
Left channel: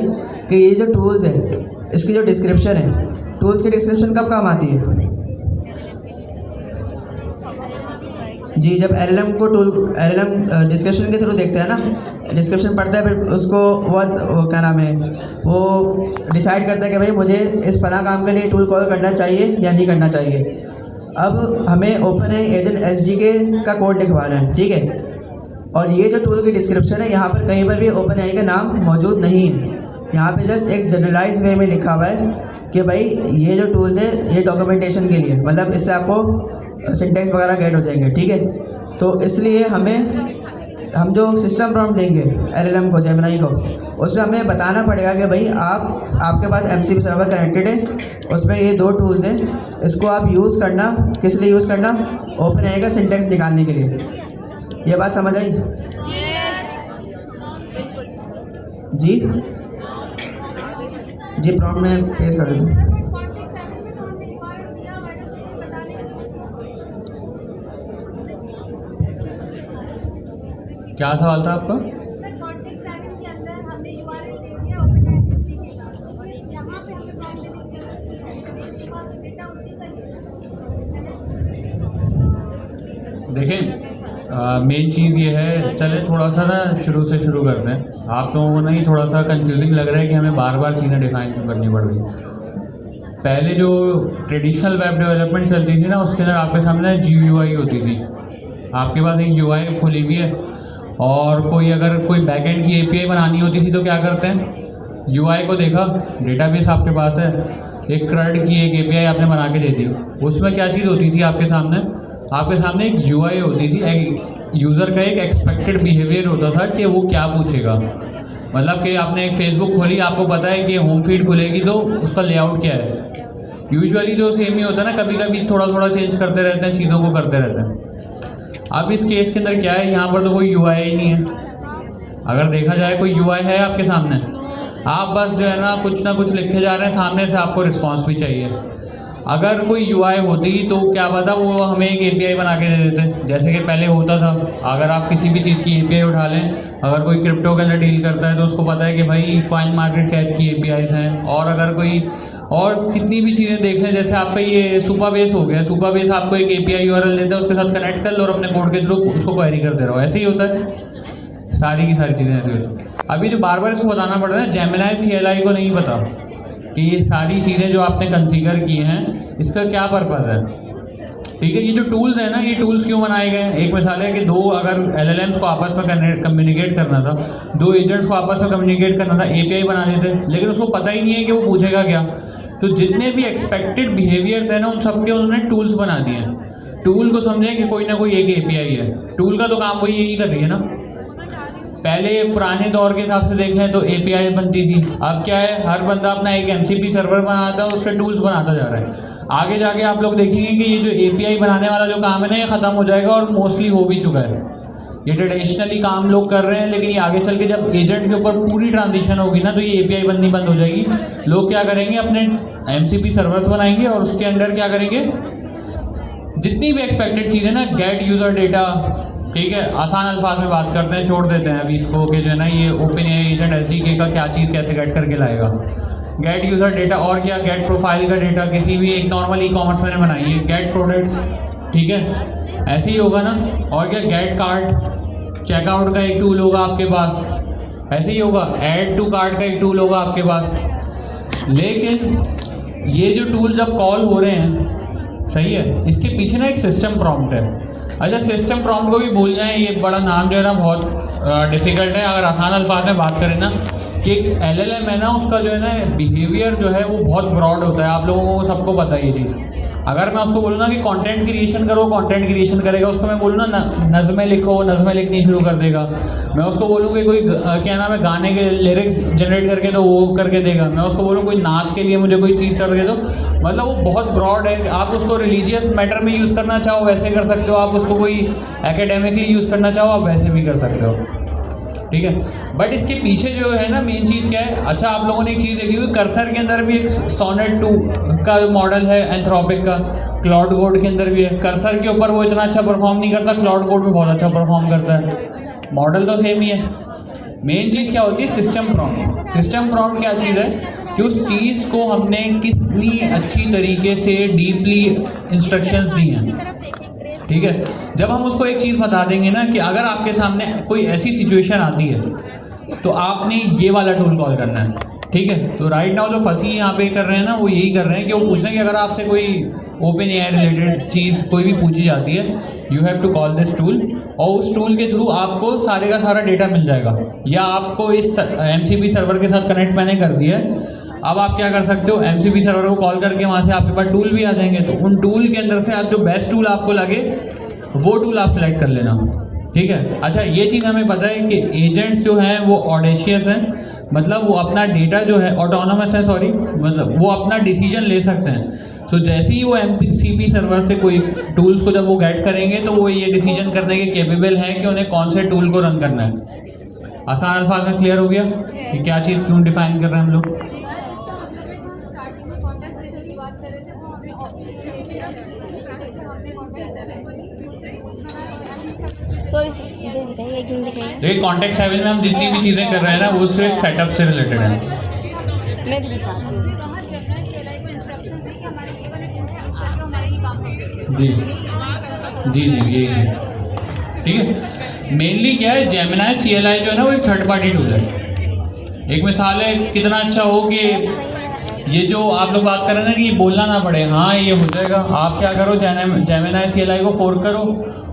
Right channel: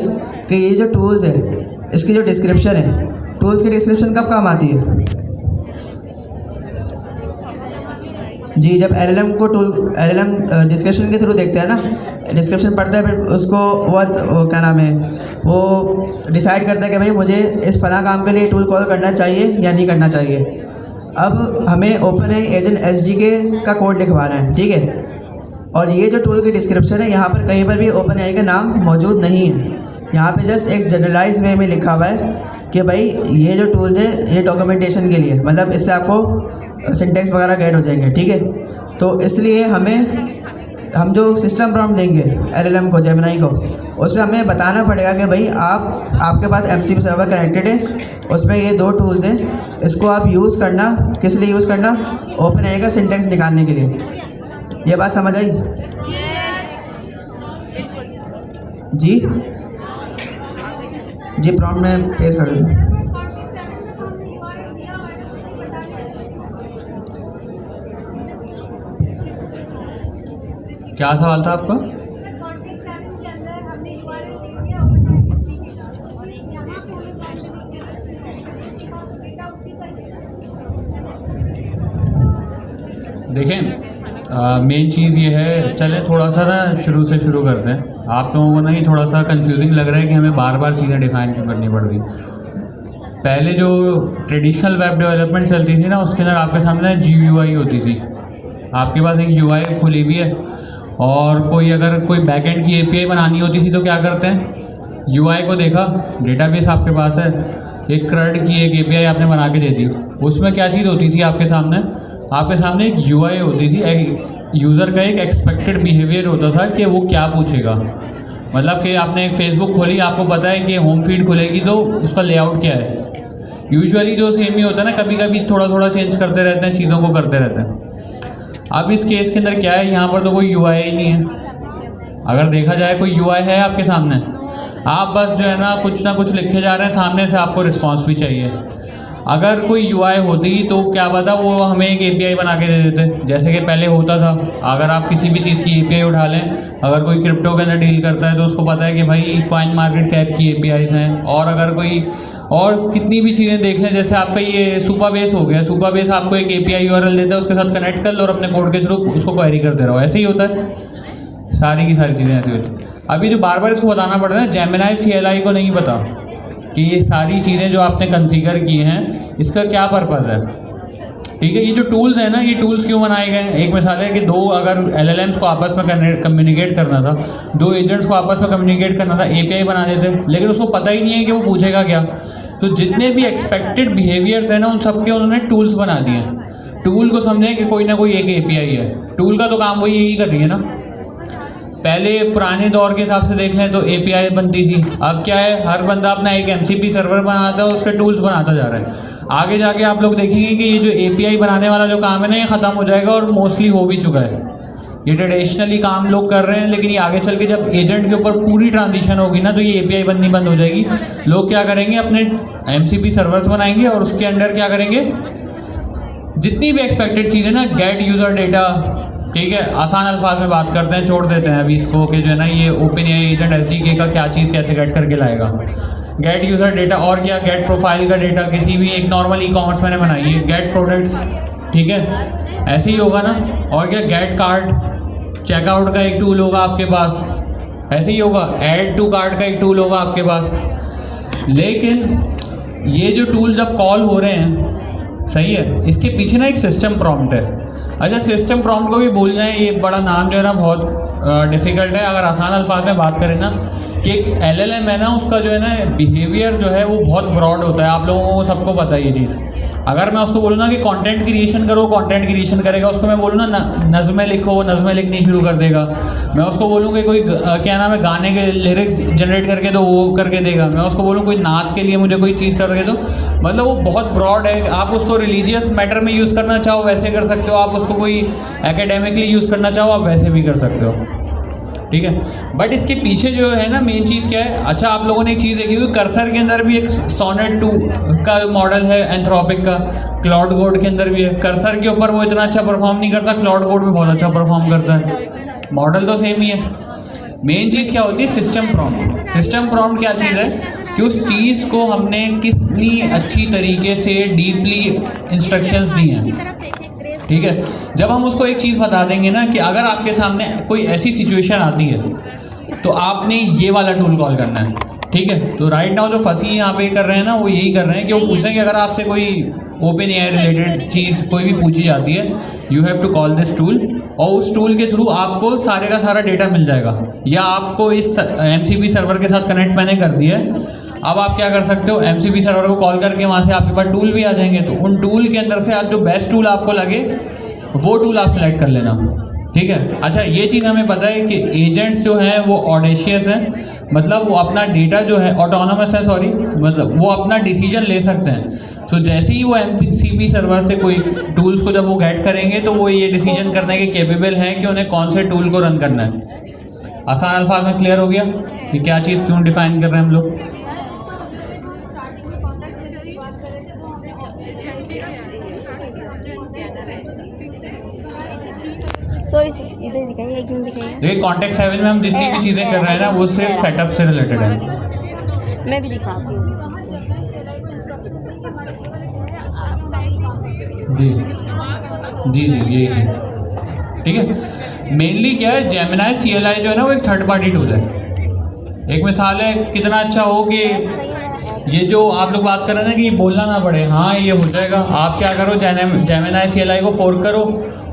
कि ये जो टूल्स है, इसकी जो डिस्क्रिप्शन है, टूल्स की डिस्क्रिप्शन कब काम आती है जी, जब LLM डिस्क्रिप्शन के थ्रू देखते हैं ना, डिस्क्रिप्शन पढ़ता है, फिर उसको वो क्या नाम है, वो डिसाइड करता है कि भाई मुझे इस फला काम के लिए टूल कॉल करना चाहिए या नहीं करना चाहिए। अब हमें OpenAI एजेंट SDK का कोड लिखवाना है, ठीक है। और ये जो टूल की डिस्क्रिप्शन है, यहाँ पर कहीं पर भी OpenAI का नाम मौजूद नहीं है, यहाँ पे जस्ट एक जनरलाइज वे में लिखा हुआ है कि भाई ये जो टूल्स है ये डॉक्यूमेंटेशन के लिए, मतलब इससे आपको सिंटेक्स वगैरह गेट हो जाएंगे, ठीक है। तो इसलिए हम जो सिस्टम प्रॉम्प्ट देंगे LLM को, Gemini को, उसमें हमें बताना पड़ेगा कि भाई आपके पास MCP सर्वर कनेक्टेड है, उसमें ये 2 टूल्स हैं, इसको आप यूज़ करना, किस लिए यूज़ करना, OpenAI का सिंटैक्स निकालने के लिए। ये बात समझ आई? जी जी, प्रॉम्प्ट में पेश कर दूँ। क्या सवाल था आपका? देखें, मेन चीज़ ये है, चले थोड़ा सा ना शुरू से शुरू करते हैं। आप लोगों को नहीं थोड़ा सा कंफ्यूजिंग लग रहा है कि हमें बार बार चीज़ें डिफाइन क्यों करनी पड़ रही। पहले जो ट्रेडिशनल वेब डेवलपमेंट चलती थी ना, उसके अंदर आपके सामने GUI होती थी। आपके पास एक UI खुली हुई है और अगर कोई बैकएंड की API बनानी होती थी तो क्या करते हैं, UI को देखा, डेटाबेस आपके पास है, एक CRUD की एक API आपने बना के दे दी। उसमें क्या चीज़ होती थी आपके सामने एक UI होती थी, यूज़र का एक एक्सपेक्टेड बिहेवियर होता था कि वो क्या पूछेगा। मतलब कि आपने एक फेसबुक खोली, आपको पता है कि होम फीड खुलेगी तो उसका लेआउट क्या है। यूजुअली जो सेम ही होता है ना, कभी कभी थोड़ा थोड़ा चेंज करते रहते हैं, चीज़ों को करते रहते हैं। अब इस केस के अंदर क्या है, यहाँ पर तो कोई UI ही नहीं है। अगर देखा जाए कोई UI है आपके सामने, आप बस जो है ना कुछ लिखे जा रहे हैं, सामने से आपको रिस्पॉन्स भी चाहिए। अगर कोई UI होती तो क्या पता वो हमें एक API बना के दे देते, जैसे कि पहले होता था। अगर आप किसी भी चीज़ की API उठा लें, अगर कोई क्रिप्टो के अंदर डील करता है तो उसको पता है कि भाई कॉइन मार्केट कैप की APIs हैं। और अगर कोई और कितनी भी चीज़ें देख लें, जैसे आपका ये सुपाबेस हो गया, सुपाबेस आपको एक API URL देता है, उसके साथ कनेक्ट कर लो और अपने कोड के थ्रू उसको क्वेरी करते रहो। ऐसे ही होता है, सारी की सारी चीज़ें ऐसी होती हैं। अभी जो बार बार इसको बताना पड़ रहा है, जेमिनी CLI को नहीं पता कि ये सारी चीज़ें जो आपने कॉन्फ़िगर की हैं इसका क्या पर्पज़ है। ठीक है, ये जो टूल्स हैं ना, ये टूल्स क्यों बनाए गए हैं? एक मिसाल है कि अगर LLMs को आपस में कम्युनिकेट करना था, 2 एजेंट्स को आपस में कम्युनिकेट करना था, API बना देते, लेकिन उसको पता ही नहीं है कि वो पूछेगा क्या। तो जितने भी एक्सपेक्टेड बिहेवियर थे ना, उन सबके उन्होंने टूल्स बना दिए। टूल को समझे कि कोई ना कोई एक API है, टूल का तो काम वो यही कर रही है ना। पहले पुराने दौर के हिसाब से देख लें तो API बनती थी, अब क्या है, हर बंदा अपना एक MCP सर्वर बनाता है, उसके टूल्स बनाता जा रहा है। आगे जाके आप लोग देखेंगे कि ये जो API बनाने वाला जो काम है ना, ये ख़त्म हो जाएगा और मोस्टली हो भी चुका है। ये ट्रेडिशनली काम लोग कर रहे हैं, लेकिन ये आगे चल के जब एजेंट के ऊपर पूरी ट्रांजिशन होगी ना, तो ये API बननी बंद हो जाएगी। लोग क्या करेंगे, अपने MCP सर्वर्स बनाएंगे और उसके अंदर क्या करेंगे, जितनी भी एक्सपेक्टेड चीज़ें ना, गेट यूज़र डेटा, ठीक है, आसान अल्फाज में बात करते हैं, छोड़ देते हैं अभी इसको कि जो है ना ये OpenAI एजेंट SDK का क्या चीज़ कैसे गेट करके लाएगा। गेट यूज़र डेटा और क्या, गेट प्रोफाइल का डेटा, किसी भी एक नॉर्मल ई-कॉमर्स मैंने बनाई है, गेट प्रोडक्ट्स, ठीक है, ऐसे ही होगा ना। और क्या, गेट कार्ड, चेकआउट का एक टूल होगा आपके पास, ऐसे ही होगा। ऐड टू कार्ड का एक टूल होगा आपके पास। लेकिन ये जो टूल जब कॉल हो रहे हैं, सही है, इसके पीछे ना एक सिस्टम प्रॉम्प्ट है। अच्छा, सिस्टम प्रॉम्प्ट को भी भूल जाए, ये बड़ा नाम जो है ना बहुत डिफ़िकल्ट है। अगर आसान अल्फाज में बात करें ना, कि एक LLM है ना, उसका जो है ना बिहेवियर जो है वो बहुत ब्रॉड होता है। आप लोगों को सबको पता है ये चीज़। अगर मैं उसको बोलूँ ना कि कंटेंट क्रिएशन करो, कंटेंट क्रिएशन करेगा। उसको मैं बोलूँ ना नज़में लिखो, नज़में लिखनी शुरू कर देगा। मैं उसको बोलूँ कि कोई क्या नाम है, गाने के लिरिक्स जनरेट करके तो वो करके देगा। मैं उसको बोलूँ कोई नात के लिए मुझे कोई चीज़ करके दो, मतलब वो बहुत ब्रॉड है। आप उसको रिलीजियस मैटर में यूज़ करना चाहो वैसे कर सकते हो, आप उसको कोई एकेडमिकली यूज़ करना चाहो आप वैसे भी कर सकते हो, ठीक है। बट इसके पीछे जो है ना मेन चीज़ क्या है। अच्छा, आप लोगों ने एक चीज़ देखी हुई, कर्सर के अंदर भी एक सोनेट 2 का मॉडल है एंथ्रोपिक का, क्लाउड कोड के अंदर भी है। कर्सर के ऊपर वो इतना अच्छा परफॉर्म नहीं करता, क्लाउड कोड में बहुत अच्छा परफॉर्म करता है। मॉडल तो सेम ही है। मेन चीज़ क्या होती है, सिस्टम प्रॉम्प्ट। सिस्टम प्रॉम्प्ट क्या चीज़ है कि उस चीज़ को हमने कितनी अच्छी तरीके से डीपली इंस्ट्रक्शंस दी हैं, ठीक है। जब हम उसको एक चीज़ बता देंगे ना कि अगर आपके सामने कोई ऐसी सिचुएशन आती है तो आपने ये वाला टूल कॉल करना है, ठीक है। तो राइट नाउ जो फंसी यहाँ पे कर रहे हैं ना, वो यही कर रहे हैं कि वो पूछ रहे हैं कि अगर आपसे कोई OpenAI रिलेटेड चीज़ कोई भी पूछी जाती है, you have to call this tool, और उस टूल के थ्रू आपको सारे का सारा डेटा मिल जाएगा। या आपको इस MCP सर्वर के साथ कनेक्ट मैंने कर दिया है। अब आप क्या कर सकते हो, MCP सर्वर को कॉल करके वहाँ से आपके पास टूल भी आ जाएंगे। तो उन टूल के अंदर से आप जो बेस्ट टूल आपको लगे वो टूल आप सेलेक्ट कर लेना, ठीक है। अच्छा, ये चीज़ हमें पता है कि एजेंट्स जो हैं वो ऑडेशियस हैं, मतलब वो अपना डेटा जो है ऑटोनोमस है, सॉरी, मतलब वो अपना डिसीजन ले सकते हैं। तो जैसे ही वो MCP सर्वर से कोई टूल्स को जब वो गेट करेंगे तो वो ये डिसीजन करने के केपेबल हैं कि उन्हें कौन से टूल को रन करना है। आसान अल्फाज में क्लियर हो गया कि क्या चीज़ क्यों डिफाइन कर रहे हैं हम लोग। सॉरी इधर दिखाइए, एक मिनट दिखाइए। देखिए कॉन्टेक्स्ट 7 में हम जितनी भी चीज़ें कर रहे हैं ना वो सिर्फ सेटअप से रिलेटेड है। मैं भी दिखाती हूँ। जी जी जी यही है, ठीक है। मेनली क्या है, जेमिनाई CLI जो है ना वो एक थर्ड पार्टी टूल है। एक मिसाल है, कितना अच्छा हो कि ये जो आप लोग बात कर रहे हैं ना कि बोलना ना पड़े, हाँ ये हो जाएगा। आप क्या करो, जेमिनाई CLI को फोर्क करो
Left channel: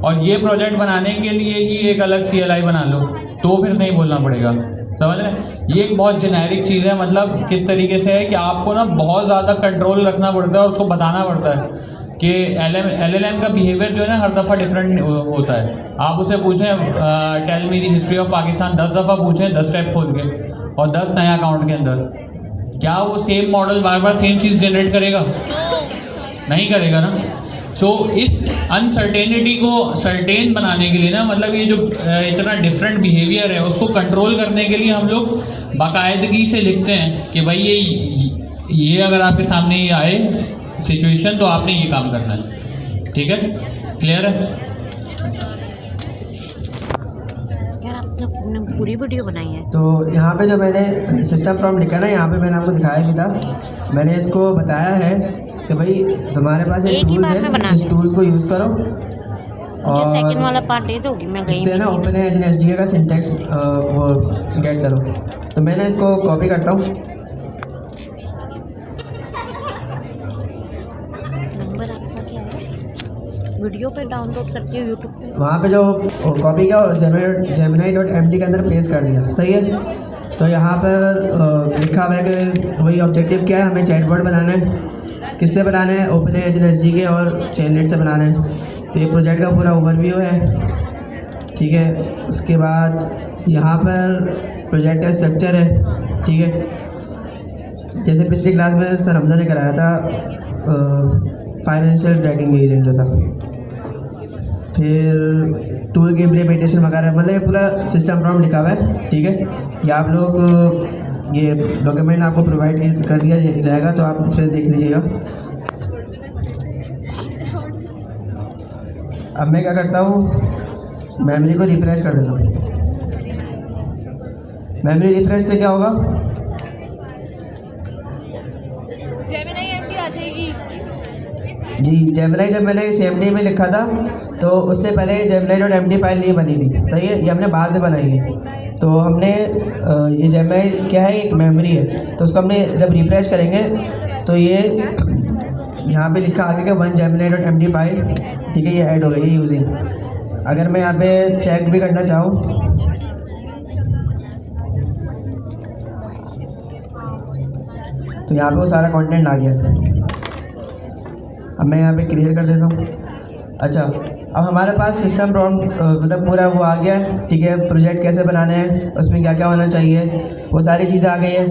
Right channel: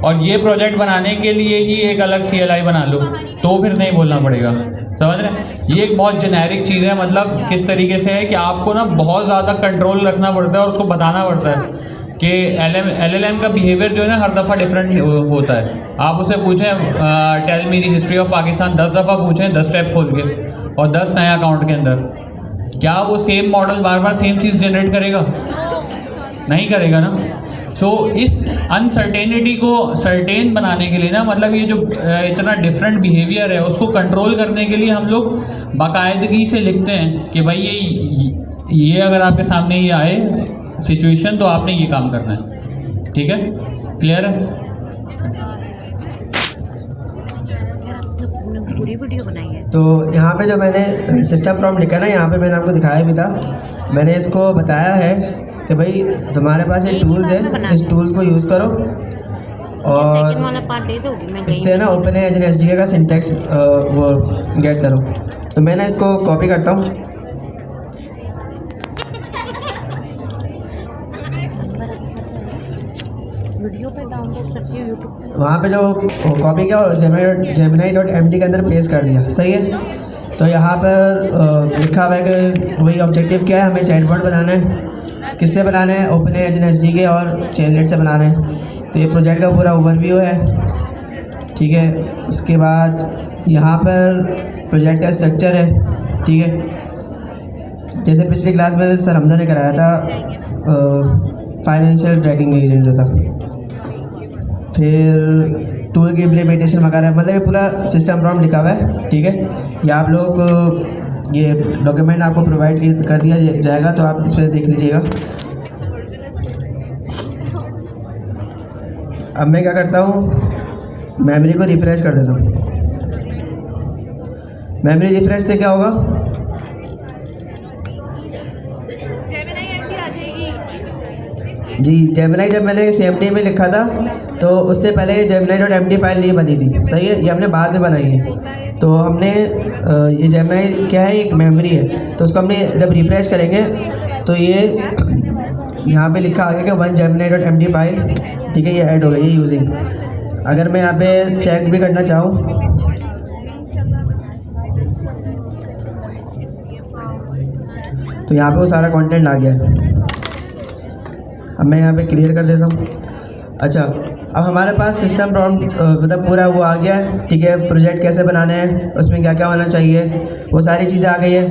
और ये प्रोजेक्ट बनाने के लिए ही एक अलग CLI बना लो, तो फिर नहीं बोलना पड़ेगा। समझ रहे हैं? ये एक बहुत जेनेरिक चीज़ है। मतलब किस तरीके से है कि आपको ना बहुत ज़्यादा कंट्रोल रखना पड़ता है और उसको बताना पड़ता है कि LLM का बिहेवियर जो है ना हर दफ़ा डिफरेंट होता है। आप उसे पूछें tell me the history of Pakistan 10 दफ़ा पूछें 10 टैब खोल के और 10 नया अकाउंट के अंदर, क्या वो सेम मॉडल बार बार सेम चीज़ जनरेट करेगा? नहीं करेगा ना। सो इस अनसर्टेनिटी को सर्टेन बनाने के लिए ना, मतलब ये जो इतना डिफरेंट बिहेवियर है उसको कंट्रोल करने के लिए हम लोग बाकायदगी से लिखते हैं कि भाई ये अगर आपके सामने ये आए सिचुएशन तो आपने ये काम करना है। ठीक है, क्लियर है? यार आपने पूरी वीडियो बनाई है। तो यहाँ पे जो मैंने सिस्टम प्रॉम्प्ट लिखा ना, यहाँ पे मैंने आपको दिखाया भी था। मैंने इसको बताया है कि भाई तुम्हारे पास ये टूल्स है, इस टूल को यूज़ करो सेकंड वाला पार्ट डेट होगी, मैं इससे ना OpenAI SDK का सिंटेक्स वो गेट करो। तो मैंने इसको कॉपी करता हूँ। वीडियो पे डाउनलोड करती हूँ यूट्यूब पे। वहाँ पे जो कॉपी किया और Gemini.md के अंदर पेस्ट कर दिया, सही है। तो यहाँ पर लिखा हुआ है कि वही ऑब्जेक्टिव क्या है, हमें चैटबॉट बनाना है। किससे बनाना है? OpenAI SDK और चेनलेट से बनाना है। तो ये प्रोजेक्ट का पूरा ओवरव्यू है, ठीक है। उसके बाद यहाँ पर प्रोजेक्ट का स्ट्रक्चर है, ठीक है। जैसे पिछली क्लास में सर हमजा ने कराया था फाइनेंशियल ट्रैकिंग एजेंट जो था, फिर टूल की इम्प्लीमेंटेशन वगैरह, मतलब ये पूरा सिस्टम प्रॉम्प्ट लिखा हुआ है, ठीक है। ये आप लोग ये डॉक्यूमेंट आपको प्रोवाइड कर दिया जाएगा, तो आप इस पर देख लीजिएगा। अब मैं क्या करता हूँ, मेमोरी को रिफ्रेश कर देता हूँ। मेमोरी रिफ्रेश से क्या होगा? जी, जेमिनाई जब मैंने CMD में लिखा था तो उससे पहले ये Gemini.md फाइल नहीं बनी थी, सही है। ये हमने बाद में बनाई है। तो हमने ये Gemini क्या है, एक मेमोरी है। तो उसको हमने जब रिफ्रेश करेंगे तो ये यहाँ पे लिखा आ गया कि 1 Gemini.md फाइल, ठीक है, ये ऐड हो गई, ये यूजिंग। अगर मैं यहाँ पे चेक भी करना चाहूँ तो यहाँ पे वो सारा कंटेंट आ गया। अब मैं यहाँ पे क्लियर कर देता हूँ। अच्छा, अब हमारे पास सिस्टम प्रॉम्प्ट मतलब पूरा वो आ गया है, ठीक है। प्रोजेक्ट कैसे बनाना है, उसमें क्या क्या होना चाहिए, वो सारी चीज़ें आ गई है।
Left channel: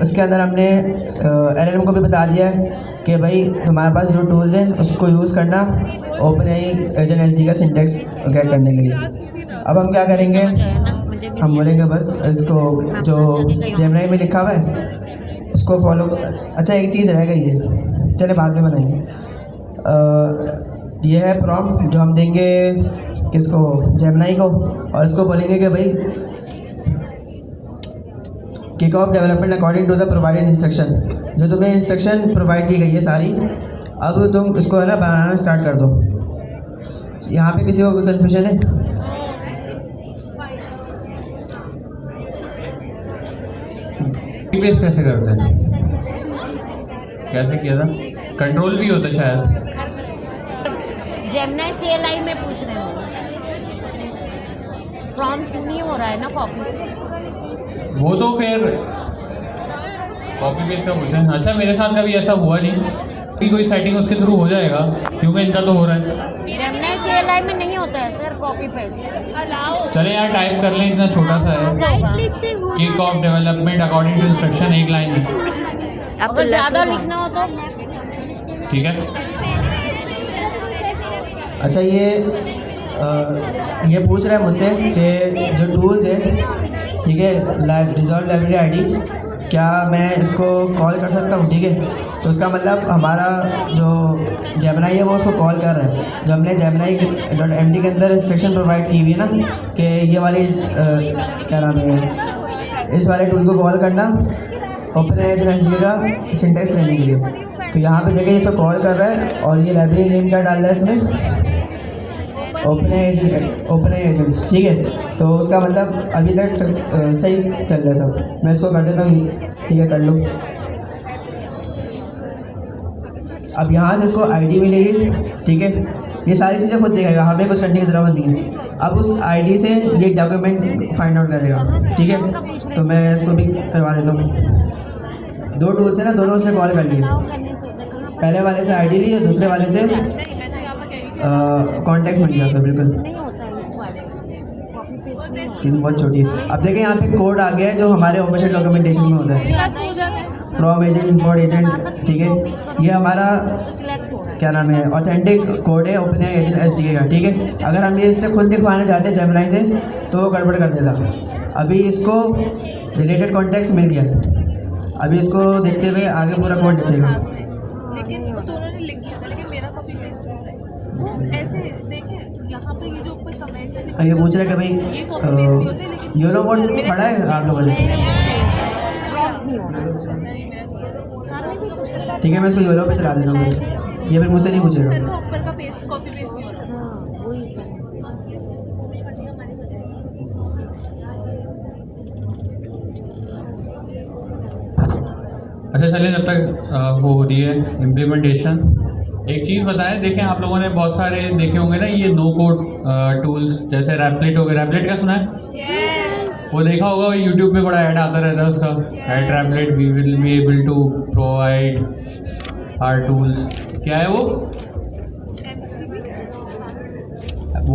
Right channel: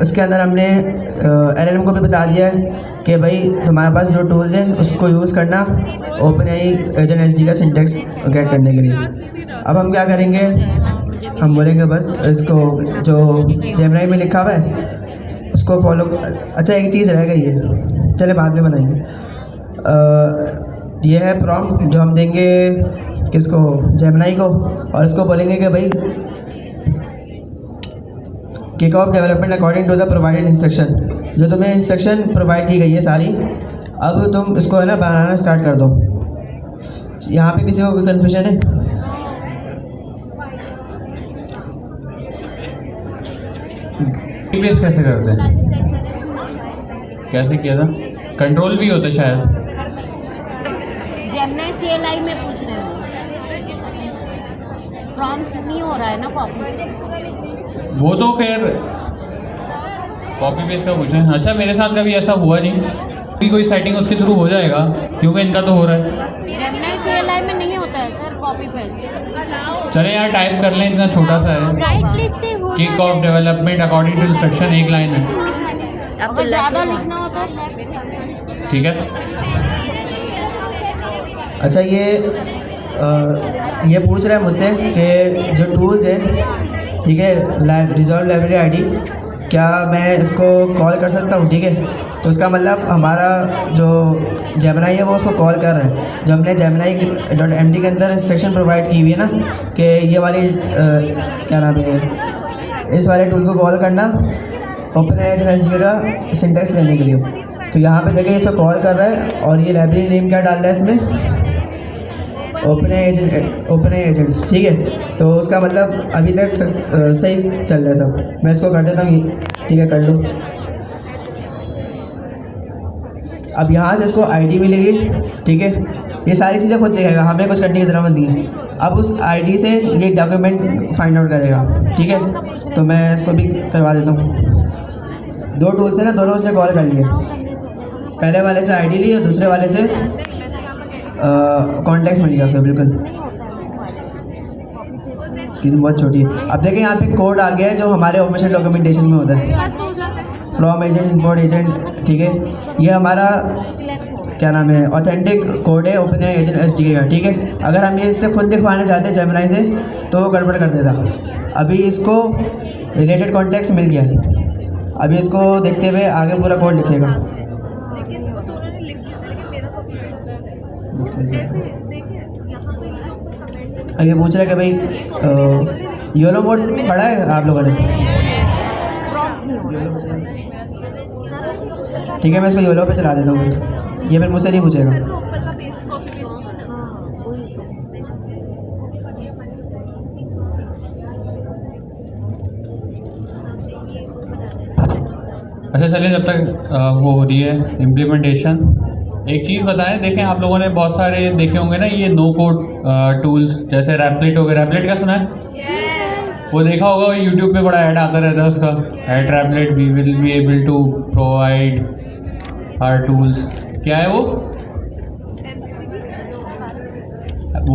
उसके अंदर हमने LLM को भी बता दिया है कि भाई तुम्हारे पास जो टूल्स हैं उसको यूज़ करना OpenAI SDK का सिंटेक्स गेट करने के लिए। अब हम क्या करेंगे, हम बोलेंगे बस इसको जो Gemini में लिखा हुआ है उसको फॉलो। अच्छा, एक चीज़ रह गई है, चले बाद में बनाएंगे। ये है प्रॉम्प्ट जो हम देंगे किसको, Gemini को, और इसको बोलेंगे कि भाई kick off development according to the provided instruction. जो तुम्हें इंस्ट्रक्शन प्रोवाइड की गई है सारी, अब तुम इसको है ना बनाना स्टार्ट कर दो। यहाँ पे किसी को कोई कन्फ्यूजन है? बेस कैसे करते हैं, कैसे किया था? कंट्रोल भी होता शायद। Gemini CLI में पूछ रहे हो, प्रॉम्प्ट नहीं हो रहा है ना कॉपी से। वो तो फिर कॉपी पेस्ट का पूछें। अच्छा, मेरे साथ कभी ऐसा हुआ नहीं, कोई सेटिंग उसके थ्रू हो जाएगा क्योंकि इनका तो हो रहा है। Gemini CLI में नहीं होता है सर, कॉपी पेस्ट। चले यहाँ टाइप कर लें, इतना छोटा सा है। राइट क्लिक से kick off development according to instruction, एक लाइन है, अगर ज़्यादा लिखना हो तो ठीक है। अच्छा ये पूछ रहा है मुझसे कि जो टूल्स है, ठीक है, रिजॉल्व लाइब्रेरी आईडी, क्या मैं इसको कॉल कर सकता हूँ? ठीक है, तो उसका मतलब हमारा जो जेमिनी है वो उसको कॉल कर रहा है। जो हमने gemini.md के अंदर इंस्ट्रक्शन प्रोवाइड की हुई है ना कि ये वाली क्या नाम है, इस वाले टूल को कॉल करना OpenAI का सिंटैक्स लेने के लिए, तो यहाँ पे जगह इसको कॉल कर रहा है और ये लाइब्रेरी नेम क्या डाल रहा है इसमें, OpenAI एजेंट्स, ठीक है। तो उसका मतलब अभी तक सही चल रहा है सब। मैं इसको कर देता हूँ, ठीक है, कर लो। अब यहाँ से इसको आईडी मिलेगी, ठीक है, ये सारी चीज़ें खुद देखेगा, हमें कुछ करने की ज़रूरत नहीं है। अब उस आईडी से ये डॉक्यूमेंट फाइंड आउट करेगा, ठीक है। तो मैं इसको भी करवा देता हूँ। दो टूल से ना, दोनों से कॉल कर लिए, पहले वाले से आईडी ली और दूसरे वाले से कॉन्टेक्स्ट मिल गया उसे, बिल्कुल। स्क्रीन बहुत छोटी है। अब देखिए यहाँ पे कोड आ गया है जो हमारे ऑफिशियल डॉक्यूमेंटेशन में होता है, फ्रॉम एजेंट, इम्पोर्ट एजेंट, ठीक है। ये हमारा क्या नाम है, ऑथेंटिक कोड है OpenAI एजेंट SDK का, ठीक है। अगर हम ये इससे खुद दिखवाना चाहते हैं जेमिनी से तो वो गड़बड़ कर देता। अभी इसको रिलेटेड कॉन्टेक्स्ट मिल गया है, अभी इसको देखते हुए आगे पूरा कोड लिखेगा। लेकिन वो दोनों ने लिख दिया था, लेकिन मेरा कॉपी पेस्ट होता है। ऐसे देखिए यहाँ पे ये जो ऊपर कमेंट अब ये पूछ रहा है कि भाई योलो मोड पढ़ा है आप लोगों ने? ठीक है, मैं इसको योलो पे चला देता हूँ, ये फिर मुझसे नहीं पूछेगा। ऊपर का पेस्ट कॉपी पेस्ट नहीं होता है। अच्छा चलिए, जब तक वो हो रही है इम्प्लीमेंटेशन, एक चीज़ बताएं। देखें, आप लोगों ने बहुत सारे देखे होंगे ना ये नो कोड टूल्स, जैसे रैपलेट हो गया। रैपलेट क्या सुना है? वो देखा होगा, वो यूट्यूब पे बड़ा ऐड आता रहता है उसका, at Raplet we will be able to provide our tools. क्या है वो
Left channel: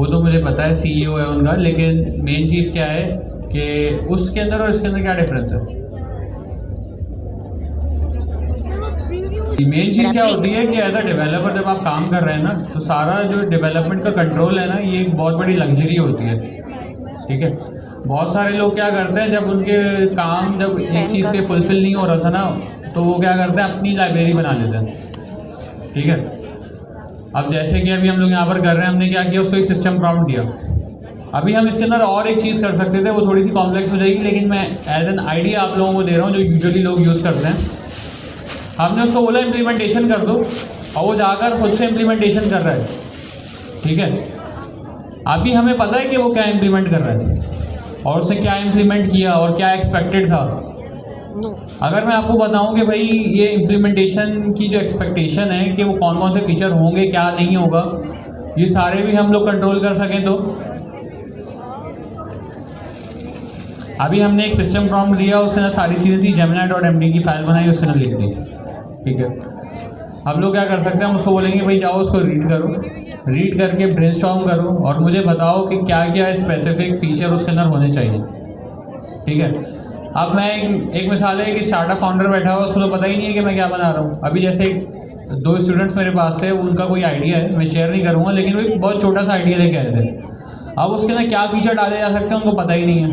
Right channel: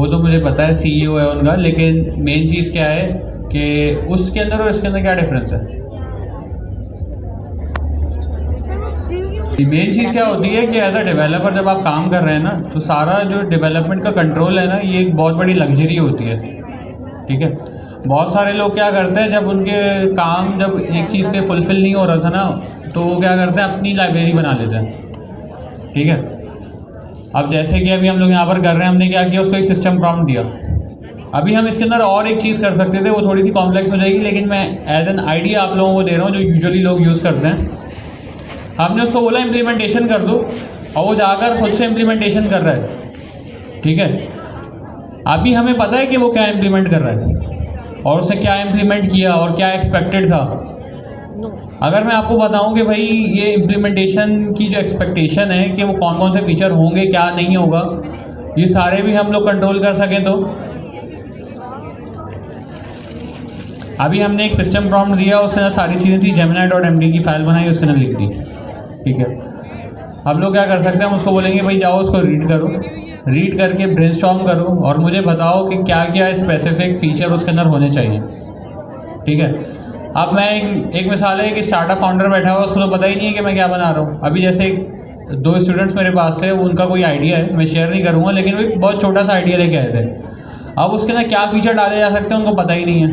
तो मुझे पता है, CEO है उनका, लेकिन मेन चीज़ क्या है कि उसके अंदर और इसके अंदर क्या डिफरेंस है? मेन चीज़ क्या होती है कि एज अ डेवलपर जब आप काम कर रहे हैं ना, तो सारा जो डेवलपमेंट का कंट्रोल है ना, ये एक बहुत बड़ी लग्जरी होती है, ठीक है। बहुत सारे लोग क्या करते हैं, जब उनके काम जब एक चीज़ से फुलफिल नहीं हो रहा था ना, तो वो क्या करते हैं, अपनी लाइब्रेरी बना लेते हैं, ठीक है। अब जैसे कि अभी हम लोग यहाँ पर कर रहे हैं, हमने क्या किया, उसको एक सिस्टम प्रॉम्प्ट दिया। अभी हम इसके अंदर और एक चीज़ कर सकते थे, वो थोड़ी सी कॉम्प्लेक्स हो जाएगी, लेकिन मैं एज एन आइडिया आप लोगों को दे रहा हूँ जो यूजुअली लोग यूज़ करते हैं। हमने उसको बोला इम्प्लीमेंटेशन कर दो, और वो जाकर खुद से इम्प्लीमेंटेशन कर रहा है, ठीक है। अभी हमें पता है कि वो क्या इम्प्लीमेंट कर रहा है और उसने क्या इम्प्लीमेंट किया और क्या एक्सपेक्टेड था। अगर मैं आपको बताऊं कि भाई ये इम्प्लीमेंटेशन की जो एक्सपेक्टेशन है कि वो कौन कौन से फीचर होंगे, क्या नहीं होगा, ये सारे भी हम लोग कंट्रोल कर सकें, तो अभी हमने एक सिस्टम प्रॉम्प्ट दिया, उसके अंदर सारी चीज़ें थी, gemini.md की फाइल बनाई, उसके अंदर लिख दी, ठीक है। अब लोग क्या कर सकते हैं, हम उसको बोलेंगे भाई जाओ उसको रीड करो, रीड करके ब्रेनस्टॉर्म करो और मुझे बताओ कि क्या क्या स्पेसिफिक फीचर उसके अंदर होने चाहिए, ठीक है। अब मैं एक मिसाल है कि स्टार्टअप फाउंडर बैठा हुआ, उसको तो पता ही नहीं है कि मैं क्या बना रहा हूँ। अभी जैसे 2 स्टूडेंट्स मेरे पास थे, उनका कोई आइडिया है, मैं शेयर नहीं करूँगा, लेकिन वो एक बहुत छोटा सा आइडिया लेके आए थे। अब उसके अंदर क्या फीचर डाले जा सकते हैं उनको पता ही नहीं है।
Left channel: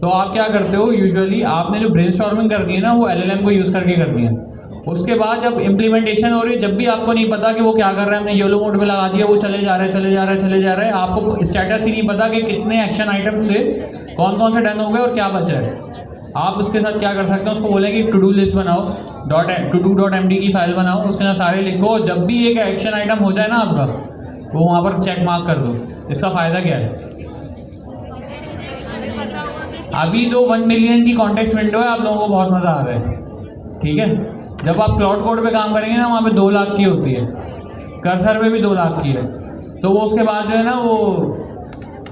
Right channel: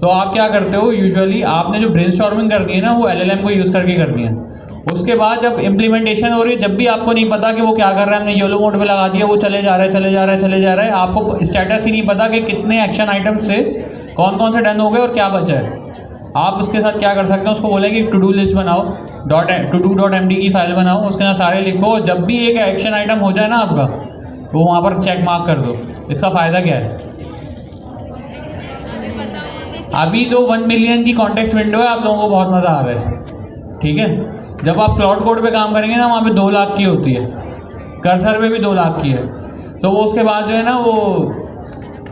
तो आप क्या करते हो, यूजुअली आपने जो ब्रेनस्टॉर्मिंग करनी है ना, वो LLM को यूज़ करके करनी है। उसके बाद जब इम्प्लीमेंटेशन हो रही है, जब भी आपको नहीं पता कि वो क्या कर रहा है, हमने येलो मोड में लगा दिया, वो चले जा रहा है, आपको स्टेटस ही नहीं पता कि कितने एक्शन आइटम से कौन कौन से डन हो गए और क्या बचा है। आप उसके साथ क्या कर सकते हैं, उसको बोलेंगे टू डू लिस्ट बनाओ, to-do.md की फाइल बनाओ, उसके अंदर सारे लिखो, जब भी एक एक्शन आइटम हो जाए ना आपका, तो वहाँ पर चेक मार्क कर दो। इसका फ़ायदा क्या है? अभी तो 1 मिलियन की कॉन्टेक्स्ट विंडो है, आप लोगों को बहुत मज़ा आ रहा है, ठीक है। जब आप क्लाउड कोड पे काम करेंगे ना, वहाँ पे 2 लाख की होती है, कर्सर पे भी 2 लाख की है, तो वो उसके बाद जो है ना वो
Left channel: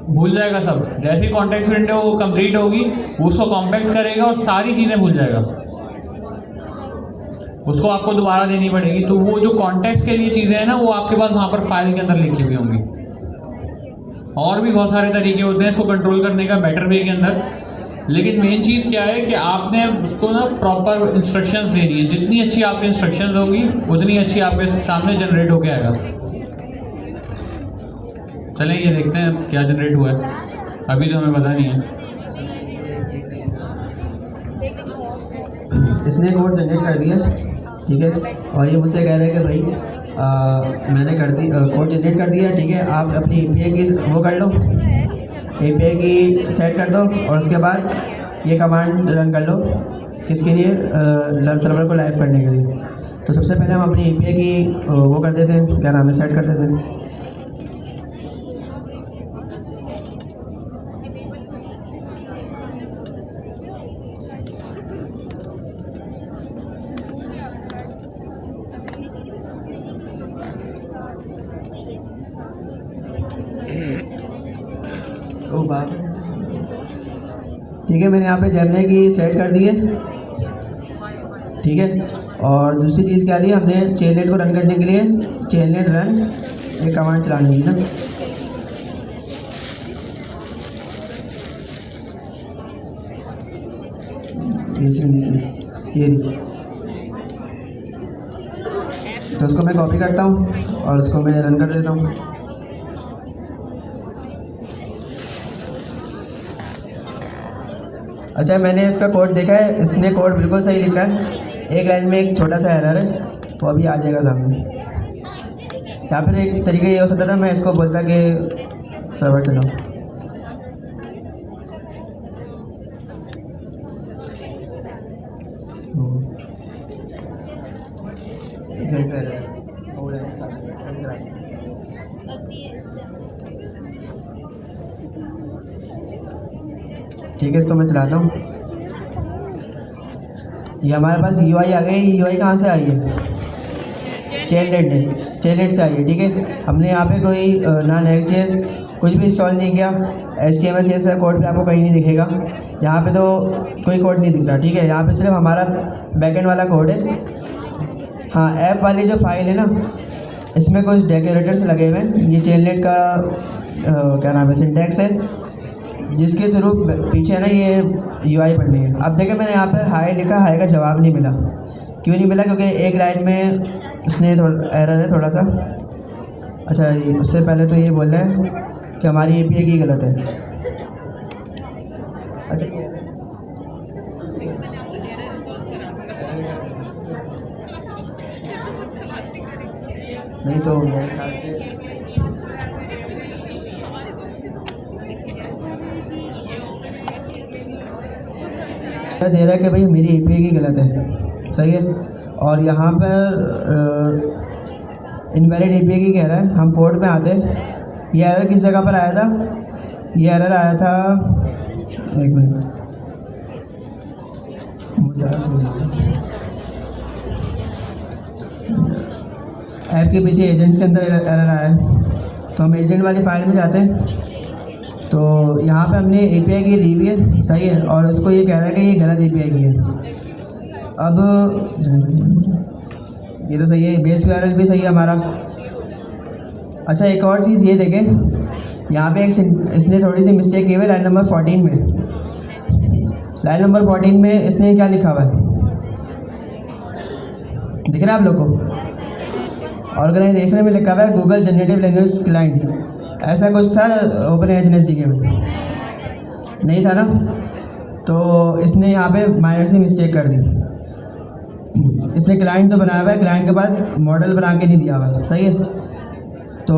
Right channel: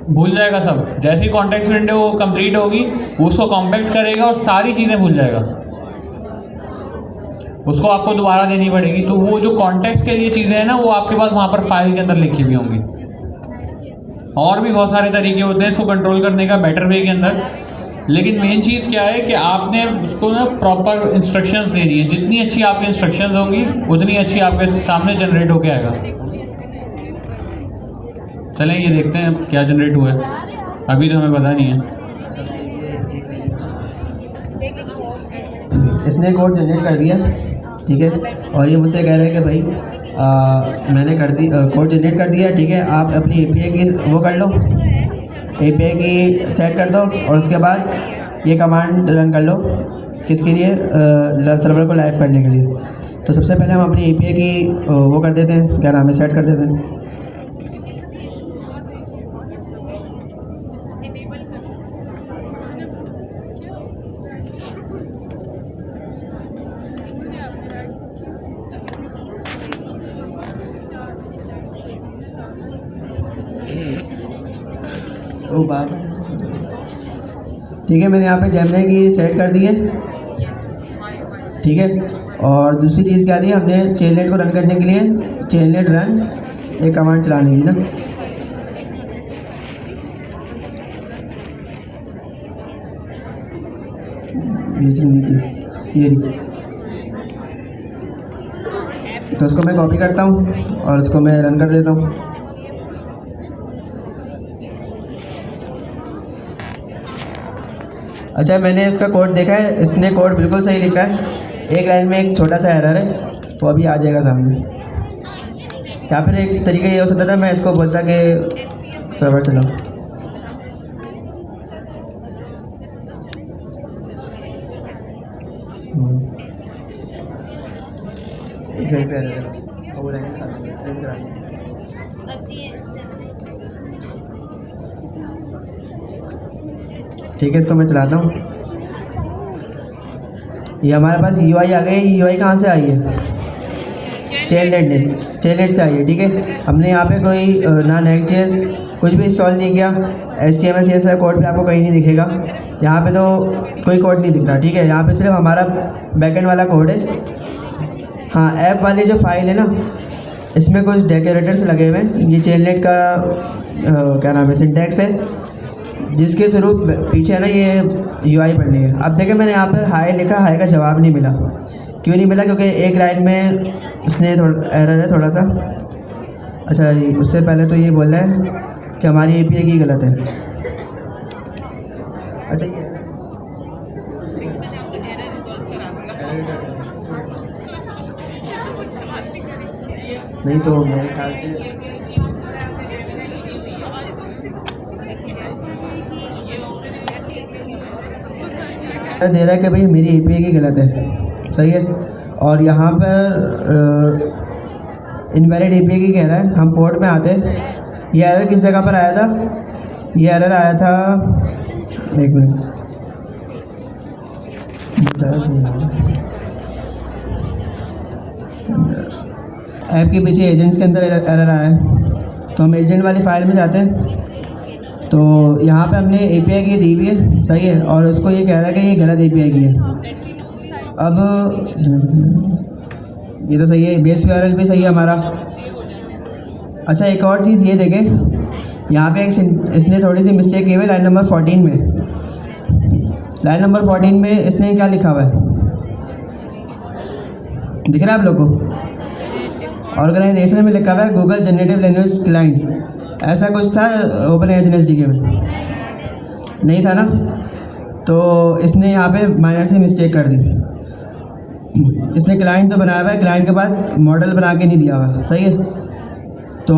भूल जाएगा सब। जैसे ही कॉन्टेक्स्ट विंडो वो कंप्लीट होगी, वो उसको कॉम्पैक्ट करेगा और सारी चीज़ें भूल जाएगा, उसको आपको दोबारा देनी पड़ेगी। तो वो जो कॉन्टेक्स्ट के लिए चीज़ें हैं ना, वो आपके पास वहाँ पर फाइल के अंदर लिखी हुई होंगी, और भी बहुत सारे तरीके होते हैं इसको कंट्रोल करने का बेटर वे के अंदर। लेकिन मेन चीज़ क्या है कि आपने उसको ना प्रॉपर इंस्ट्रक्शंस देनी है। जितनी अच्छी आपकी इंस्ट्रक्शंस होंगी उतनी अच्छी आपके सामने जनरेट होके आएगा। चलें ये देखते हैं क्या जनरेट हुआ है, अभी तो हमें पता नहीं है। इसने कोड जनरेट कर दिया, ठीक है, और ये मुझसे कह रहा है कि भाई मैंने कर दी कोड जनरेट कर दिया, ठीक है, आप अपनी API की वो कर लो, API की सेट कर दो और उसके बाद ये कमांड रन कर लो। किसके लिए? सर्वर को लाइव करने के लिए। तो सबसे पहले हम अपनी API की वो कर देते हैं, क्या नाम है, सेट कर देते हैं। ठीक है, मैंने यहाँ पे जेमिनी की सेट कर दी है, ठीक है। और दूसरी चीज़ क्या दी, हमने टेलनेट को रन करने के लिए टेलनेट रन एक कमांड चलानी थी ना। ये तो उसको मैं कॉपी करता हूँ और उसको मैं रन कर देता हूँ। अच्छा, मैंने इसका कोड देखा है, इसने कोड बिल्कुल सही लिखा है। एक लाइन में एक छोटा सा एरर है, वो अभी आ जाएगा सामने। यहाँ पर एक तरीका ये हो सकता था, मैं इसको बोलता कि सर्वर चलाओ, ठीक है, इसको मैं चलाता हूँ। ये हमारे पास UI आ गई। UI कहाँ से आई है? टेलनेट से आई है, ठीक है। हमने यहाँ पे कोई ना Next.js कुछ भी इंस्टॉल नहीं किया। HTML CSS कोड भी आपको कहीं नहीं दिखेगा। यहाँ पे तो कोई कोड नहीं दिख रहा, ठीक है। यहाँ पे सिर्फ हमारा बैकएंड वाला कोड है। हाँ, ऐप वाली जो फाइल है ना, इसमें कुछ डेकोरेटर्स लगे हुए हैं। ये टेलनेट का क्या नाम है, सिंटैक्स है, जिसके थ्रू पीछे ना ये UI पढ़नी है। अब देखिए, मैंने यहाँ पर हाई लिखा, हाई का जवाब नहीं मिला। क्यों नहीं मिला? क्योंकि एक लाइन में इसने थोड़ा एरर है, थोड़ा सा। अच्छा, उससे पहले तो ये बोल रहा है कि हमारी API की गलत है। अच्छा, नहीं तो मेरे ख्याल से दे रहा है कि भाई मेरी API की गलत है, सही है। और यहाँ पर इनवैलिड API की कह रहा है। हम कोड में आते हैं, ये एरर किस जगह पर आया था? ये एरर आया था, एक मिनट, ऐप के पीछे एजेंट्स के अंदर एरर आया है। तो हम एजेंट वाली फाइल में जाते हैं, तो यहाँ पे हमने API की दी हुई है, सही है, और उसको ये कह रहा है कि ये गलत API की है। अब ये तो सही है, बेस URL भी सही है हमारा। अच्छा, एक और चीज़ ये देखें, यहाँ पे एक इसने थोड़ी सी मिस्टेक की हुई है लाइन नंबर 14 में। लाइन नंबर 14 में इसने क्या लिखा हुआ है, दिख रहा है आप लोग को? ऑर्गेनाइजेशन में लिखा हुआ है गूगल जनरेटिव लैंग्वेज क्लाइंट, ऐसा कुछ था OpenAI के में, नहीं था ना। तो इसने यहाँ पे माइनर से मिस्टेक कर दी। इसने क्लाइंट तो बनाया हुआ है, क्लाइंट के बाद मॉडल बना के नहीं दिया हुआ, सही है। तो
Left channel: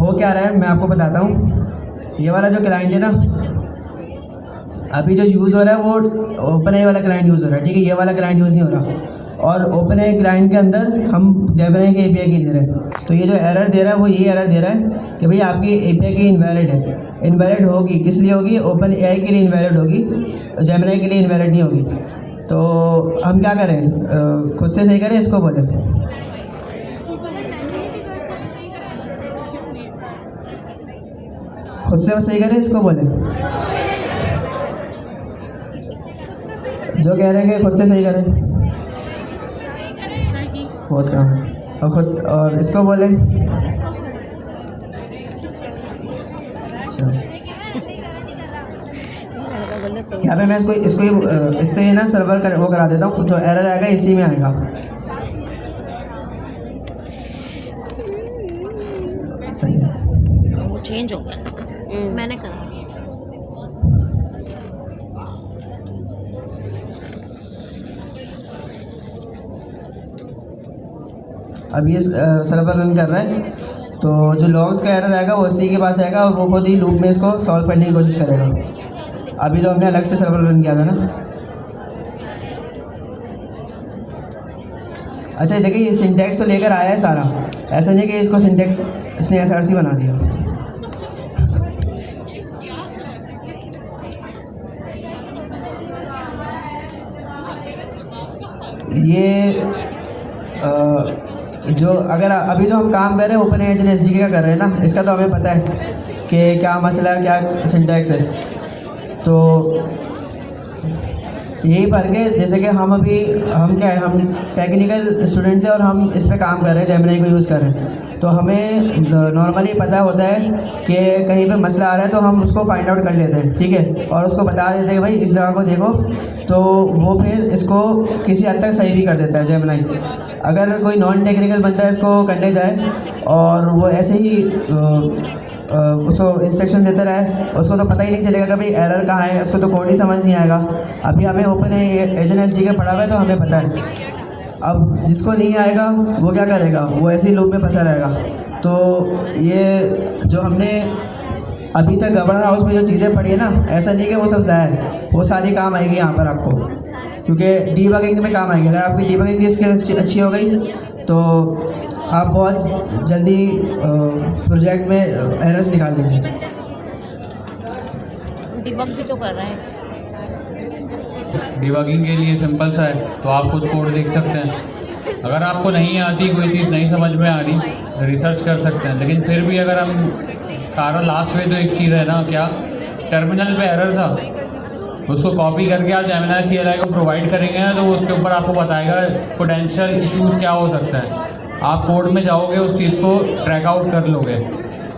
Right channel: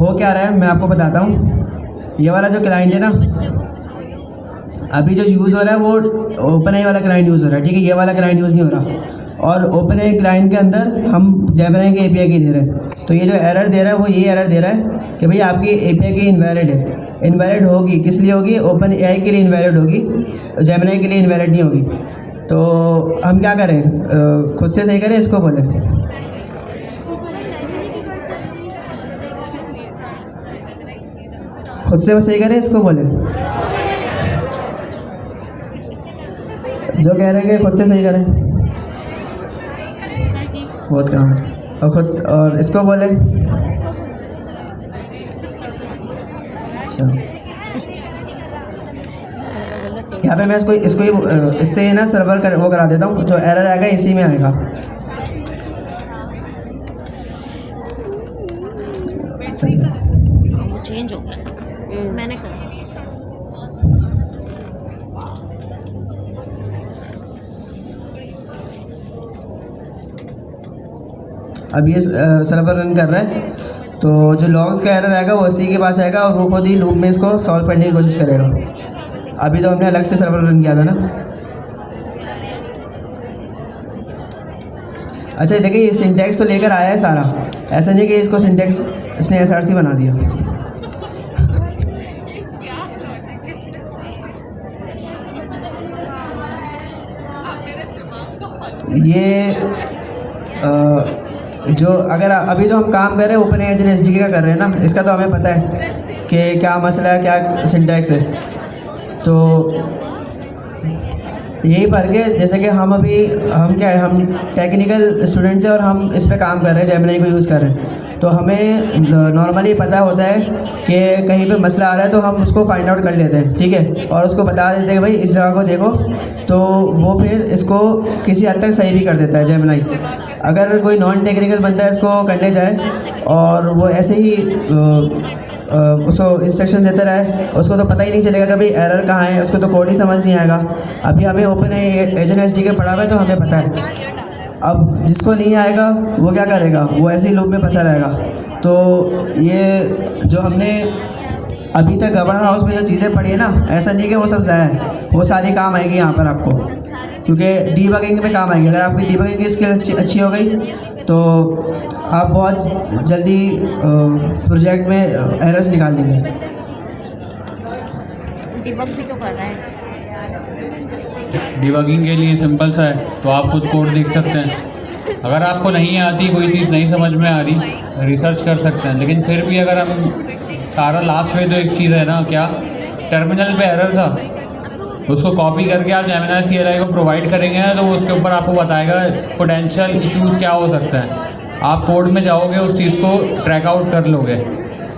हो क्या रहा है मैं आपको बताता हूँ। ये वाला जो क्लाइंट है ना, अभी जो यूज़ हो रहा है वो OpenAI वाला क्लाइंट यूज़ हो रहा है, ठीक है। ये वाला क्लाइंट यूज़ नहीं हो रहा। और OpenAI क्लाइंट के अंदर हम जेमिनी की API की दे रहे हैं। तो ये जो एरर दे रहा है वो ये एरर दे रहा है कि भाई आपकी API की इनवैलिड है। इनवैलिड होगी, किस लिए होगी? OpenAI के लिए इनवैलिड होगी, जेमिनी के लिए इनवैलिड नहीं होगी। तो हम क्या करें, खुद से सही करें, इसको बोलें? खुद से वो सही करें, इसको बोलें? जो कह रहे हैं कि खुद से सही करें, बहुत काम है। और खुद, और इसको बोलें, अच्छा, यहाँ पे मैं इससे ना सर्वर वो करा देता हूँ, जो एरर आएगा इसी में आएगा। सही है। वो चेंज हो गया, मैंने करा। अब ये सर्वर रन कर रहा है, तो जो लॉग्स का एरर आएगा वो इसी के पास आएगा और वो खुद ही लूप में इसको सॉल्व करने की कोशिश करेगा। अभी तो हमने अलग से सर्वर रन किया था ना। अच्छा देखिए, ये सिंटेक्स तो लेकर आया है सारा, ऐसा नहीं कि इसको सिंटेक्स इसने SRC बना दिया। ये जो अगर अभी जो हम काम कर रहे हैं ओपन एज SDK का कर रहे हैं ना, इसका तो हमें पता है कि क्या मसला है, क्या सिंटैक्स है। तो यही फ़र्क है, जैसे कि हम टेक्निकल स्टूडेंट्स हैं और हम इस पे काम कर रहे हैं, जेमिनी को यूज़ कर रहे हैं, तो हमें नॉर्मली पता होता है कि कहीं पे मसला आ रहा है तो हम उसको फाइंड आउट कर लेते हैं, ठीक है, और उसको बता देते हैं भाई इस जगह को देखो, तो वो फिर इसको किसी हद तक सही भी कर देता है जेमिनी। अगर कोई नॉन टेक्निकल बंदा इसको करने जाए और वो ऐसे ही उसको इंस्ट्रक्शन देते रहे, उसको तो पता ही नहीं चलेगा कभी एरर कहाँ है, उसको तो कोड ही समझ नहीं आएगा। अभी हमें ओपन एज SDK पढ़ा हुआ है तो हमें पता है। अब जिसको नहीं आएगा वो क्या करेगा, वो ऐसे ही लूप में फंसा रहेगा। तो ये जो हमने अभी तक गवर्नर हाउस में जो चीज़ें पढ़ी है ना, ऐसा नहीं कि वो सब ज़ाया है, वो सारी काम आएगी यहाँ पर आपको, क्योंकि डीबगिंग में काम आएगी। अगर आपकी डीबगिंग की स्किल अच्छी हो गई तो आप बहुत जल्दी प्रोजेक्ट में एरर्स निकाल देंगे। डिबग भी तो कर रहे हैं। डिबगिंग के लिए सिंपल सा है, तो आप खुद कोड देख सकते हैं। अगर आपको नहीं आती, कोई चीज़ नहीं समझ में आ रही, रिसर्च कर सकते हैं। लेकिन फिर भी अगर हम सारा लास्ट में तो एक चीज़ है ना, क्या टर्मिनल पे एरर था, उसको कॉपी करके आप जेमिनी CLI को प्रोवाइड करेंगे ना, तो उसके ऊपर आपको बताएगा पोटेंशियल इश्यूज़ क्या हो सकता है। आप कोड में जाओगे, उस चीज़ को ट्रैक आउट कर लोगे,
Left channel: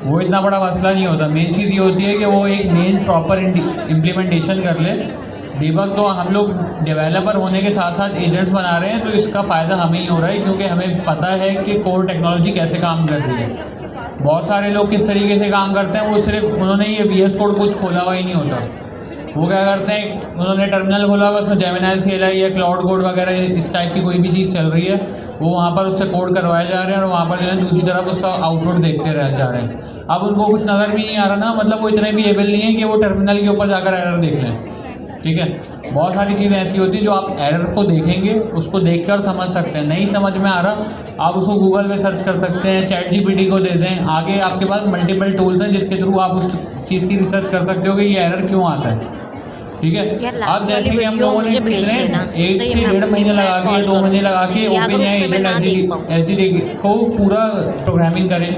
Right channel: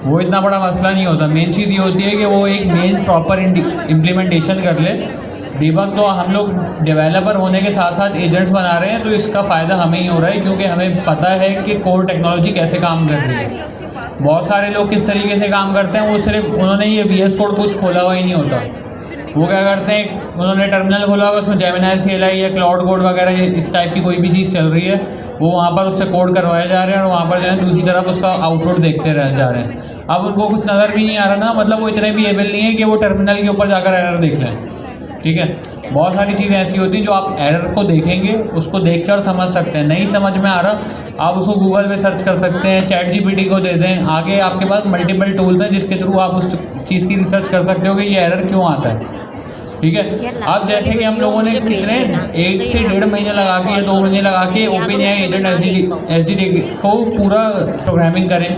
वो इतना बड़ा मसला नहीं होता। मेन चीज़ ये होती है कि वो एक मेन प्रॉपर इम्प्लीमेंटेशन कर ले। डिबग तो हम लोग डेवलपर होने के साथ साथ एजेंट्स बना रहे हैं, तो इसका फ़ायदा हमें ही हो रहा है, क्योंकि हमें पता है कि कोर टेक्नोलॉजी कैसे काम कर रही है। बहुत सारे लोग किस तरीके से काम करते हैं, वो सिर्फ उन्होंने ये VS कोड कुछ खोला हुआ ही नहीं होता। वो क्या करते हैं, उन्होंने टर्मिनल खोला हुआ, उसमें जेमिनी CLI या क्लाउड कोड वगैरह इस टाइप की कोई भी चीज़ चल रही है, वो वहाँ पर उससे कोड करवाए जा रहे हैं और वहाँ पर जो है दूसरी तरफ उसका आउटपुट देखते रह जा रहे हैं। अब उनको कुछ नज़र भी नहीं आ रहा ना, मतलब वो इतने भी एबल नहीं है कि वो टर्मिनल के ऊपर जाकर एरर देख लें, ठीक है। बहुत सारी चीज़ें ऐसी होती हैं जो आप एरर को देखेंगे, उसको देख कर समझ सकते हैं। नहीं समझ में आ रहा, आप उसको गूगल पे सर्च कर सकते हैं, ChatGPT को दे दें, आगे आपके पास मल्टीपल टूल्स हैं जिसके थ्रू आप उस चीज़ की रिसर्च कर सकते हो कि ये एरर क्यों आता है, ठीक है। अब जैसे कि हम लोगों ने कितने 1 से 1.5 महीने लगा के या 2 महीने लगा के OpenAI एजेंट SDK को पूरा प्रोग्रामिंग करें,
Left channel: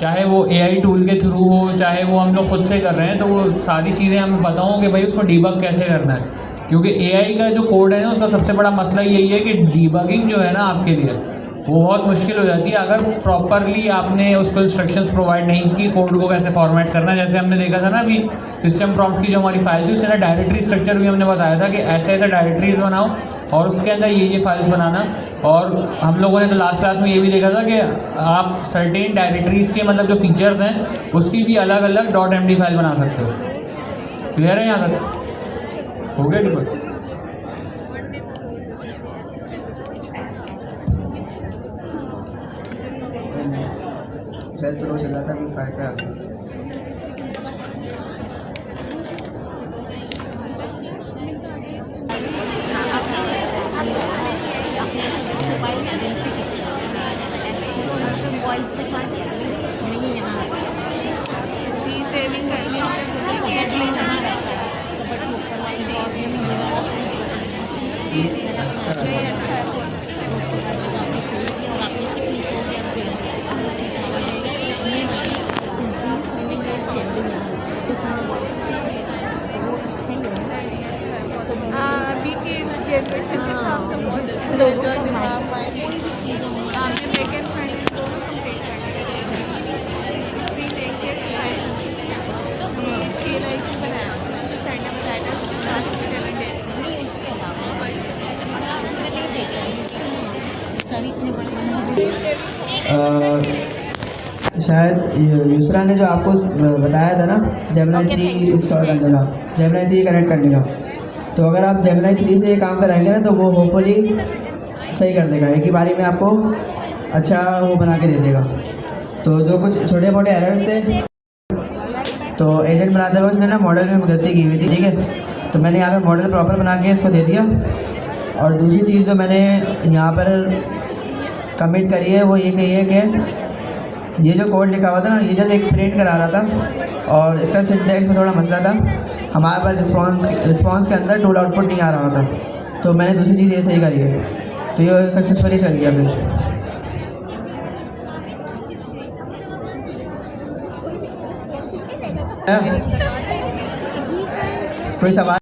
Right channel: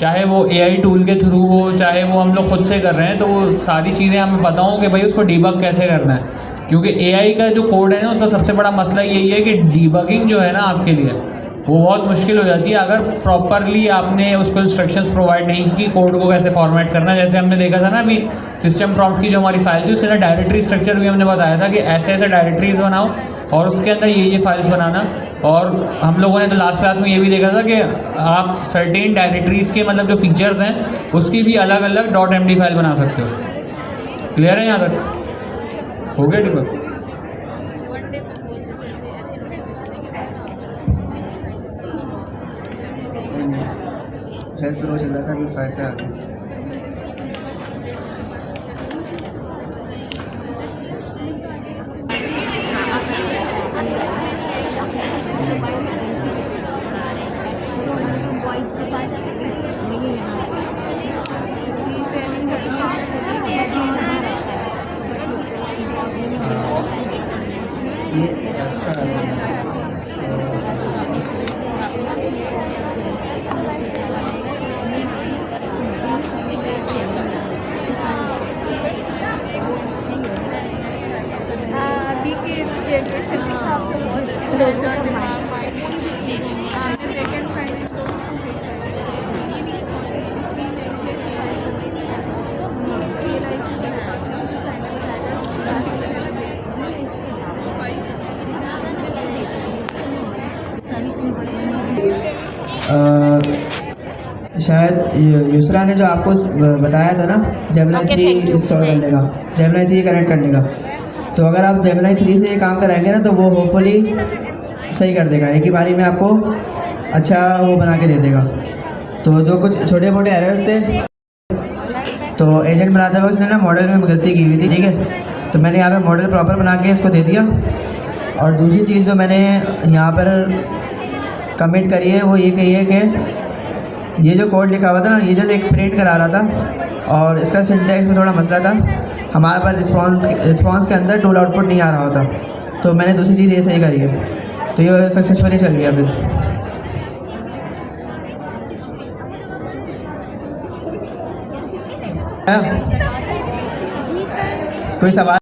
चाहे वो AI टूल के थ्रू हो, चाहे वो हम लोग खुद से कर रहे हैं, तो वो सारी चीज़ें हमें पता हो कि भाई उसको डीबग कैसे करना है। क्योंकि AI का जो कोड है ना, उसका सबसे बड़ा मसला यही है कि डीबगिंग जो है ना आपके लिए वो बहुत मुश्किल हो जाती है अगर प्रॉपरली आपने उसको इंस्ट्रक्शंस प्रोवाइड नहीं की कोड को कैसे फॉर्मेट करना। जैसे हमने देखा था ना अभी सिस्टम प्रॉम्प्ट की जो हमारी फाइल थी, उसके अंदर डायरेक्टरी स्ट्रक्चर भी हमने बताया था कि ऐसे ऐसे डायरेक्टरीज बनाओ और उसके अंदर ये फाइल्स बनाना। और हम लोगों ने तो लास्ट क्लास में ये भी देखा था कि आप सर्टेन डायरेक्टरीज़ के मतलब जो फीचर्स हैं उसकी भी अलग अलग .md फाइल बना सकते हो। क्लियर है यहाँ तक? हो गया डिबग? शायद तो चल रहा था अभी 5 पे आ गया। शायद यूसरा ने जो आपको बताया था ना जेमिनी 3 इंस्टॉल करने का, जेमिनी 3 कनेक्ट करने का, तो अगर आप जेमिनी 3 से ये काम कराएंगे ना तो वो होपफुली सही कर देगा, एक ही बारी में आपको अच्छा वो बना के दे देगा। तो जो कुछ छोटे मोटे एरर्स थे तो एजेंट बनाते वक्त उसने ना मॉडल में गलती की हुई थी, ठीक है, तो मैंने यहाँ पे मॉडल प्रॉपर बना के इसको दे दिया। और दूसरी चीज़ जो मैंने यहाँ पर कमिट करी है वो ये कही है कि ये जो कोड लिखा हुआ था ना, ये जब एक प्रिंट करा रहा था और इसका सिंटैक्स में थोड़ा मसला था, हमारे पास रिस्पॉन्स के अंदर टूल आउटपुट नहीं आ रहा होता, तो मैंने दूसरी चीज़ ये सही करी है, तो ये सक्सेसफुली चल गया। फिर कोई सवाल?